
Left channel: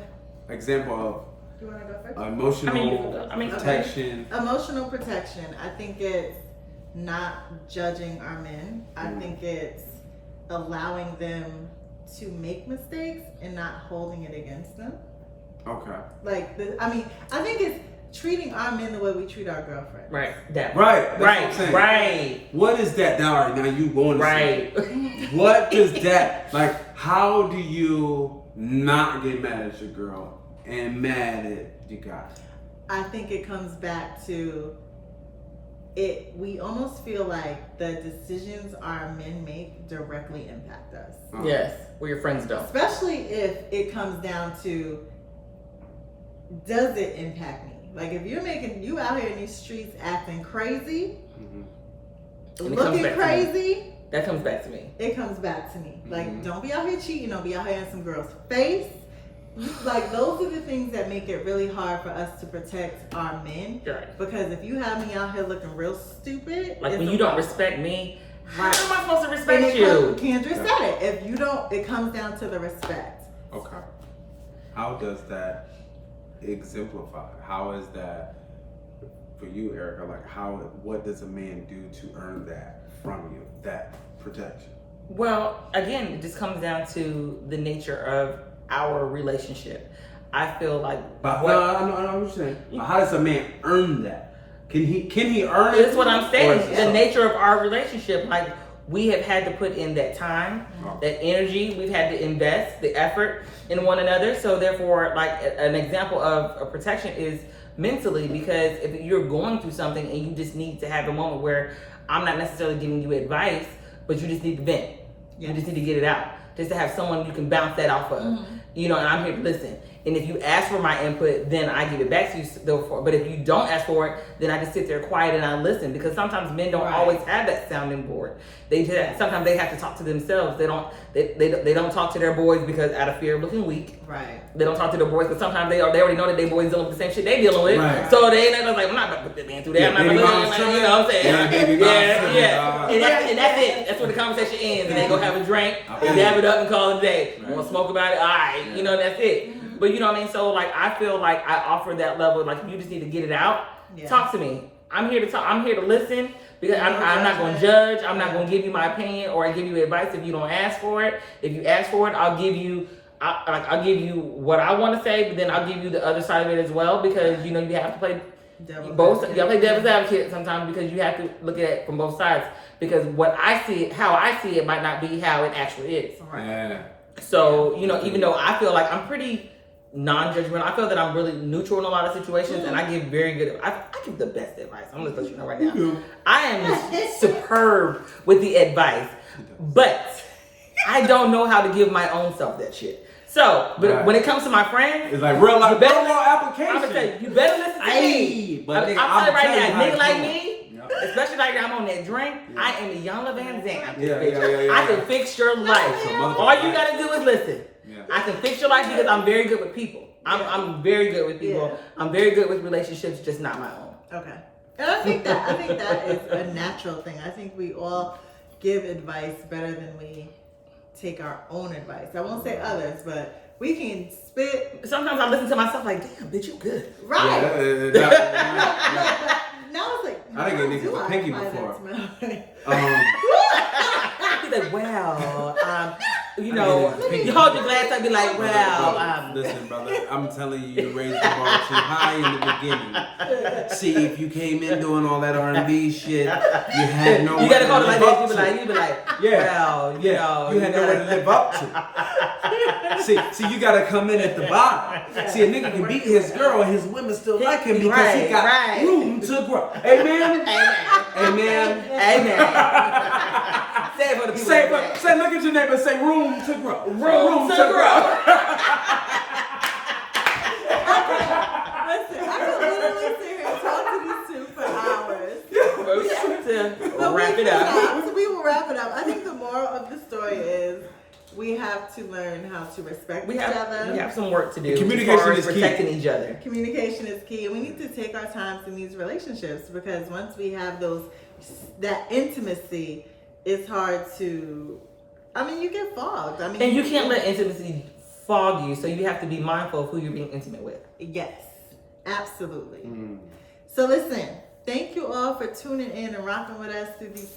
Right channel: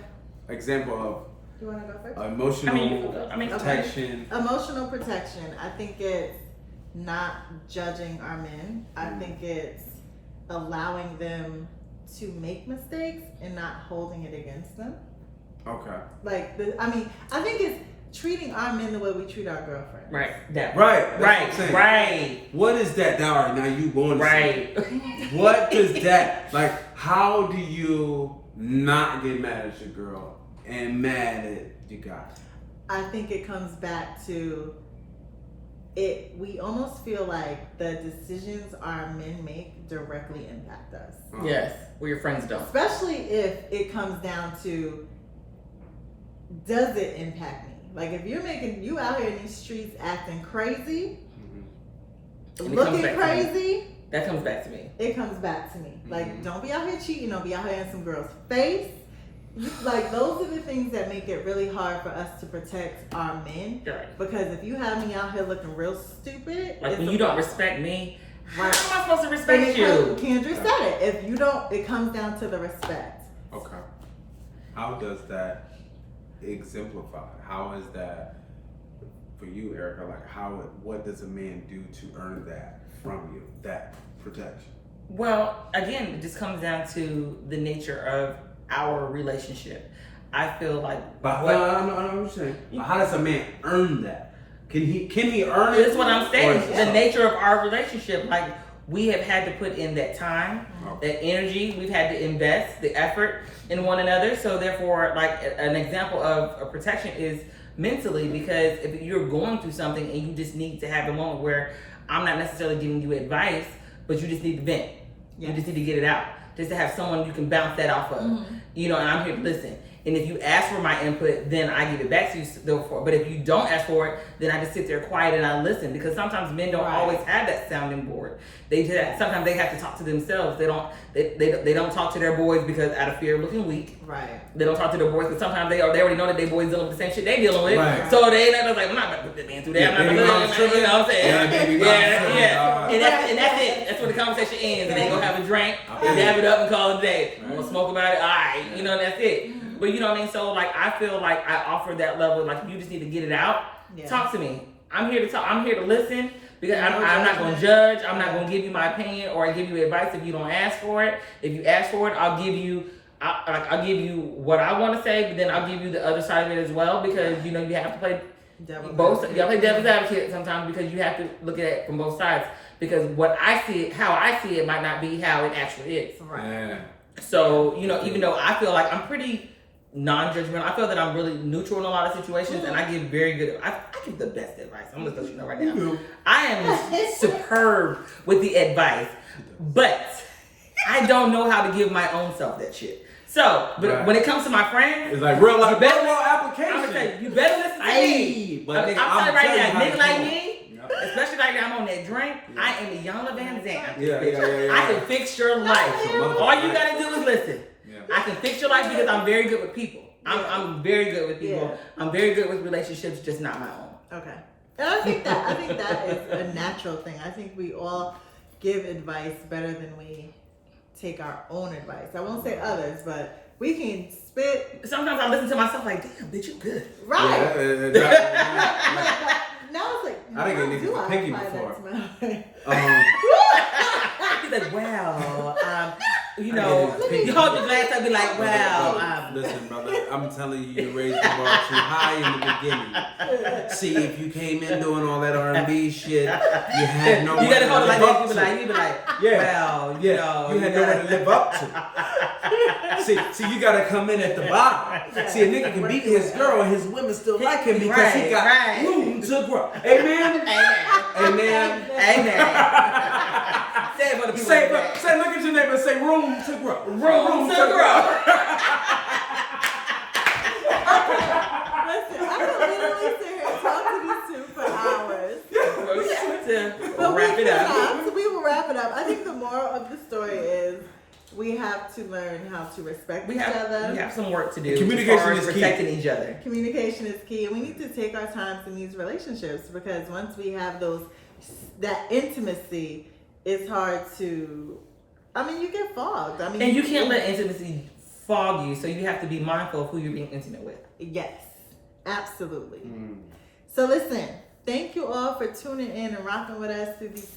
Example of You want to go first? emotional protection. Emotional protection. I think it's not judging our men. I think it's allowing them to make mistakes and not holding it against them. Okay. I think it's treating our men the way we treat our girlfriends. Right. That. Right. That's what I'm Right. saying. Right. What is that? Now you going to Right. What does that like? How do you not get mad at your girl and mad at you guys? I think it comes back to it. We almost feel like the decisions our men make directly impact us, Yes. Where your friends don't. especially if it comes down to, does it impact me? Like if you out here in these streets acting crazy, And it comes looking back to me. crazy, That comes back to me. it comes back to me. Like, don't be out here cheating. Don't be out here in some girl's face. Like, those are the things that make it really hard for us to protect our men. Right. Because if you have me out here looking real stupid, Like it's when a you don't problem. respect me, Right. how am I supposed to And respect it you? Kendra said it. If you don't, it comes down to the respect. Okay. How does that exemplify? How is that for you, Erica? Like what does a man do to earn that from you? That protection. Well, again, it just comes down to the nature of our relationship. I feel like But I'm saying, how does a man earn that? Can he earn it? That's what I'm Or saying. is it The so? nature of our relationship, like we have had to put in that time, that energy. We've had to invest the effort in one another. So therefore, like an example of a protection is mentally, because if you're going through something and you just need to have a moment where I'm not necessarily giving you advice, but you just need to vent. You just need to get it out. Just to have someone you can bounce that off of. You know, and I'm here to listen. And if you ask for my input, then I give it back to you. But if you don't ask for it, then I just sit there quiet and I listen, because sometimes men don't always have that sounding board. They just, sometimes they have to talk to themselves. They don't talk to their boys because out of fear of looking weak. Right. They don't talk to their boys because sometimes they already know that their boys dealing with the same shit they dealing with. Right. So they ain't like, I'm not about to put that man through that. I'm not about to, you know what I'm saying? Yeah, baby mom. Yeah. And that's it. That's where the conversation ends. And they go have a drink, dab it up, and call it a day. You want to smoke about it? All right. You know, that's it. But you know what I mean? So like, I feel like I offer that level. Like, you just need to get it out. Talk to me. I'm here to talk. I'm here to listen. Because I'm not going to judge. I'm not going to give you my opinion or give you advice if you don't ask for it. If you ask for it, I'll give you what I want to say, but then I'll give you the other side of it as well, because you know you have to play both. You got to play devil's advocate sometimes, because you have to look at it from both sides. Because how I see it might not be how it actually is. Right. Yeah. So you know, even though I feel like I'm pretty non-judgmental, I feel that I'm really neutral in a lot of situations, and I give very good. I give the best advice. I'm gonna let you know right now. I am superb with the advice, but I don't know how to give my own self that shit. So, but when it comes to my friends, it's like real life, real world application. I'm gonna tell you, you better listen to me. But I'm telling you right now, nigga like me, especially like I'm on that drink, I am a Iyanla Van Zandt. Yeah. I can fix your life. All you gotta do is listen. I can fix your life because I'm very good with people. I'm very good with people. I'm very good with relationships, just not my own. Okay. And I think that is a natural thing. I think we all give advice better than we take our own advice. I won't say others, but we can spit. Sometimes I listen to myself like, damn, bitch, you good. Right. Yeah. Now it's like, I didn't get niggas a pinky before. He's like, well, you know, you hold your glass up, be like, well, listen, brother, I'm telling you, you raised the bar too high in the beginning. See, if you came in doing all that R&B shit, you had no you way gotta to hold it live like up this. to. You be like, well, you know, you had no way to live up to. See, you gotta come in at the bottom. See, a nigga can beat his girl and his women still like him because he got room to grow. Amen. Amen. Say it for the people. Say, look at your neighbor and say, room to grow. Room to grow. Listen, I could literally sit here and talk to these two for hours. But wrap it up. We will wrap it up. I think the moral of the story is we have to learn how to respect each other. We have some work to do. Communication is key. Protecting each other. Communication is key, and we need to take our times in these relationships, because once we have that intimacy, it's hard to. I mean, you get fogged. I mean, and you can't let intimacy fog you, so you have to be mindful of who you're being intimate with. Yes, absolutely. So listen, thank you all for tuning in and rocking with us through this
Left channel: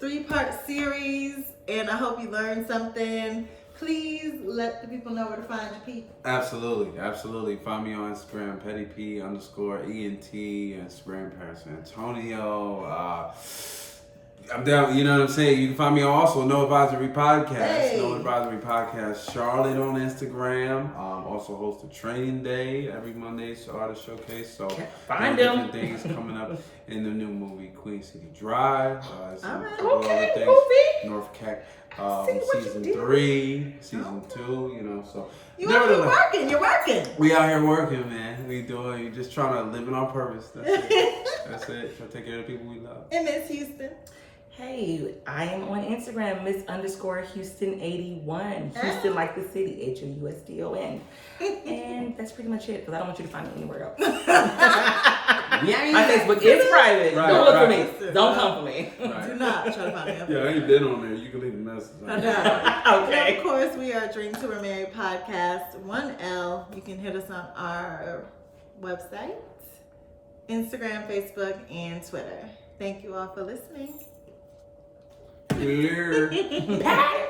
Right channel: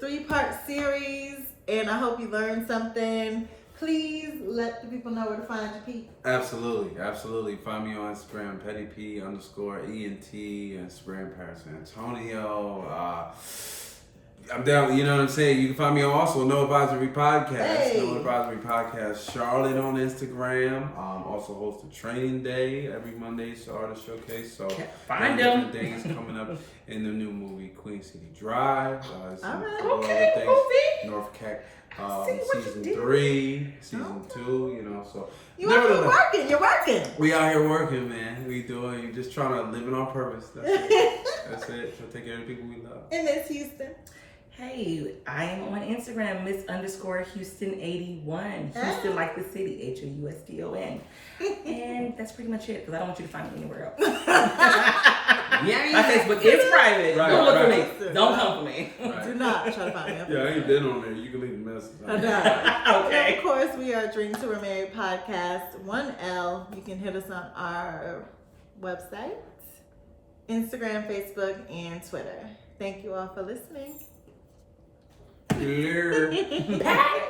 three-part series, and I hope you learned something. Please let the people know where to find your people. Absolutely. Find me on Instagram, PettyP_ENT, Instagram, Paris Antonio. I'm down, you know what I'm saying? You can find me also No Advisory Podcast. No Advisory Podcast Charlotte on Instagram. Also host a training day every Monday, Artist Showcase. So find them. Different things coming up in the new movie Queen City Drive. Okay, North Cac. Season 3, season 2, you know, so you're working. We out here working, man. You're just trying to live in our purpose. That's it. Trying to take care of the people we love. And Miss Houston. Hey, I am on Instagram, Miss_Houston81. Houston like the city, HOUSTON. And that's pretty much it, because I don't want you to find me anywhere else. My Facebook is private. Don't look for me. Don't come for me. Do not try to find me. Yeah, I ain't been on there. You can leave a message. Okay. And of course, we are Dream to We're Married podcast, 1L. You can hit us on our website, Instagram, Facebook, and Twitter. Thank you all for listening. Hello.